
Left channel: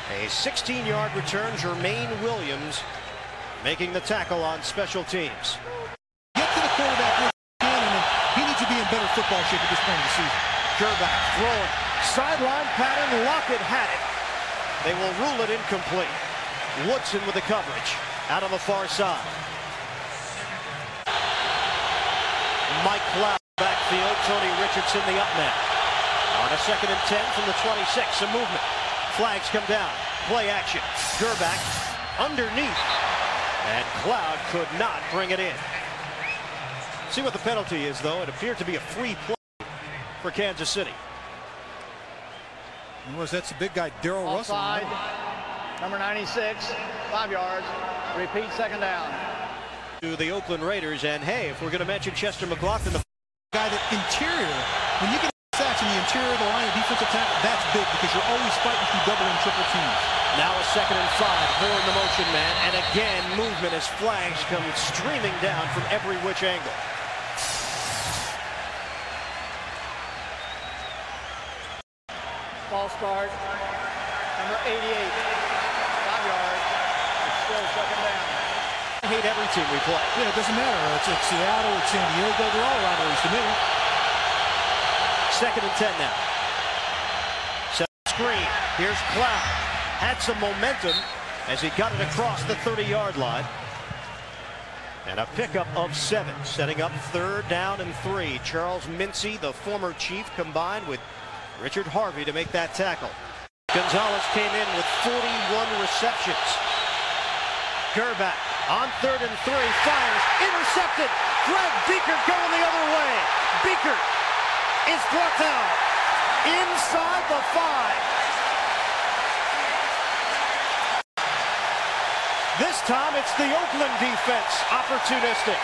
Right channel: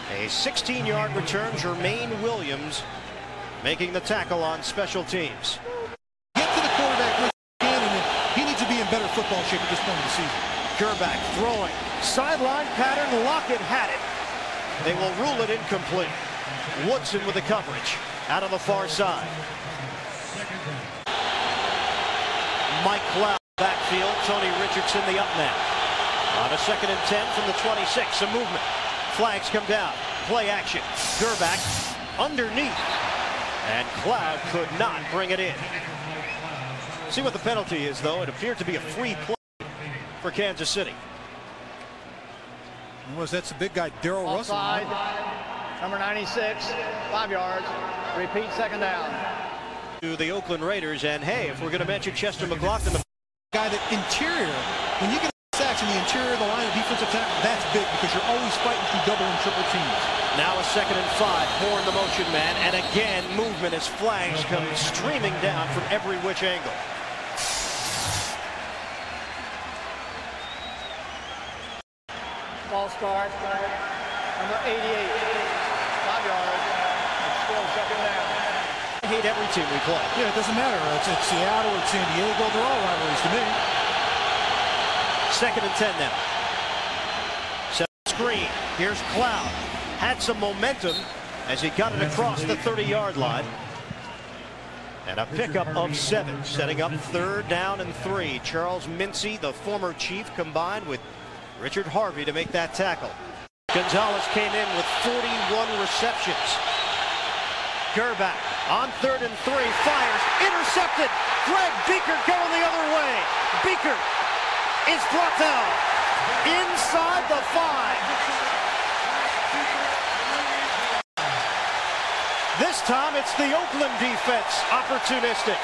A 16-yard return. Jermaine Williams making the tackle on special teams. Get to the quarterback with Gannon, and he needs to be in better football shape at this point of the season. Gerback throwing. Sideline pattern. Lockett had it. They will rule it incomplete. Woodson with the coverage out on the far side. Mike Cloud backfield. Tony Richardson the up man. On a 2nd and 10 from the 26. A movement. Flags come down. Play action. Gerback underneath. And Cloud could not bring it in. See what the penalty is, though. It appeared to be a free play for Kansas City. That's the big guy, Darrell Russell. Offside. Number 96, 5 yards. Repeat, second down. To the Oakland Raiders, and hey, if we're going to mention Chester McLaughlin, the guy that interior, when you get sacks in the interior of the line of defensive tackle, that's big because you're always fighting through double and triple teams. Now a 2nd and 5. Horn the motion man, and again movement as flags come streaming down from every which angle. Ball start. Number 88. 5 yards. It's still second down. I hate every team we play. Yeah, it doesn't matter. It's Seattle, it's San Diego. They're all rivalries to me. 2nd and 10 now. Set screen. Here's Cloud. Had some momentum as he got it across the 30-yard line. And a pickup of 7, setting up 3rd down and 3. Charles Mincy, the former Chief, combined with Richard Harvey to make that tackle. Gonzalez came in with 41 receptions. Gerback on 3rd and 3, fires, intercepted. Greg Biekert going the other way. Biekert is brought down inside the 5. This time it's the Oakland defense opportunistic.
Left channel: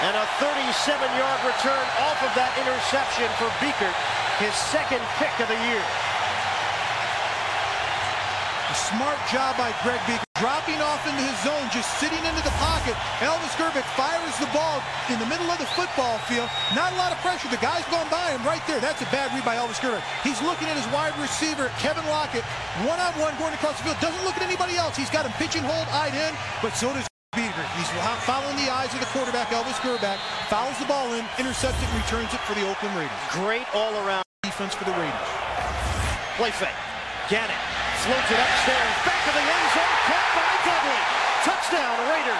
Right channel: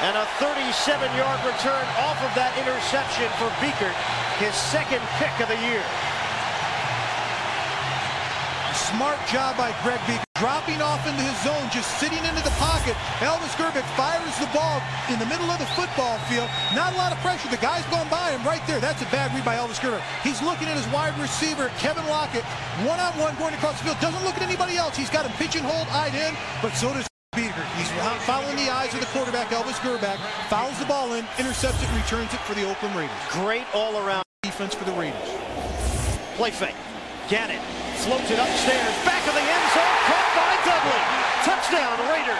And a 37-yard return off of that interception for Biekert, his 2nd pick of the year. A smart job by Greg Biekert. Dropping off into his zone, just sitting into the pocket. Elvis Grbac fires the ball in the middle of the football field. Not a lot of pressure. The guy's gone by him right there. That's a bad read by Elvis Grbac. He's looking at his wide receiver, Kevin Lockett, one-on-one going across the field. Doesn't look at anybody else. He's got him pigeonholed, eyed in, but so does Biekert. He's following the eyes of the quarterback, Elvis Grbac. Fouls the ball in, intercepts it, returns it for the Oakland Raiders. Great all-around defense for the Raiders. Play fake. Gannon floats it upstairs, back of the end zone, caught by Dudley. Touchdown, Raiders.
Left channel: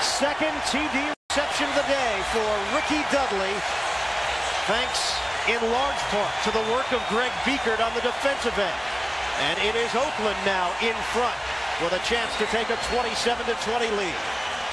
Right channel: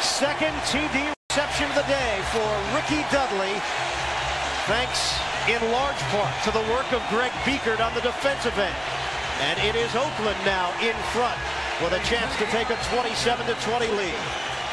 Second TD reception of the day for Ricky Dudley, thanks in large part to the work of Greg Biekert on the defensive end. And it is Oakland now in front with a chance to take a 27-20 lead.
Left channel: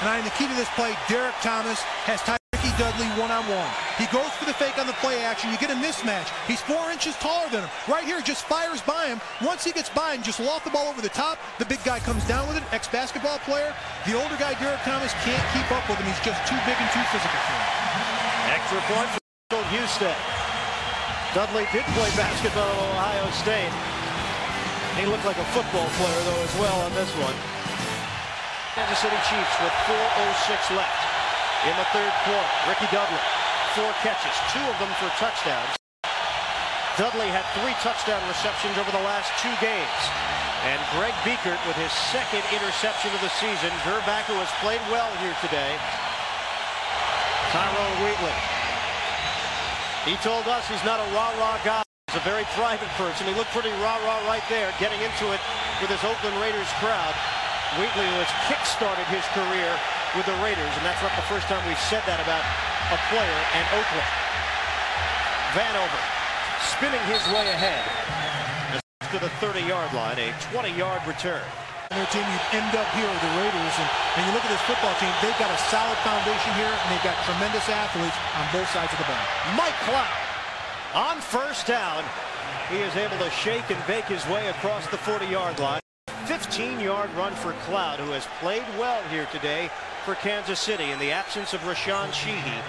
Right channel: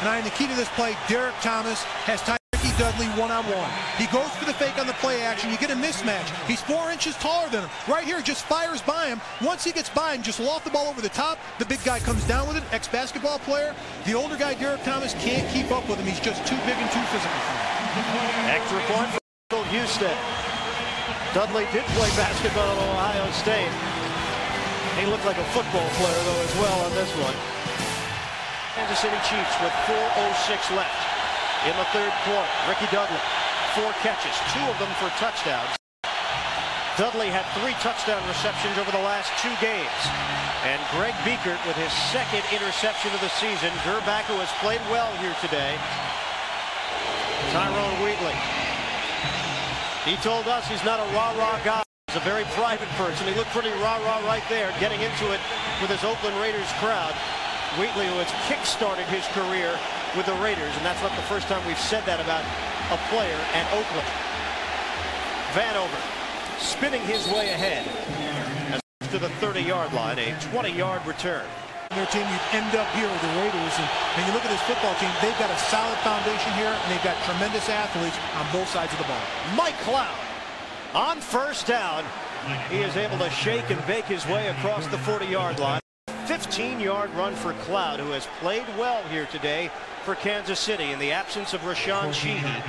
And the key to this play, Derek Thomas has tied Ricky Dudley one-on-one. He goes for the fake on the play action. You get a mismatch. He's 4 inches taller than him. Right here, just fires by him. Once he gets by him, just loft the ball over the top. The big guy comes down with it, ex-basketball player. The older guy, Derek Thomas, can't keep up with him. He's just too big and too physical for him. Extra point for Houston. Dudley did play basketball at Ohio State. He looked like a football player, though, as well on this one. Kansas City Chiefs with 4:06 left in the third quarter. Ricky Dudley, 4 catches, 2 of them for touchdowns. Dudley had 3 touchdown receptions over the last 2 games. And Greg Biekert with his second interception of the season. Gerbach, who has played well here today. Tyrone Wheatley. He told us he's not a rah-rah guy. He's a very private person. He looked pretty rah-rah right there, getting into it with his Oakland Raiders crowd. Wheatley, who has kick-started his career with the Raiders, and that's not the first time we've said that about a player and Oakland. Vanover spinning his way ahead as to the 30-yard line, a 20-yard return. Their team, you'd end up here with the Raiders, and you look at this football team, they've got a solid foundation here, and they've got tremendous athletes on both sides of the ball. Mike Cloud on first down. He is able to shake and bake his way across the 40-yard line. 15-yard run for Cloud, who has played well here today for Kansas City in the absence of Rashawn Sheehy.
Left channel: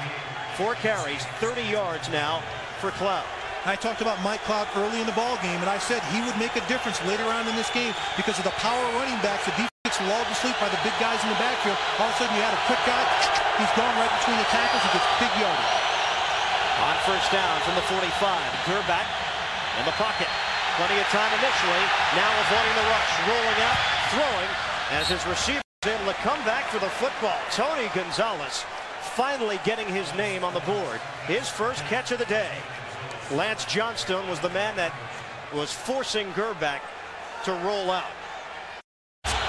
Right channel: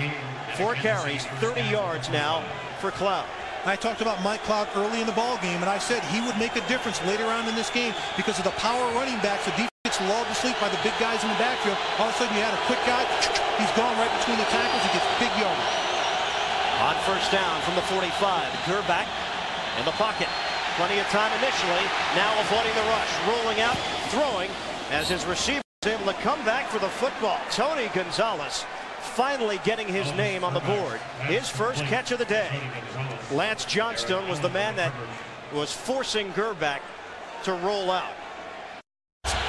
4 carries, 30 yards now for Cloud. I talked about Mike Cloud early in the ball game, and I said he would make a difference later on in this game because of the power running backs. The defense gets lulled to sleep by the big guys in the backfield. All of a sudden, you had a quick guy. He's gone right between the tackles. He gets big yardage. On first down from the 45, Gerbach in the pocket. Plenty of time initially. Now avoiding the rush. Rolling out, throwing as his receiver is able to come back for the football. Tony Gonzalez finally getting his name on the board. His first catch of the day. Lance Johnstone was the man that was forcing Gerbach to roll out.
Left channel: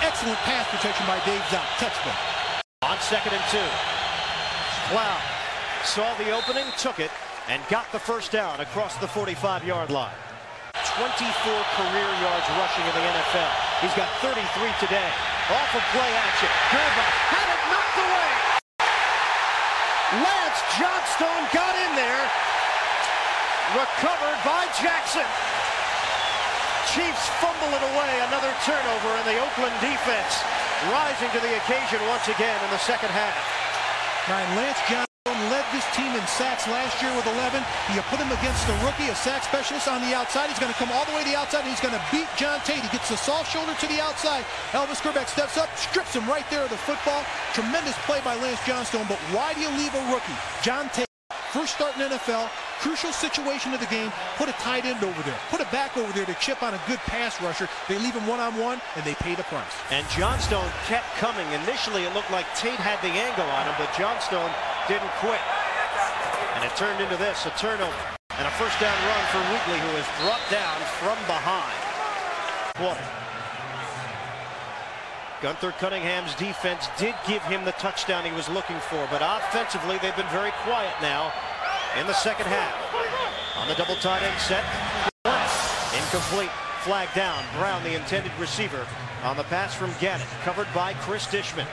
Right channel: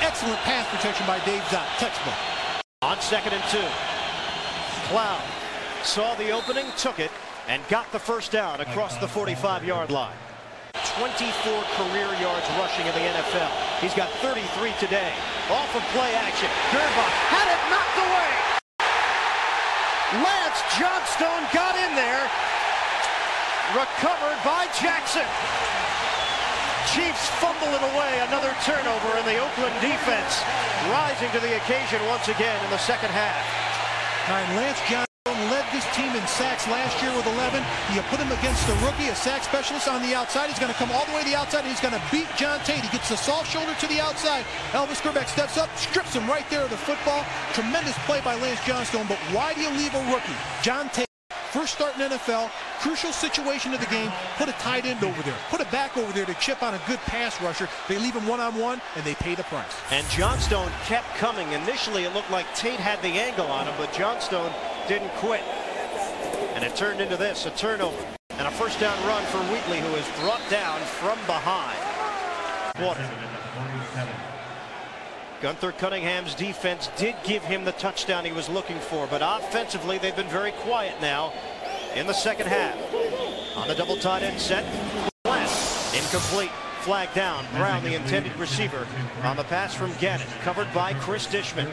Excellent pass protection by Dave Zott. Textbook. On 2nd and 2. Cloud saw the opening, took it, and got the first down across the 45-yard line. 24 career yards rushing in the NFL. He's got 33 today. Off of play action. Gerbach had it knocked away. Lance Johnstone got in there. Recovered by Jackson. Chiefs fumble it away. Another turnover, and the Oakland defense rising to the occasion once again in the second half. And Lance Johnstone led this team in sacks last year with 11. You put him against the rookie, a sack specialist on the outside. He's going to come all the way to the outside, and he's going to beat John Tate. He gets the soft shoulder to the outside. Elvis Gerbach steps up, strips him right there of the football. Tremendous play by Lance Johnstone, but why do you leave a rookie? John Tate, first start in NFL, crucial situation of the game, put a tight end over there, put a back over there to chip on a good pass rusher. They leave him one-on-one, and they pay the price. And Johnstone kept coming. Initially, it looked like Tate had the angle on him, but Johnstone didn't quit. And it turned into this, a turnover. And a first down run for Wheatley, who is brought down from behind. Quarter. Gunther Cunningham's defense did give him the touchdown he was looking for, but offensively they've been very quiet now in the second half. On the double tight end set, West, incomplete, flag down. Brown, the intended receiver, on the pass from Gannon, covered by Chris Dishman.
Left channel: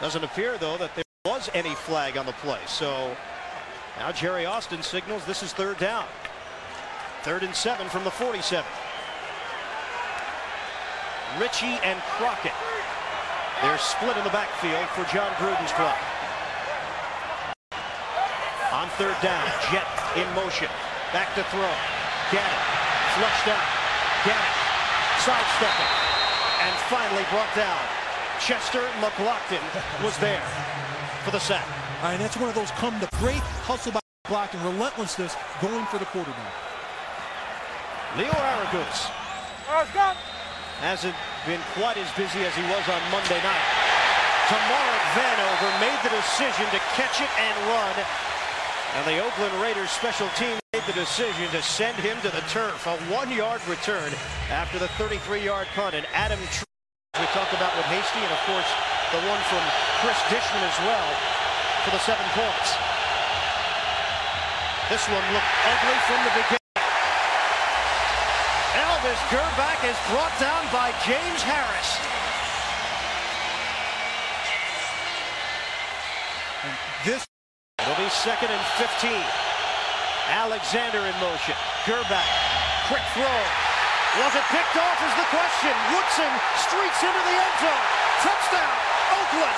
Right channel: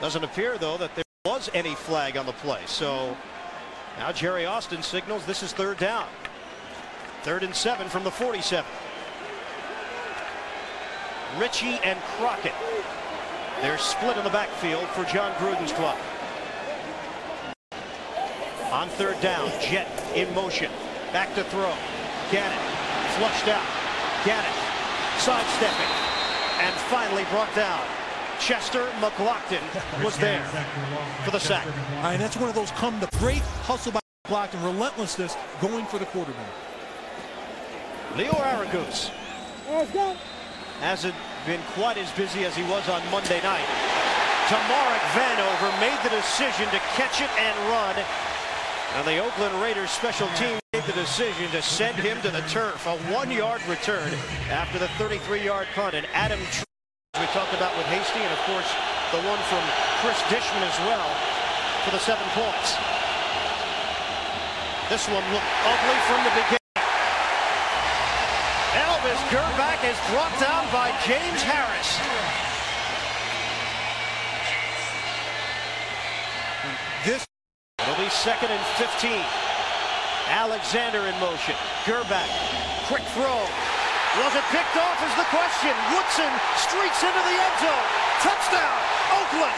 Doesn't appear, though, that there was any flag on the play. So now Jerry Austin signals this is third down. 3rd and 7 from the 47. Ritchie and Crockett. They're split in the backfield for John Gruden's club. On 3rd down, Jet in motion. Back to throw. Gannon flushed out. Gannon sidestepping. And finally brought down. Chester McLaughlin was there for the sack. All right, that's one of those come to great hustle by McLaughlin, relentlessness going for the quarterback. Leo Aragus has it been quite as busy as he was on Monday night. Tamarek Vanover made the decision to catch it and run. And the Oakland Raiders special team made the decision to send him to the turf. A 1-yard return after the 33-yard punt. And Adam Tree, we talked about with Hasty, and of course the one from Chris Dishman as well for the 7 points. This one looked ugly from the beginning. Elvis Grbac is brought down by James Harris. And this, it'll be 2nd and 15. Alexander in motion. Grbac, quick throw. Was it picked off is the question. Woodson streaks into the end zone. Touchdown, Oakland.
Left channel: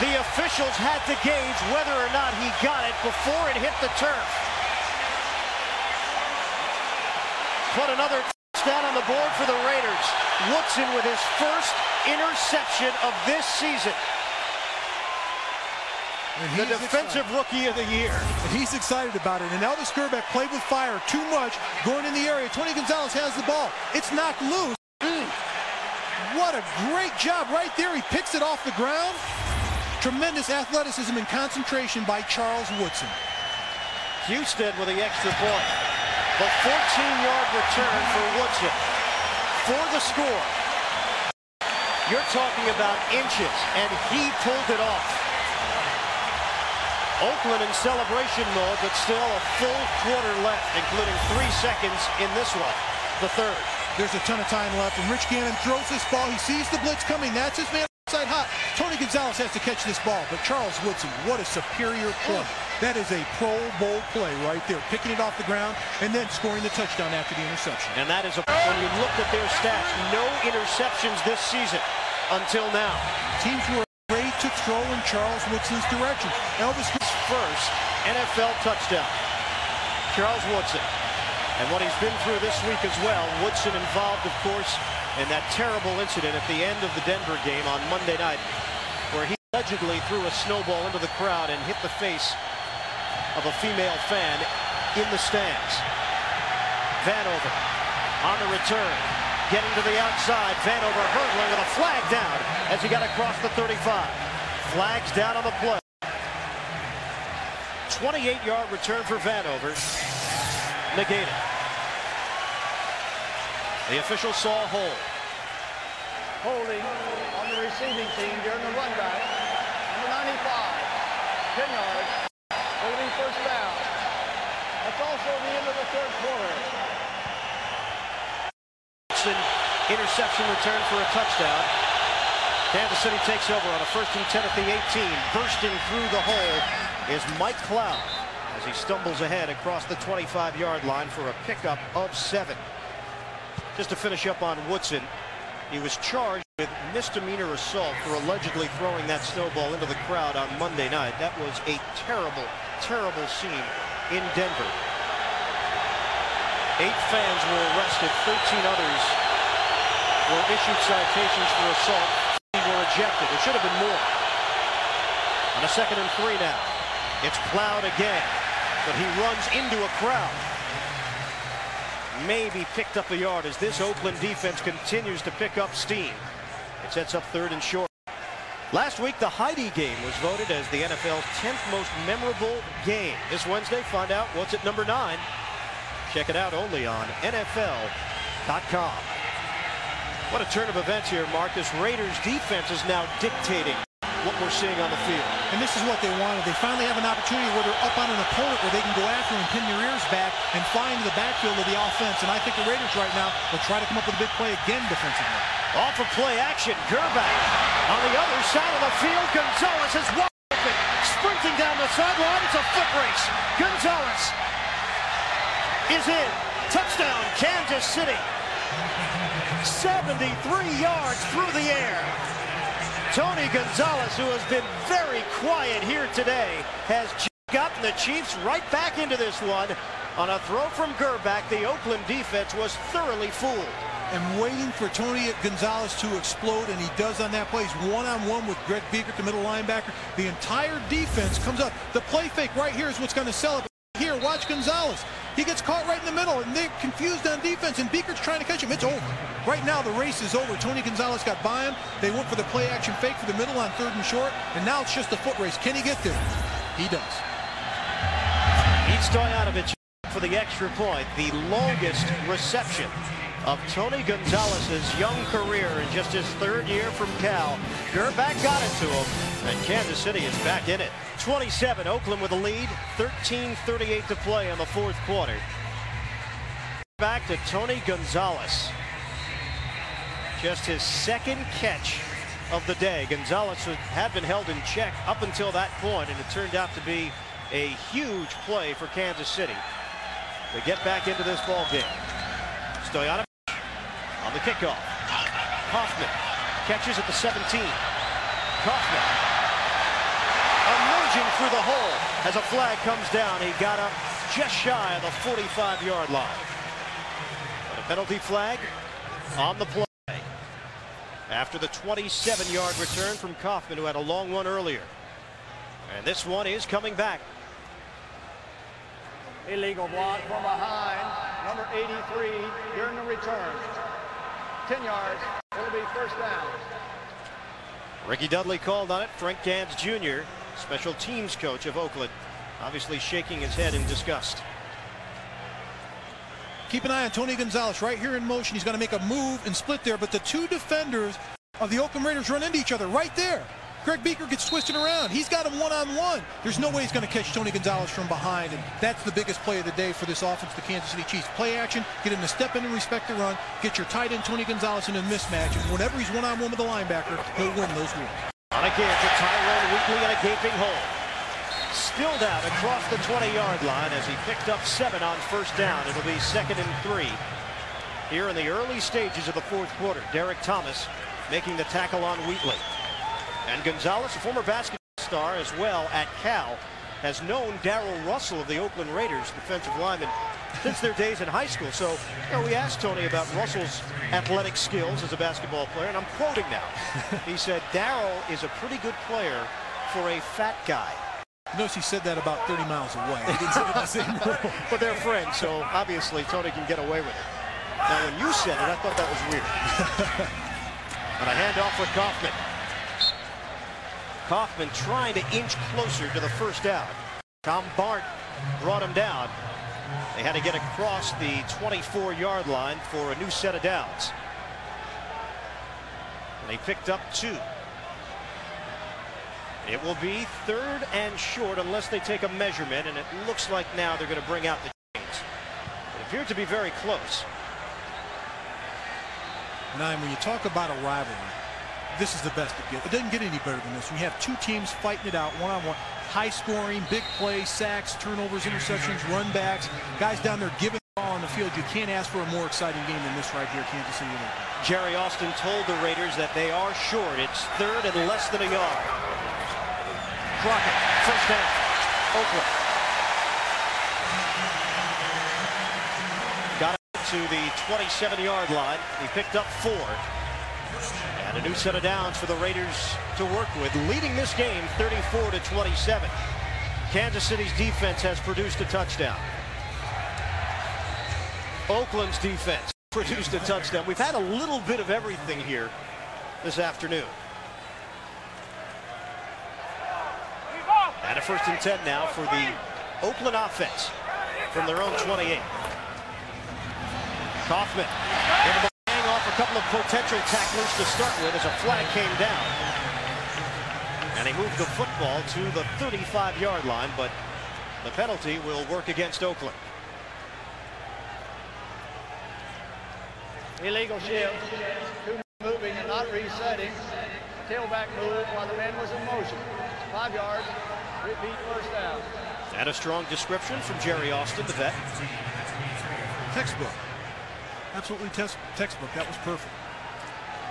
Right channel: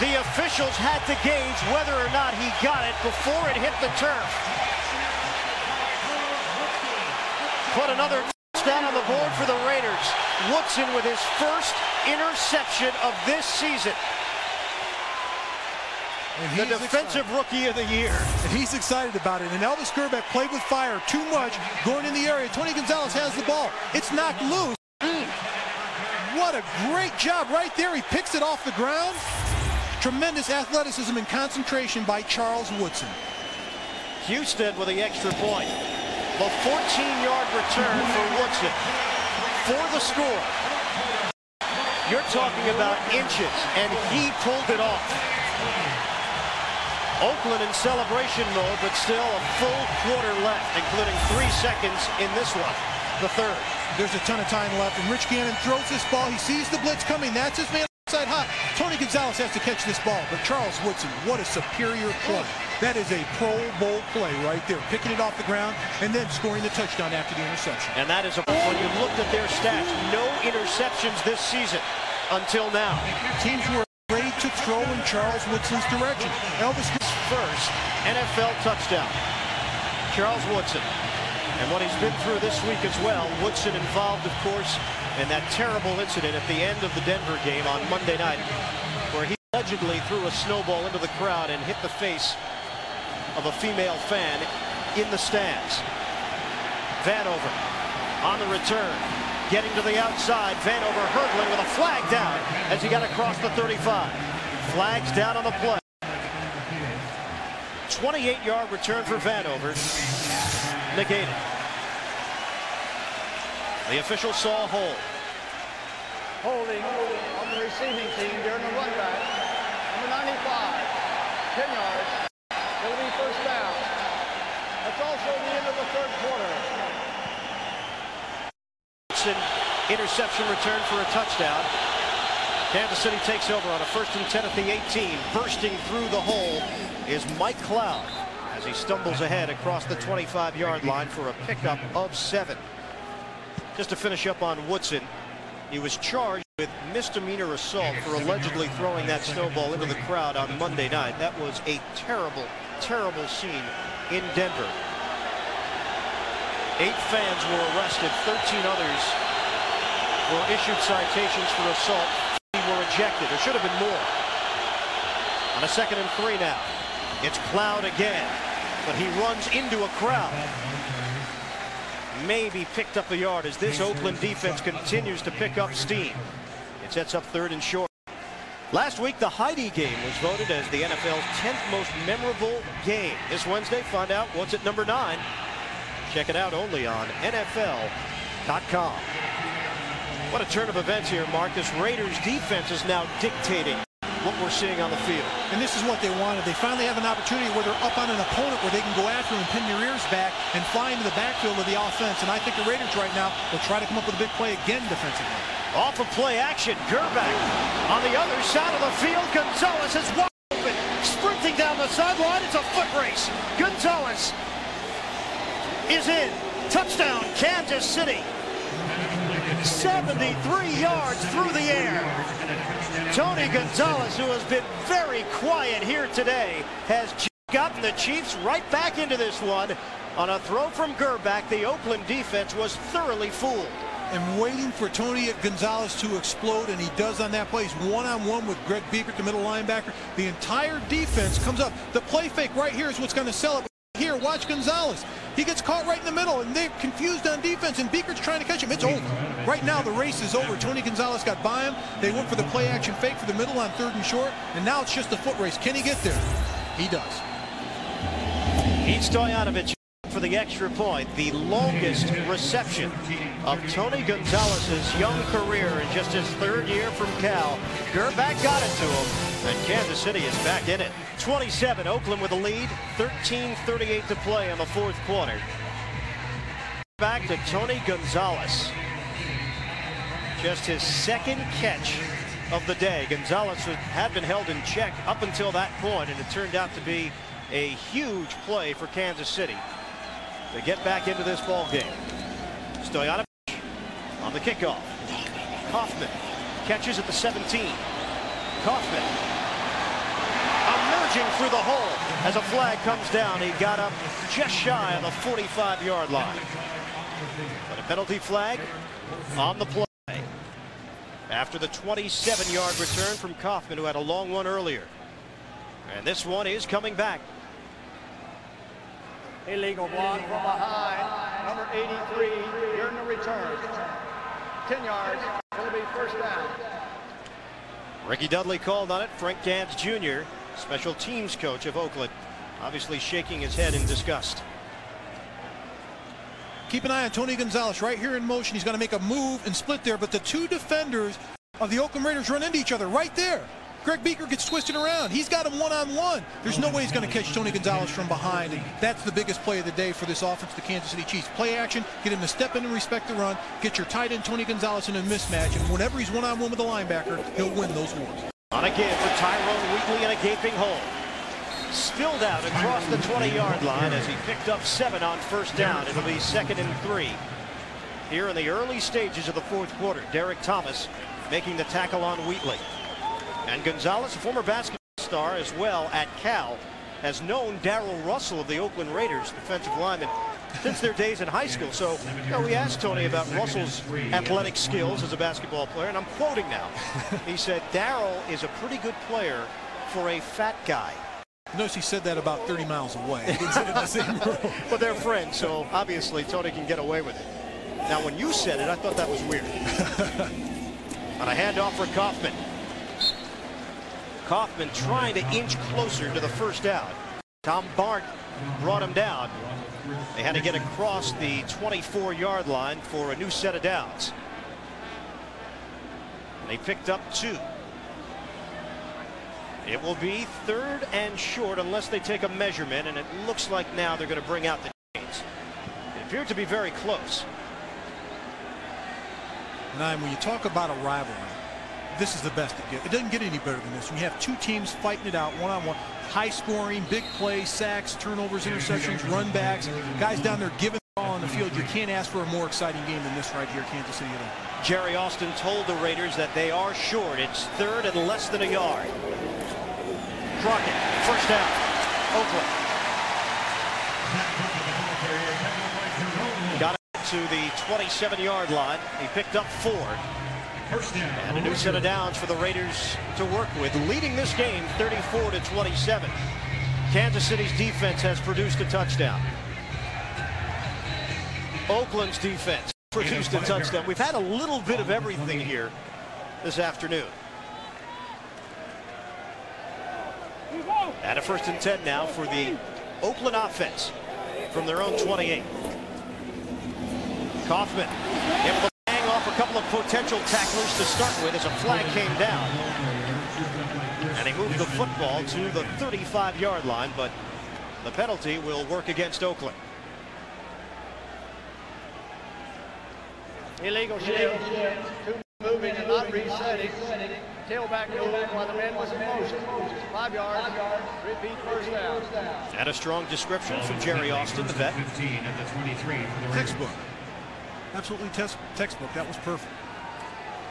The officials had to gauge whether or not he got it before it hit the turf. Put another touchdown on the board for the Raiders. Woodson with his first interception of this season. and the defensive rookie of the year. And he's excited about it. And Elvis Grbac played with fire too much going in the area. Tony Gonzalez has the ball. It's knocked loose. What a great job right there. He picks it off the ground. Tremendous athleticism and concentration by Charles Woodson. Houston with the extra point. The 14-yard return for Woodson for the score. You're talking about inches, and he pulled it off. Oakland in celebration mode, but still a full quarter left, including 3 seconds in this one, the third. There's a ton of time left, and Rich Gannon throws this ball. He sees the blitz coming. That's his man outside hot. Tony Gonzalez has to catch this ball, but Charles Woodson, what a superior play. That is a Pro Bowl play right there, picking it off the ground and then scoring the touchdown after the interception. And that is, when you looked at their stats, no interceptions this season until now. Teams were afraid to throw in Charles Woodson's direction. Elvis first NFL touchdown. Charles Woodson. And what he's been through this week as well. Woodson involved, of course, in that terrible incident at the end of the Denver game on Monday night, where he allegedly threw a snowball into the crowd and hit the face of a female fan in the stands. Vanover on the return, getting to the outside. Vanover hurdling with a flag down as he got across the 35. Flags down on the play. 28-yard return for Vanover. Negated. The official saw a hold. Holding on the receiving team during the run back. Number 95, 10 yards. It'll be first down. That's also the end of the third quarter. Interception return for a touchdown. Kansas City takes over on a 1st and 10 at the 18. Bursting through the hole is Mike Cloud as he stumbles ahead across the 25-yard line for a pickup of 7. Just to finish up on Woodson, he was charged with misdemeanor assault for allegedly throwing that snowball into the crowd on Monday night. That was a terrible, terrible scene in Denver. 8 fans were arrested. 13 others were issued citations for assault. 3 were ejected. There should have been more. On a 2nd and 3 now. It's Cloud again, but he runs into a crowd. Maybe picked up a yard as this Oakland defense continues to pick up steam. It sets up 3rd and short. Last week, the Heidi game was voted as the NFL's 10th most memorable game. This Wednesday, find out what's at number 9. Check it out only on NFL.com. What a turn of events here, Mark. This Raiders defense is now dictating what we're seeing on the field. And this is what they wanted. They finally have an opportunity where they're up on an opponent where they can go after and pin their ears back and fly into the backfield of the offense. And I think the Raiders right now will try to come up with a big play again defensively. Off of play action, Grbac on the other side of the field. Gonzalez is wide open, sprinting down the sideline. It's a foot race. Gonzalez is in. Touchdown, Kansas City. 73 yards through the air. Tony Gonzalez, who has been very quiet here today, has gotten the Chiefs right back into this one. On a throw from Grbac, the Oakland defense was thoroughly fooled. and waiting for Tony Gonzalez to explode, and he does on that play. He's one-on-one with Greg Biekert, the middle linebacker. The entire defense comes up. The play fake right here is what's going to sell it. Here, watch Gonzalez. He gets caught right in the middle, and they're confused on defense, and Biekert's trying to catch him. It's over. Right now, the race is over. Tony Gonzalez got by him. They went for the play-action fake for the middle on 3rd and short, and now it's just a foot race. Can he get there? He does. Pete Stoyanovich for the extra point. The longest reception of Tony Gonzalez's young career in just his 3rd year from Cal. Gerback got it to him, and Kansas City is back in it. 27, Oakland with a lead, 13:38 to play in the 4th quarter. Back to Tony Gonzalez. Just his 2nd catch of the day. Gonzalez had been held in check up until that point, and it turned out to be a huge play for Kansas City to get back into this ball game. Stoyanovich on the kickoff. Kaufman catches at the 17. Kaufman emerging through the hole as a flag comes down. He got up just shy of the 45-yard line. But a penalty flag on the play after the 27-yard return from Kaufman, who had a long one earlier. And this one is coming back. Illegal block from behind. Number 83 during the return. 10 yards. It'll be first down. Ricky Dudley called on it. Frank Gans Jr., special teams coach of Oakland, obviously shaking his head in disgust. Keep an eye on Tony Gonzalez right here in motion. He's going to make a move and split there, but the 2 defenders of the Oakland Raiders run into each other right there. Greg Biekert gets twisted around. He's got him one-on-one. There's no way he's going to catch Tony Gonzalez from behind, and that's the biggest play of the day for this offense, the Kansas City Chiefs. Play action, get him to step in and respect the run, get your tight end Tony Gonzalez in a mismatch, and whenever he's one-on-one with the linebacker, he'll win those wars. On a give for Tyrone Wheatley in a gaping hole. Spilled out across the 20-yard line as he picked up 7 on first down. It'll be 2nd and 3 here in the early stages of the 4th quarter. Derek Thomas making the tackle on Wheatley. And Gonzalez, a former basketball star as well at Cal, has known Darrell Russell of the Oakland Raiders, defensive lineman, since their days in high school. So, we asked Tony about Russell's athletic skills as a basketball player, and I'm quoting now. He said, Darrell is a pretty good player for a fat guy. Notice he said that about 30 miles away. He didn't say it in the same room. But they're friends, so obviously Tony can get away with it. Now, when you said it, I thought that was weird. On a handoff for Kaufman. Kaufman trying to inch closer to the first down. Tom Bart brought him down. They had to get across the 24-yard line for a new set of downs. And they picked up 2. It will be 3rd and short unless they take a measurement, and it looks like now they're going to bring out the chains. It appeared to be very close. And when you talk about a rivalry, this is the best it gets. It doesn't get any better than this. When you have 2 teams fighting it out one-on-one, high scoring, big plays, sacks, turnovers, interceptions, run backs, guys down there giving the ball on the field. You can't ask for a more exciting game than this right here, Kansas City at Oakland. Jerry Austin told the Raiders that they are short. It's 3rd and less than a yard. Crockett, first down, Oakland. Got it to the 27-yard line. He picked up 4. And a new set of downs for the Raiders to work with, leading this game 34-27. Kansas City's defense has produced a touchdown. Oakland's defense produced a touchdown. We've had a little bit of everything here this afternoon. And a 1st and 10 now for the Oakland offense from their own 28. Kaufman able to bang off a couple of potential tacklers to start with as a flag came down. And he moved the football to the 35-yard line, but the penalty will work against Oakland. Illegal shift. 2 moving and not resetting. Tailback move while the man was in motion. 5 yards. Repeat first down. And a strong description from Jerry Austin, the vet. Textbook. Absolutely textbook. That was perfect.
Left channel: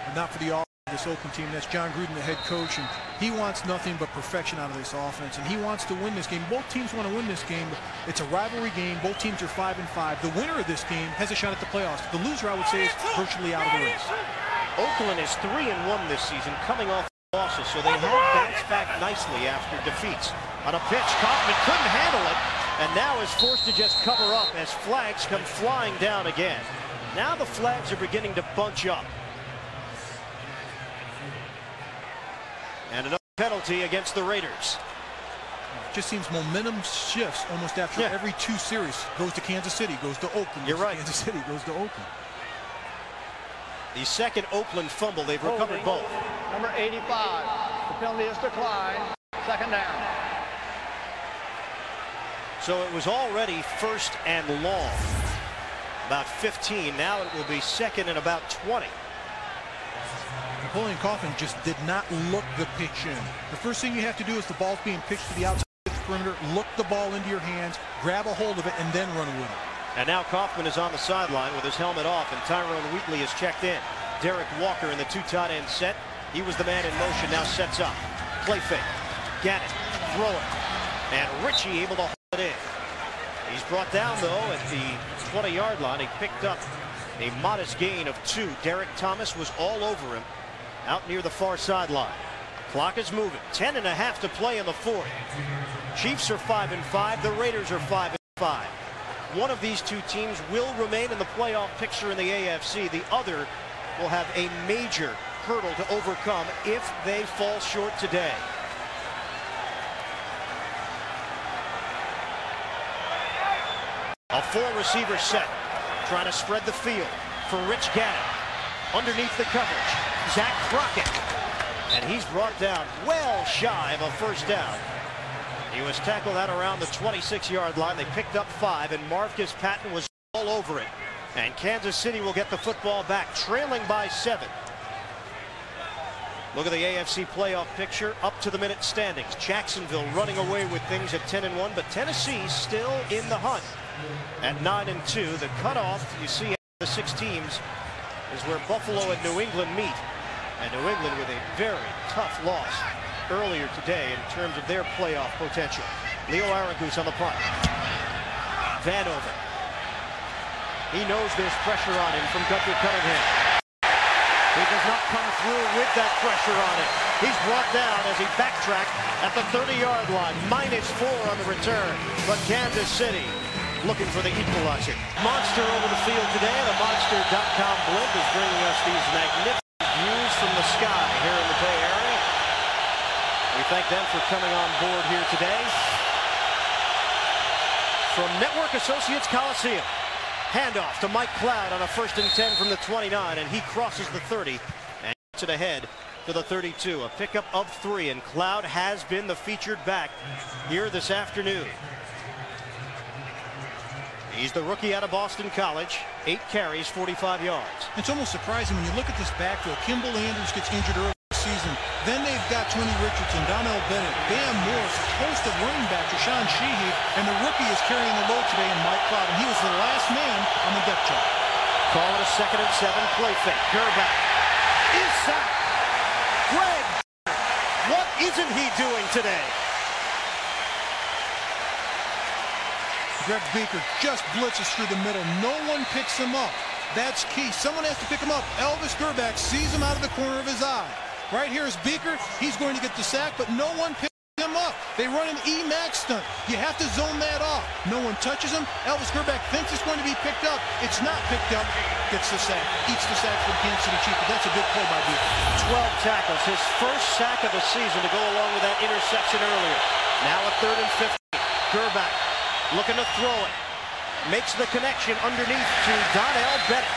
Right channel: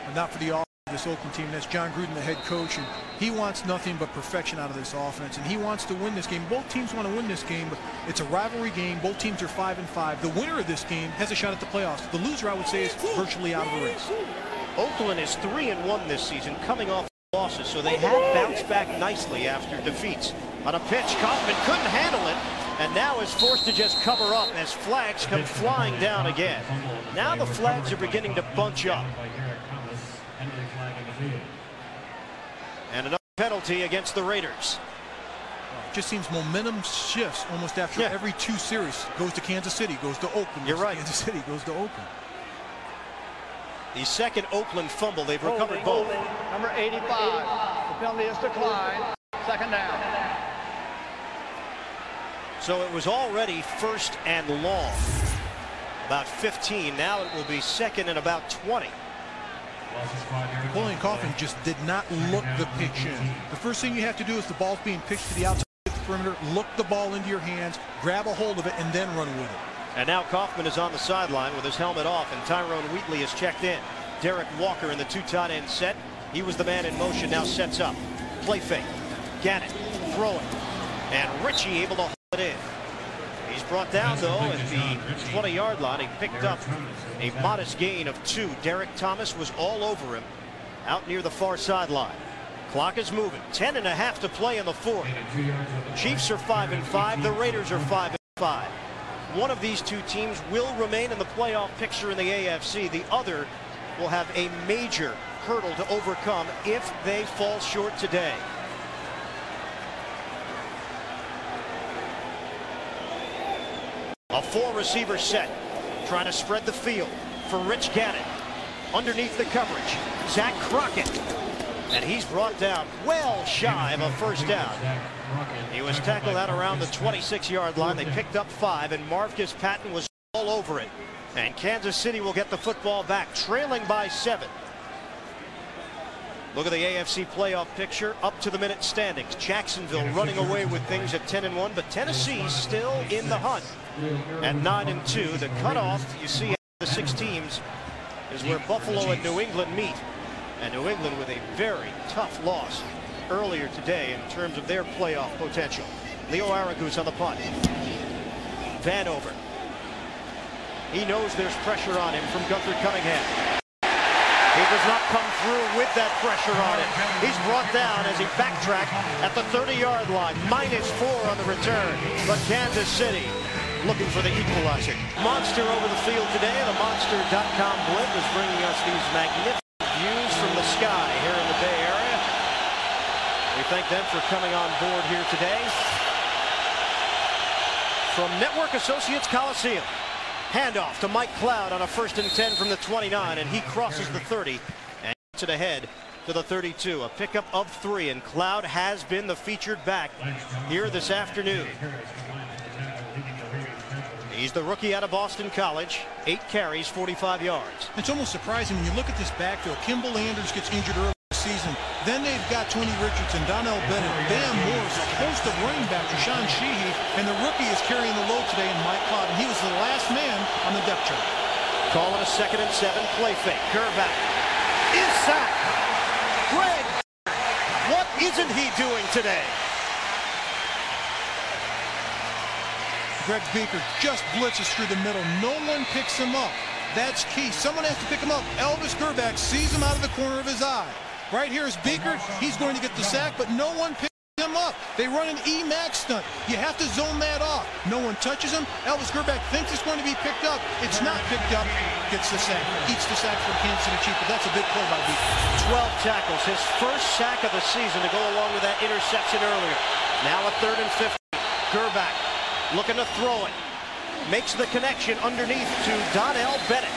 But not for the this Oakland team. That's John Gruden, the head coach, and He wants nothing but perfection out of this offense, and he wants to win this game. Both teams want to win this game, but it's a rivalry game. Both teams are 5-5. The winner of this game has a shot at the playoffs. The loser, I would say, is virtually out of the race. Oakland is 3-1 this season, coming off losses, so they have bounced back nicely after defeats. On a pitch, Kaufman couldn't handle it, and now is forced to just cover up as flags come flying down again. Now the flags are beginning to bunch up. And another penalty against the Raiders. It just seems momentum shifts almost after every 2 series. Goes to Kansas City, goes to Oakland. You're right. Kansas City goes to Oakland. The second Oakland fumble. They've recovered both. Number 85. The penalty is declined. Second down. So it was already 1st and long. About 15. Now it will be 2nd and about 20. Napoleon Kaufman just did not look the pitch in. The first thing you have to do is the ball's being pitched to the outside of the perimeter, look the ball into your hands, grab a hold of it, and then run with it. And now Kaufman is on the sideline with his helmet off, and Tyrone Wheatley is checked in. Derek Walker in the 2 tight end set. He was the man in motion, now sets up. Play fake. Gannon, throw it. And Ritchie able to hold it in. He's brought down, though, at the 20-yard line. He picked up a modest gain of 2. Derek Thomas was all over him out near the far sideline. Clock is moving. 10.5 to play in the 4th. Chiefs are 5-5. The Raiders are 5-5. One of these 2 teams will remain in the playoff picture in the AFC. The other will have a major hurdle to overcome if they fall short today. A 4-receiver set, trying to spread the field for Rich Gannon. Underneath the coverage, Zach Crockett. And he's brought down well shy of a 1st down. He was tackled out around the 26-yard line. They picked up 5, and Marvcus Patton was all over it. And Kansas City will get the football back, trailing by 7. Look at the AFC playoff picture, up to the minute standings. Jacksonville running away with things at 10-1, but Tennessee still in the hunt at 9-2. The cutoff, you see, the 6 teams is where Buffalo and New England meet. And New England with a very tough loss earlier today in terms of their playoff potential. Leo Aranguez on the punt. Vanover. He knows there's pressure on him from Gunther Cunningham. He does not come through with that pressure on him. He's brought down as he backtracked at the 30-yard line. -4 on the return. But Kansas City looking for the equalizer. Monster over the field today. The Monster.com blimp is bringing us these magnificent views from the sky here in the Bay Area. We thank them for coming on board here today. From Network Associates Coliseum. Handoff to Mike Cloud on a 1st and 10 from the 29, and he crosses the 30 and gets it ahead to the 32. A pickup of 3, and Cloud has been the featured back here this afternoon. He's the rookie out of Boston College. 8 carries, 45 yards. It's almost surprising when you look at this backfield. Kimball Anders gets injured early this season. Then they've got Tony Richardson, Donnell Bennett, Bam Morris, a host of running backs, Rashawn Sheehy, and the rookie is carrying the load today in Mike Cloud, and he was the last man on the depth chart. Call it a 2nd and 7 play fake. Gerback is sacked. Greg, what isn't he doing today? Greg Beaker just blitzes through the middle. No one picks him up. That's key. Someone has to pick him up. Elvis Gerback sees him out of the corner of his eye. Right here is Beaker. He's going to get the sack, but no one picks him up. They run an E-Max stunt. You have to zone that off. No one touches him. Elvis Gerback thinks it's going to be picked up. It's not picked up. Gets the sack. Eats the sack for the Kansas City Chiefs, but that's a big play by Beaker. 12 tackles. His 1st sack of the season to go along with that interception earlier. Now a 3rd and 15. Gerback looking to throw it. Makes the connection underneath to Donnell Bennett.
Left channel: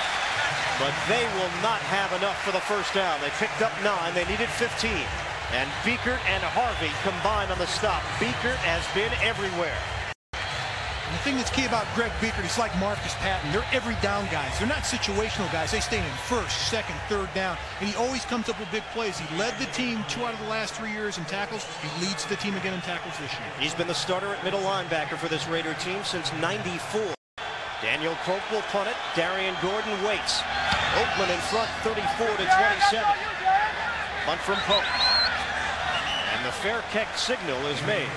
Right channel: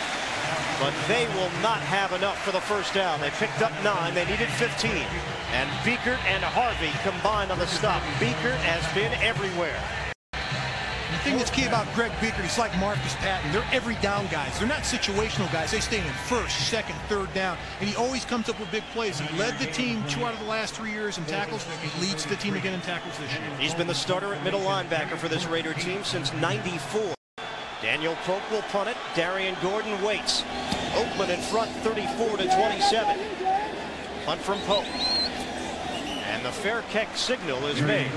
But they will not have enough for the 1st down. They picked up 9. They needed 15. And Beekert and Harvey combined on the stop. Beekert has been everywhere. And the thing that's key about Greg Beaker, he's like Marvcus Patton. They're every down guys. They're not situational guys. They stay in 1st, 2nd, 3rd down. And he always comes up with big plays. He led the team 2 out of the last 3 years in tackles. He leads the team again in tackles this year. He's been the starter at middle linebacker for this Raider team since '94. Daniel Pope will punt it. Darian Gordon waits. Oakland in front, 34-27. Punt from Pope. And the fair kick signal is made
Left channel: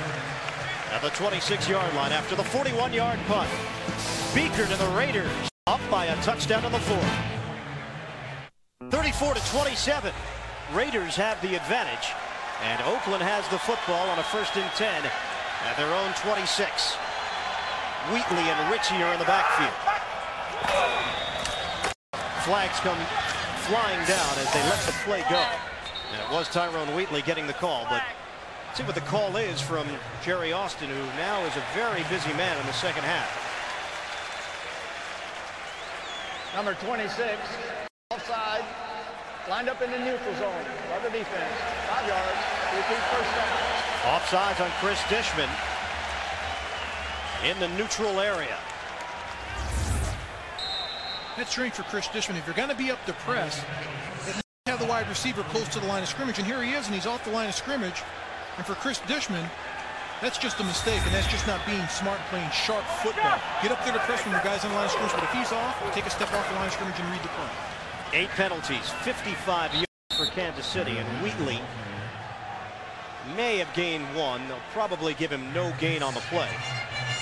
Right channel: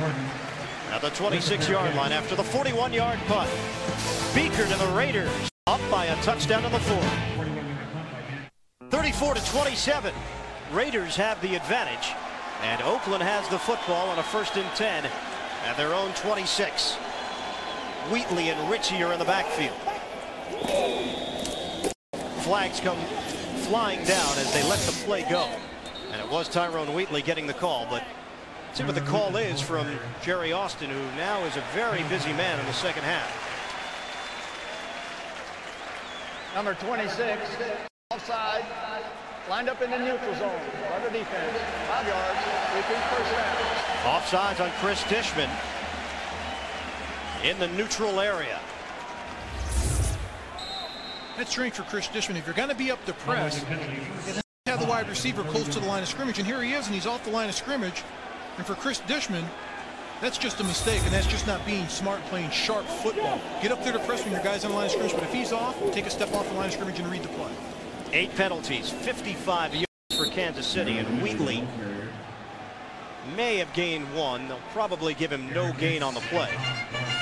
at the 26-yard line after the 41-yard punt. Beekert and the Raiders up by a touchdown to the fourth. 34-27. Raiders have the advantage, and Oakland has the football on a 1st and 10 at their own 26. Wheatley and Ritchie are in the backfield. Flags come flying down as they let the play go. And it was Tyrone Wheatley getting the call, but let's see what the call is from Jerry Austin, who now is a very busy man in the second half. Number 26, offside, lined up in the neutral zone by the defense. 5 yards, repeat first down. Offsides on Chris Dishman in the neutral area. That's strange for Chris Dishman. If you're going to be up to press, have the wide receiver close to the line of scrimmage, and here he is, and he's off the line of scrimmage. And for Chris Dishman, that's just a mistake, and that's just not being smart, playing sharp football. Get up there to press when your guy's on the line of scrimmage, but if he's off, take a step off the line of scrimmage and read the play. 8 penalties, 55 yards for Kansas City, and Wheatley may have gained 1. They'll probably give him no gain on the play.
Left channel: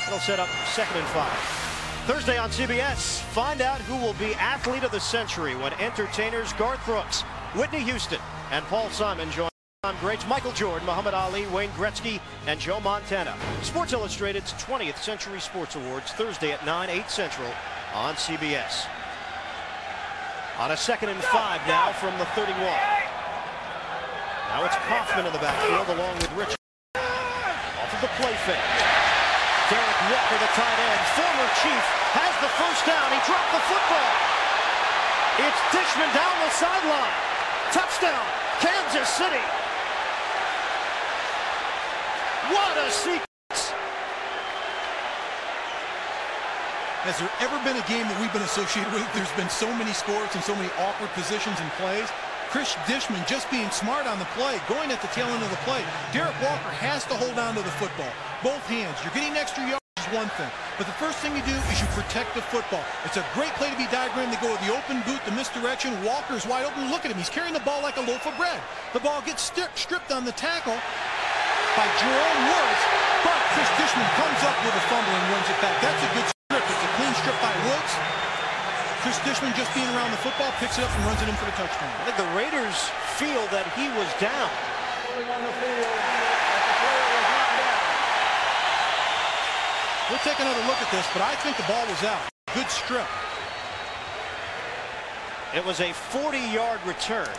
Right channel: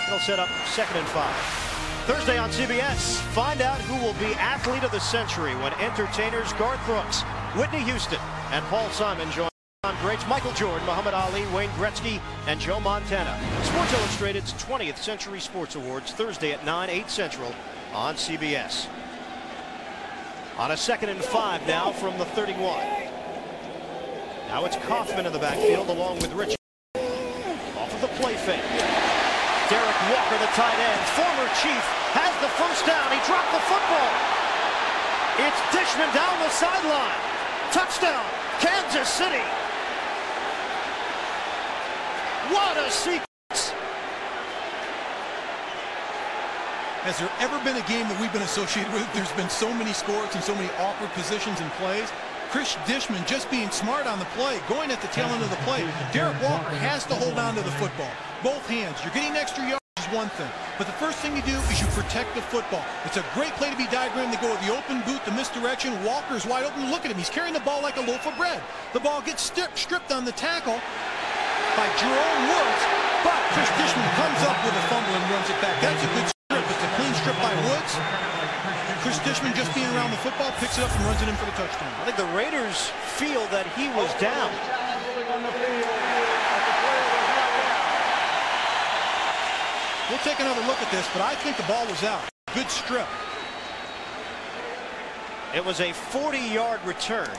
It'll set up 2nd and 5. Thursday on CBS, find out who will be athlete of the century when entertainers Garth Brooks, Whitney Houston, and Paul Simon join greats Michael Jordan, Muhammad Ali, Wayne Gretzky, and Joe Montana. Sports Illustrated's 20th Century Sports Awards, Thursday at 9, 8 Central on CBS. On a 2nd and 5 now from the 31. Now it's Kaufman in the backfield along with Richard. Off of the play fake. Derek Walker, the tight end, former Chief, has the first down. He dropped the football. It's Dishman down the sideline. Touchdown, Kansas City. What a sequence. Has there ever been a game that we've been associated with? There's been so many scores and so many awkward positions and plays. Chris Dishman just being smart on the play, going at the tail end of the play. Derek Walker has to hold on to the football. Both hands. You're getting extra yards is one thing, but the first thing you do is you protect the football. It's a great play to be diagrammed. They go with the open boot, the misdirection. Walker's wide open. Look at him. He's carrying the ball like a loaf of bread. The ball gets stripped on the tackle by Jerome Woods, but Chris Dishman comes up with a fumble and runs it back. That's a good strip. It's a clean strip by Woods. Chris Dishman, just being around the football, picks it up and runs it in for the touchdown. I think the Raiders feel that he was down. On the field, that the player was not down. We'll take another look at this, but I think the ball was out. Good strip. It was a 40-yard return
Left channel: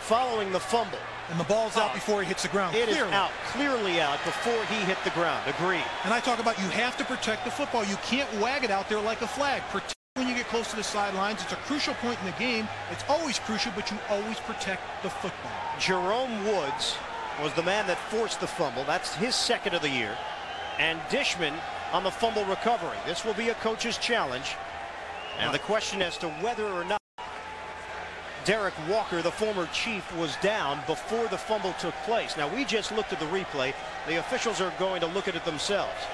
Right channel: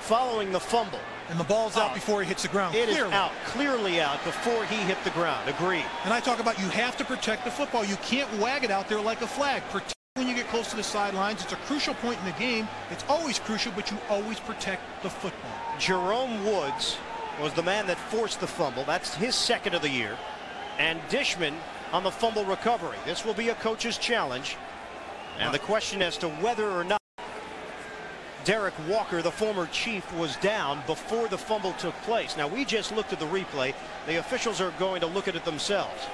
following the fumble. And the ball's out before he hits the ground. It is out, clearly out before he hit the ground. Agreed. And I talk about you have to protect the football. You can't wag it out there like a flag. Protect when you get close to the sidelines. It's a crucial point in the game. It's always crucial, but you always protect the football. Jerome Woods was the man that forced the fumble. That's his 2nd of the year. And Dishman on the fumble recovery. This will be a coach's challenge. And the question as to whether or not Derek Walker, the former Chief, was down before the fumble took place. Now, we just looked at the replay. The officials are going to look at it themselves.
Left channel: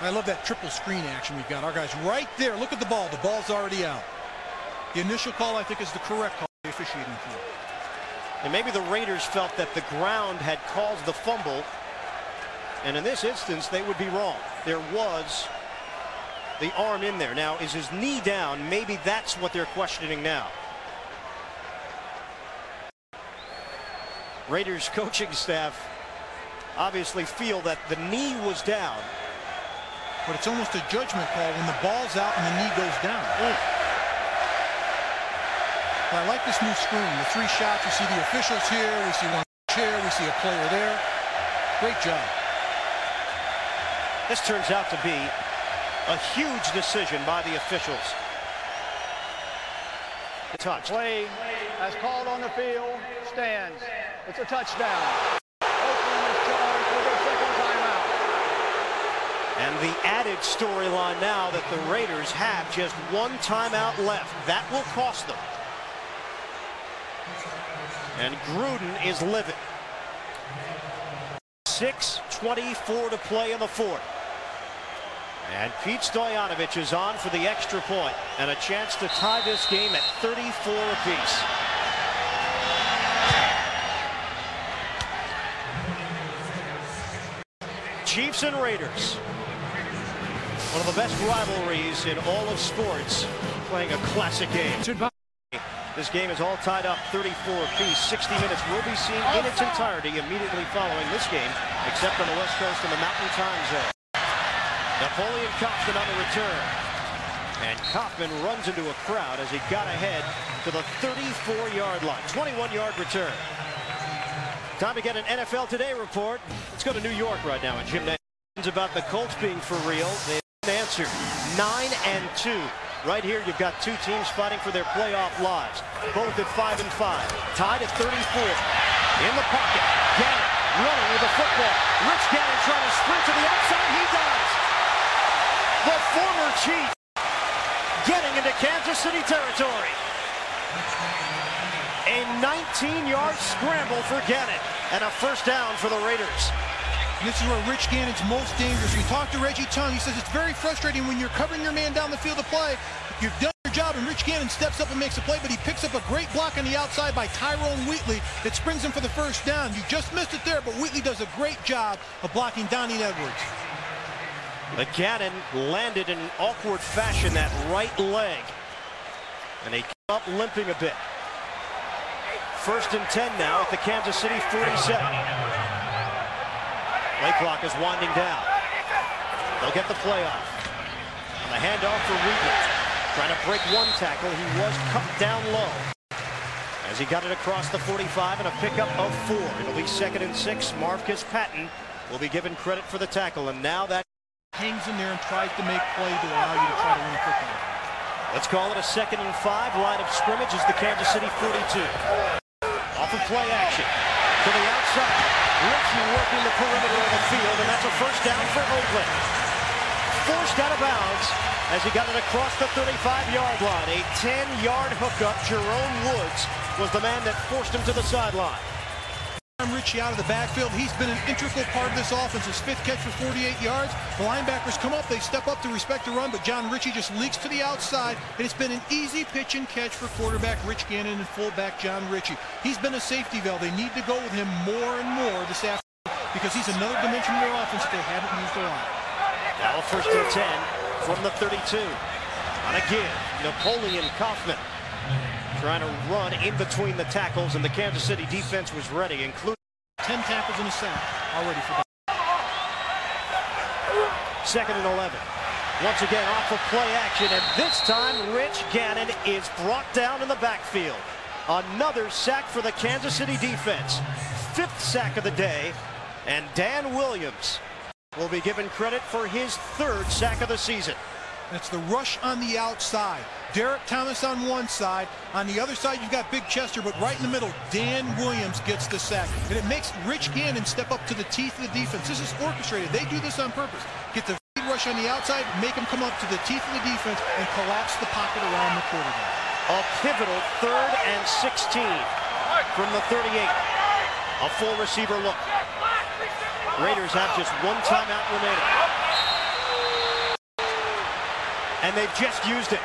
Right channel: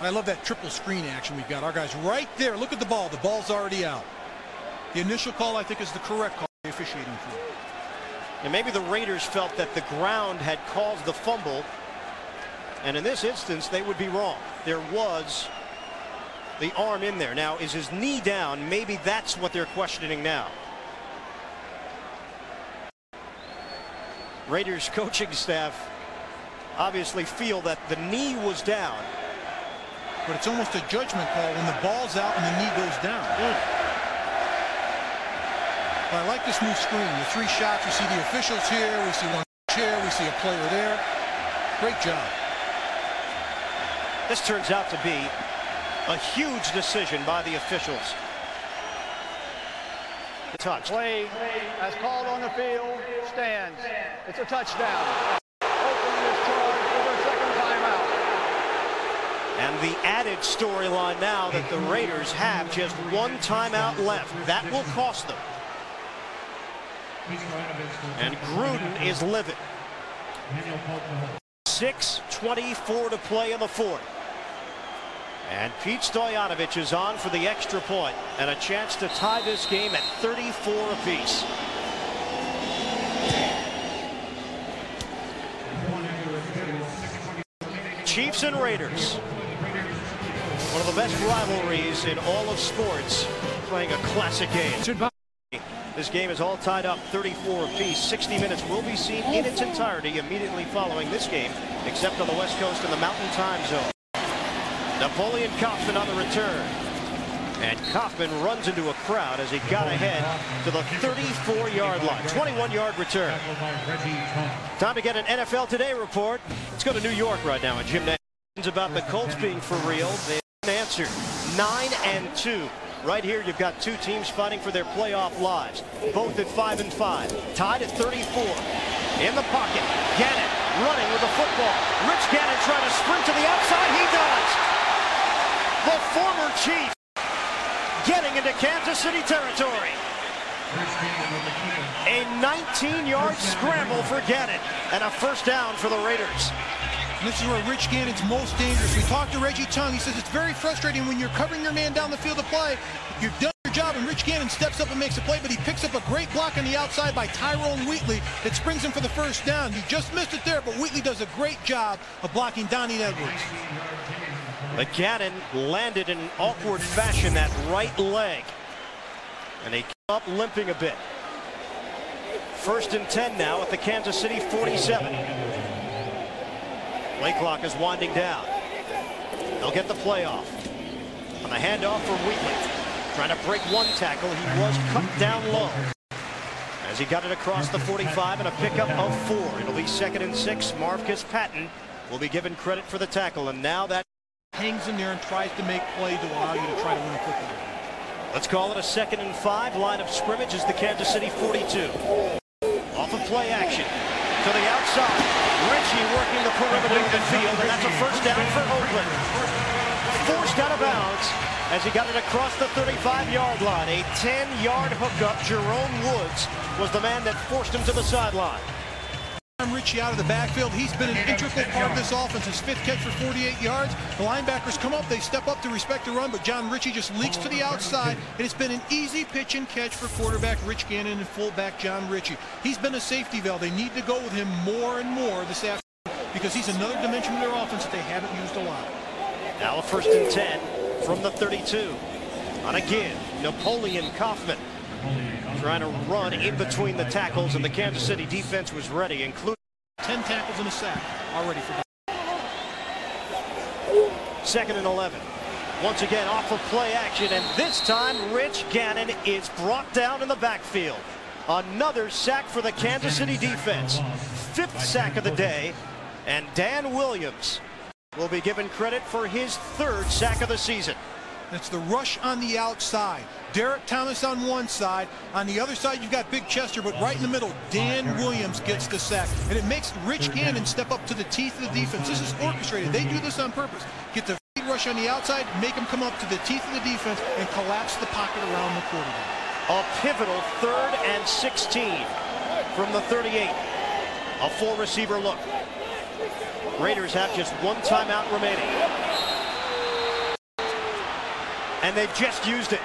I love that triple screen action we've got. Our guys right there. Look at the ball. The ball's already out. The initial call, I think, is the correct call, the officiating crew. And maybe the Raiders felt that the ground had caused the fumble. And in this instance, they would be wrong. There was the arm in there. Now, is his knee down? Maybe that's what they're questioning now. Raiders coaching staff obviously feel that the knee was down. But it's almost a judgment call when the ball's out and the knee goes down. But I like this new screen. The 3 shots. We see the officials here. We see one chair. We see a player there. Great job. This turns out to be a huge decision by the officials. Touch. Play as called on the field stands. It's a touchdown. Oakland is charged with their 2nd timeout. And the added storyline now that the Raiders have just 1 timeout left. That will cost them. And Gruden is livid. 6:24 to play in the 4th. And Pete Stoyanovich is on for the extra point and a chance to tie this game at 34 apiece. Chiefs and Raiders. One of the best rivalries in all of sports, playing a classic game. This game is all tied up 34 apiece. 60 minutes will be seen in its entirety immediately following this game, except on the West Coast in the Mountain Time Zone. Napoleon Kaufman on the return. And Kaufman runs into a crowd as he got ahead to the 34-yard line. 21-yard return. Time to get an NFL Today report. Let's go to New York right now. And Jim Nantz about the Colts being for real. They answered 9-2. Right here, you've got two teams fighting for their playoff lives, both at 5-5. Tied at 34. In the pocket, Gannon running with the football. Rich Gannon trying to sprint to the outside. He does. The former Chief getting into Kansas City territory. A 19-yard scramble for Gannon and a first down for the Raiders. This is where Rich Gannon's most dangerous. We talked to Reggie Tung. He says it's very frustrating when you're covering your man down the field to play. You've done your job, and Rich Gannon steps up and makes a play, but he picks up a great block on the outside by Tyrone Wheatley that springs him for the first down. You just missed it there, but Wheatley does a great job of blocking Donnie Edwards. But Gannon landed in an awkward fashion, that right leg, and he came up limping a bit. 1st and 10 now at the Kansas City 47. Play clock is winding down. They'll get the play off. On the handoff for Wheatley. Trying to break one tackle. He was cut down low as he got it across the 45 and a pickup of 4. It'll be 2nd and 6. Marcus Patton will be given credit for the tackle, and now that hangs in there and tries to make play to allow you to try to win a football game. Let's call it a 2nd and 5. Line of scrimmage is the Kansas City 42. Off of play action to the outside. Ritchie working the perimeter of the field, and that's a first down for Oakland. Forced out of bounds as he got it across the 35-yard line. A 10-yard hookup. Jerome Woods was the man that forced him to the sideline. Ritchie out of the backfield. He's been an integral part of this offense. His 5th catch for 48 yards. The linebackers come up. They step up to respect the run, but John Ritchie just leaks to the outside, and it's been an easy pitch and catch for quarterback Rich Gannon and fullback John Ritchie. He's been a safety valve. They need to go with him more and more this afternoon because he's another dimension of their offense that they haven't used a lot. Now a 1st and 10 from the 32. On a give, Napoleon Kaufman trying to run in between the tackles, and the Kansas City defense was ready, including 10 tackles and a sack already for that. 2nd and 11. Once again off of play action, and this time Rich Gannon is brought down in the backfield. Another sack for the Kansas City defense. 5th sack of the day, and Dan Williams will be given credit for his 3rd sack of the season. It's the rush on the outside. Derek Thomas on one side. On the other side, you've got Big Chester, but right in the middle, Dan Williams gets the sack. And it makes Rich Gannon step up to the teeth of the defense. This is orchestrated. They do this on purpose. Get the rush on the outside, make him come up to the teeth of the defense, and collapse the pocket around the quarterback. A pivotal 3rd and 16 from the 38. A full receiver look. Raiders have just one timeout remaining. And they've just used it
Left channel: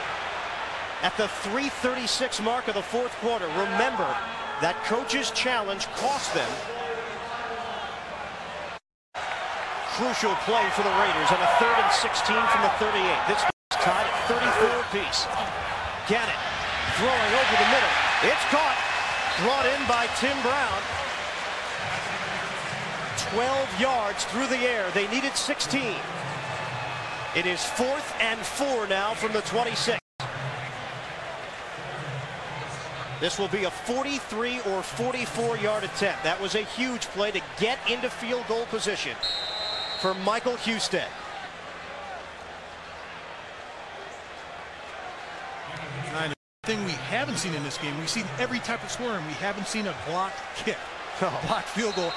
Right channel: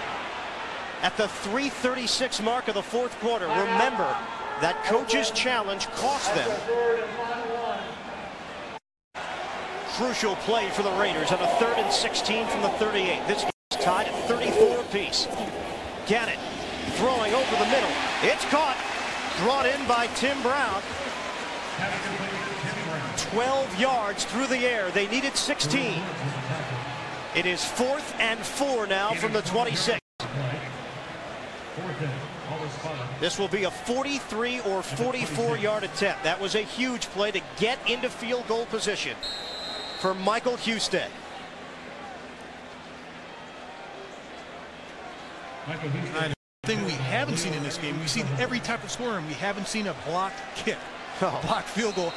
at the 3:36 mark of the 4th quarter. Remember, that coach's challenge cost them. Crucial play for the Raiders on a 3rd and 16 from the 38. This is tied at 34 apiece. Gannon throwing over the middle. It's caught. Brought in by Tim Brown. 12 yards through the air. They needed 16. It is 4th and 4 now from the 26. This will be a 43 or 44-yard attempt. That was a huge play to get into field goal position for Michael Husted. Thing we haven't seen in this game, we've seen every type of scorer, and we haven't seen a blocked kick, blocked field goal.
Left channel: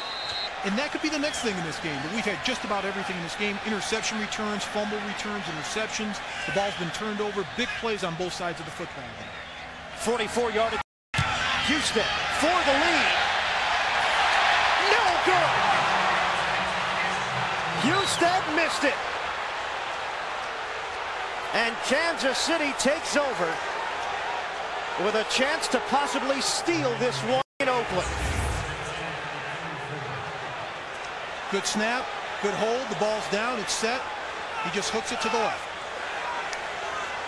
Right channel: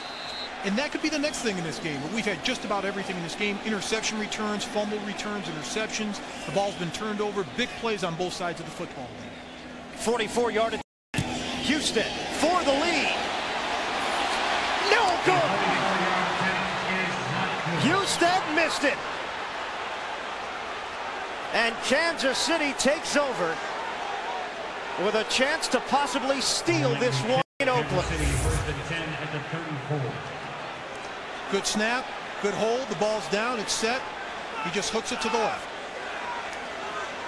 And that could be the next thing in this game, but we've had just about everything in this game. Interception returns, fumble returns, interceptions. The ball's been turned over. Big plays on both sides of the football game. 44-yard Husted for the lead. No good. Husted missed it. And Kansas City takes over with a chance to possibly steal this one in Oakland. Good snap, Good hold. The ball's down. It's set. He just hooks it to the left.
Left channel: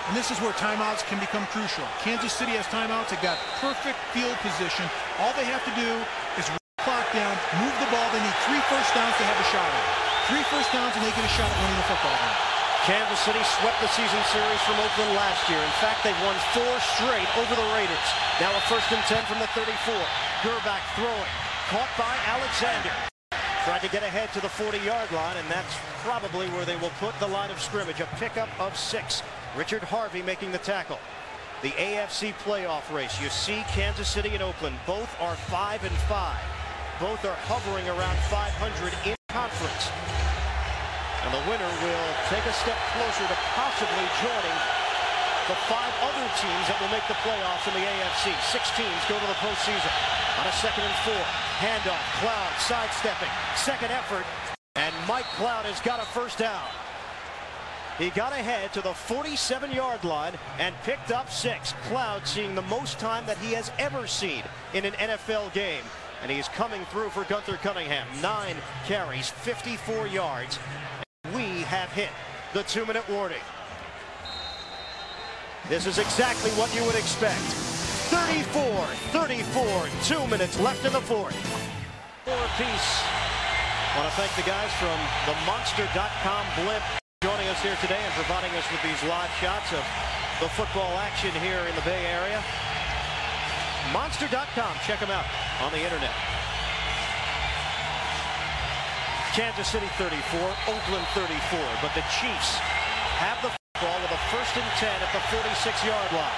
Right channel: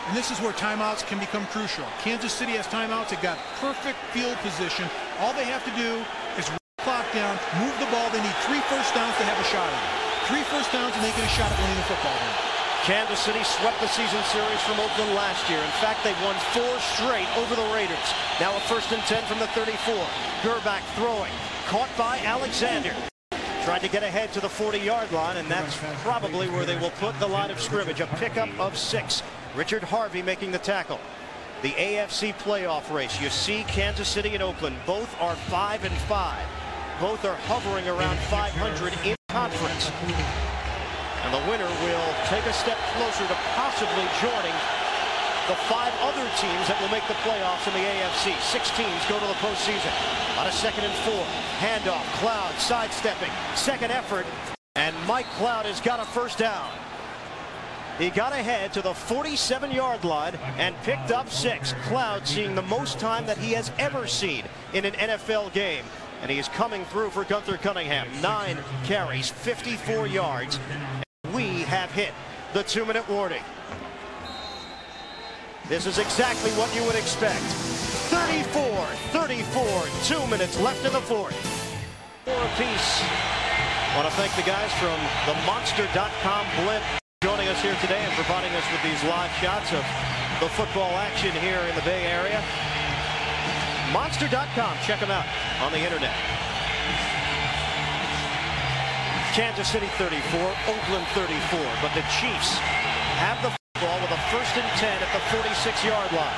And this is where timeouts can become crucial. Kansas City has timeouts. They've got perfect field position. All they have to do is run the clock down, move the ball. They need 3 first downs to have a shot at it. 3 first downs and they get a shot at winning the football game. Kansas City swept the season series from Oakland last year. In fact, they've won 4 straight over the Raiders. Now a 1st and 10 from the 34. Gerback throwing. Caught by Alexander. Tried to get ahead to the 40-yard line, and that's probably where they will put the line of scrimmage. A pickup of 6. Richard Harvey making the tackle. The AFC playoff race. You see Kansas City and Oakland. Both are 5-5. Both are hovering around 500 in conference. And the winner will take a step closer to possibly joining the 5 other teams that will make the playoffs in the AFC. 6 teams go to the postseason. On a 2nd and 4. Handoff. Cloud sidestepping. Second effort. And Mike Cloud has got a first down. He got ahead to the 47-yard line and picked up 6. Cloud seeing the most time that he has ever seen in an NFL game. And he is coming through for Gunther Cunningham. 9 carries, 54 yards. And we have hit the 2-minute warning. This is exactly what you would expect. 34-34, 2 minutes left in the 4th. 4 apiece. Want to thank the guys from the Monster.com blimp joining us here today and providing us with these live shots of the football action here in the Bay Area. Monster.com, check them out on the internet. Kansas City 34, Oakland 34, but the Chiefs have the football with a 1st and 10 at the 46-yard line.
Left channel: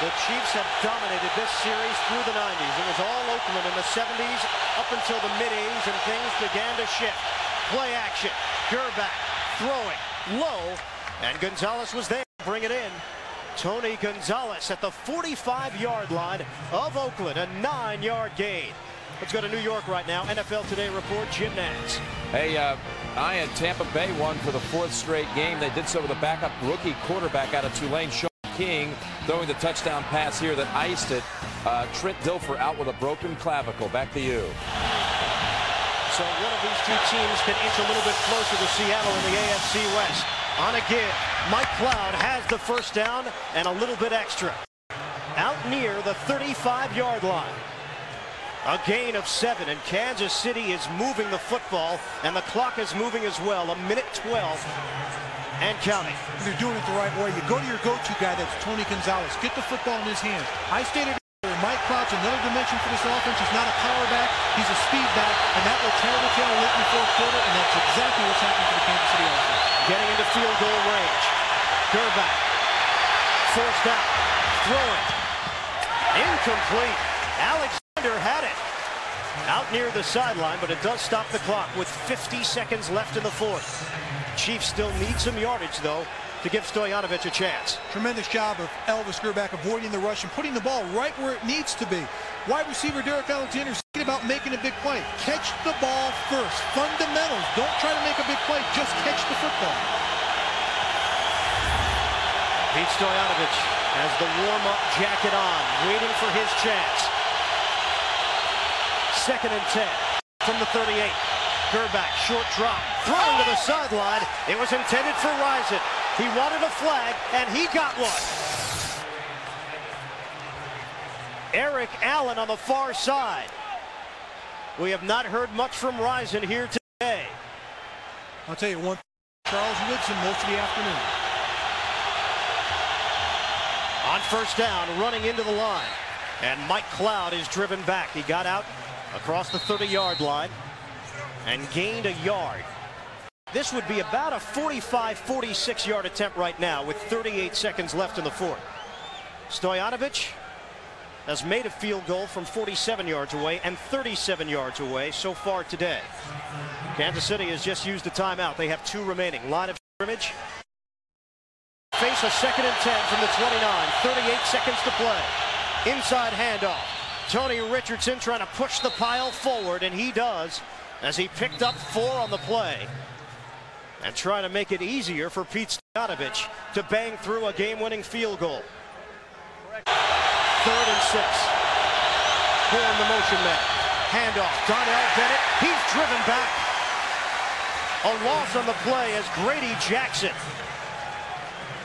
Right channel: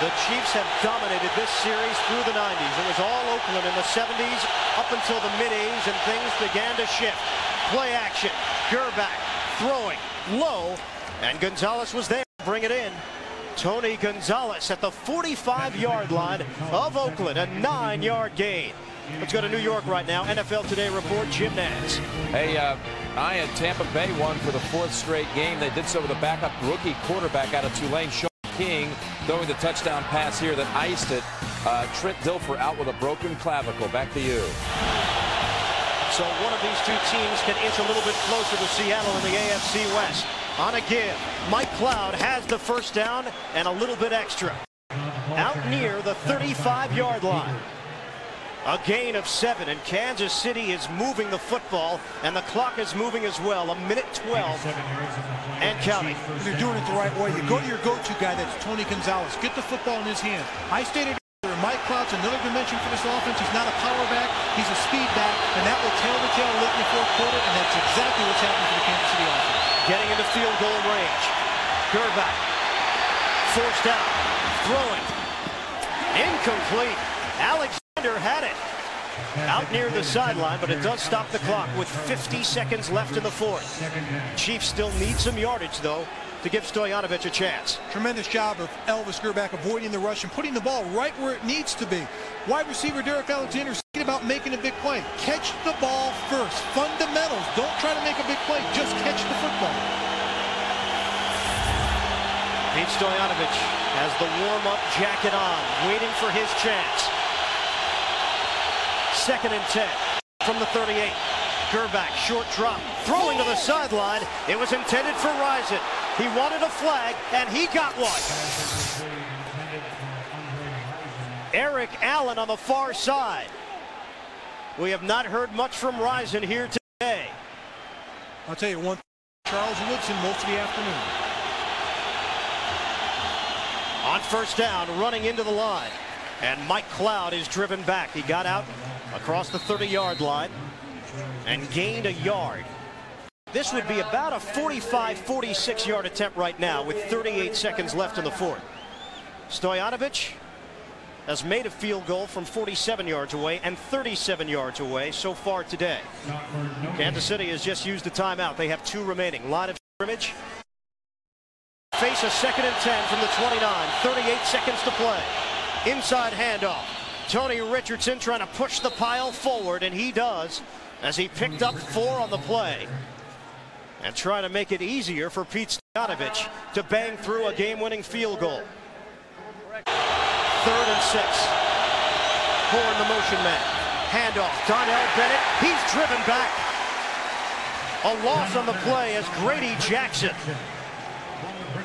The Chiefs have dominated this series through the 90s. It was all Oakland in the 70s up until the mid-80s, and things began to shift. Play action. Gerback throwing low, and Gonzalez was there to bring it in. Tony Gonzalez at the 45-yard line of Oakland, a 9-yard gain. Let's go to New York right now. NFL Today report, Jim Nantz. Hey, I had Tampa Bay won for the 4th straight game. They did so with a backup rookie quarterback out of Tulane, Sean King, throwing the touchdown pass here that iced it. Trent Dilfer out with a broken clavicle. Back to you. So one of these 2 teams can inch a little bit closer to Seattle in the AFC West. On a give, Mike Cloud has the first down and a little bit extra. Out near the 35-yard line. A gain of 7, and Kansas City is moving the football, and the clock is moving as well. 1:12 and counting. They're doing it the right way. You go to your go-to guy, that's Tony Gonzalez. Get the football in his hands. I stated earlier, Mike Cloud's another dimension for this offense. He's not a power back, he's a speed back, and that will tail to tail late in the 4th quarter, and that's exactly what's happening for the Kansas City offense. Getting into field goal range. Gerback forced out, throwing. Incomplete. Alexander had it out near the sideline, but it does stop the clock with 50 seconds left in the 4th. Chiefs still need some yardage, though, to give Stojanovic a chance. Tremendous job of Elvis Gerback avoiding the rush and putting the ball right where it needs to be. Wide receiver Derek Alexander is thinking about making a big play. Catch the ball first. Fundamentals. Don't try to make a big play. Just catch the football. Pete Stojanovic has the warm-up jacket on, waiting for his chance. 2nd and 10 from the 38. Gerback, short drop, throwing to the sideline. It was intended for Rison. He wanted a flag, and he got one. Eric Allen on the far side. We have not heard much from Rison here today. I'll tell you one, Charles Woodson most of the afternoon. On 1st down, running into the line. And Mike Cloud is driven back. He got out across the 30-yard line and gained a yard. This would be about a 45, 46-yard attempt right now with 38 seconds left in the 4th. Stojanovic has made a field goal from 47 yards away and 37 yards away so far today. Kansas City has just used a timeout. They have 2 remaining. Line of scrimmage. Face a 2nd and 10 from the 29. 38 seconds to play. Inside handoff. Tony Richardson trying to push the pile forward, and he does as he picked up 4 on the play and trying to make it easier for Pete Stojanovic to bang through a game-winning field goal. 3rd and 6. Horn, the motion man. Handoff. Donnell Bennett. He's driven back. A loss on the play as Grady Jackson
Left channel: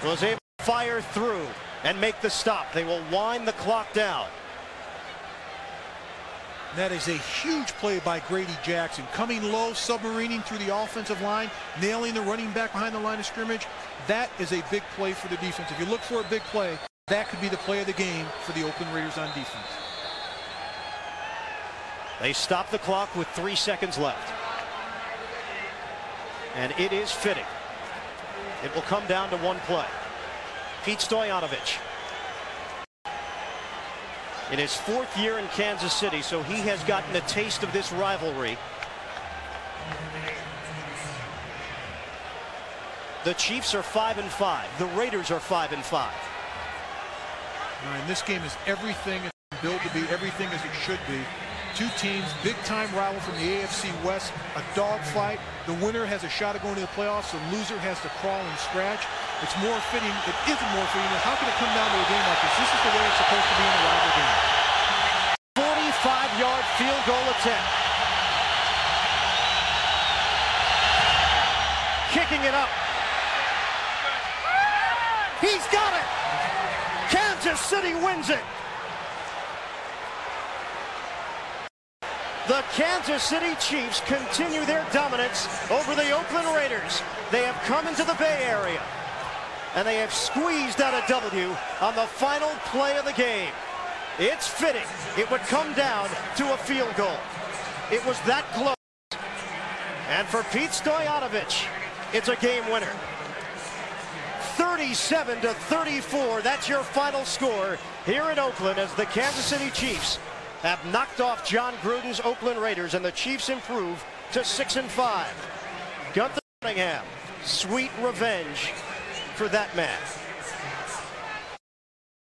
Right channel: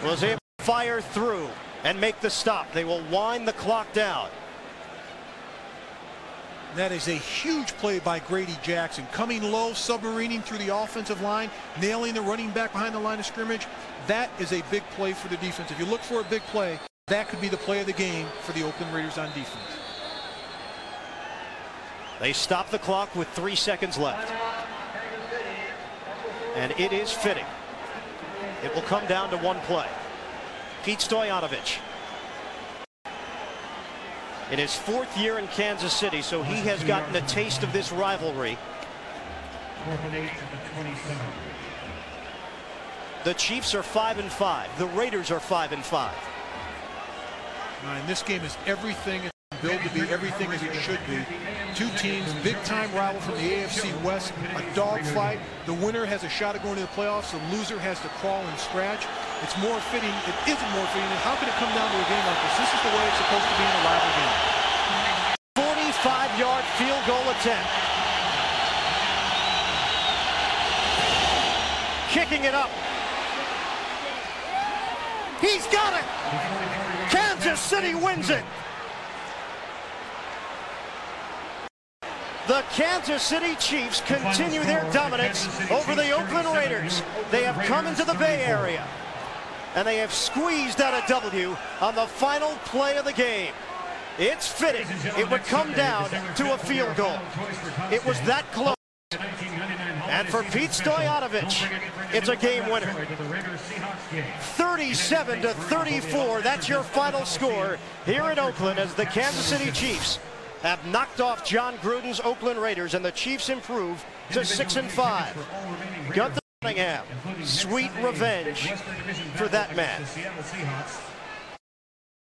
was able to fire through and make the stop. They will wind the clock down. That is a huge play by Grady Jackson. Coming low, submarining through the offensive line, nailing the running back behind the line of scrimmage. That is a big play for the defense. If you look for a big play, that could be the play of the game for the Oakland Raiders on defense. They stop the clock with 3 seconds left. And it is fitting. It will come down to one play. Pete Stoyanovich. In his 4th year in Kansas City, so he has gotten a taste of this rivalry. The Chiefs are 5-5. The Raiders are 5-5. And this game is everything it's billed to be, everything as it should be. Two teams, big-time rival from the AFC West, a dogfight. The winner has a shot at going to the playoffs. The loser has to crawl and scratch. It's more fitting. It isn't more fitting. And how can it come down to a game like this? This is the way it's supposed to be in a rival game. 45-yard field goal attempt. Kicking it up. He's got it. Kansas City wins it. The Kansas City Chiefs continue their dominance over the Oakland Raiders. They have come into the Bay Area, and they have squeezed out a W on the final play of the game. It's fitting it would come down to a field goal. It was that close. And for Pete Stoyanovich, it's a game winner. 37-34, that's your final score here in Oakland as the Kansas City Chiefs have knocked off John Gruden's Oakland Raiders, and the Chiefs improve to 6-5. Gunther Cunningham, sweet revenge for that man.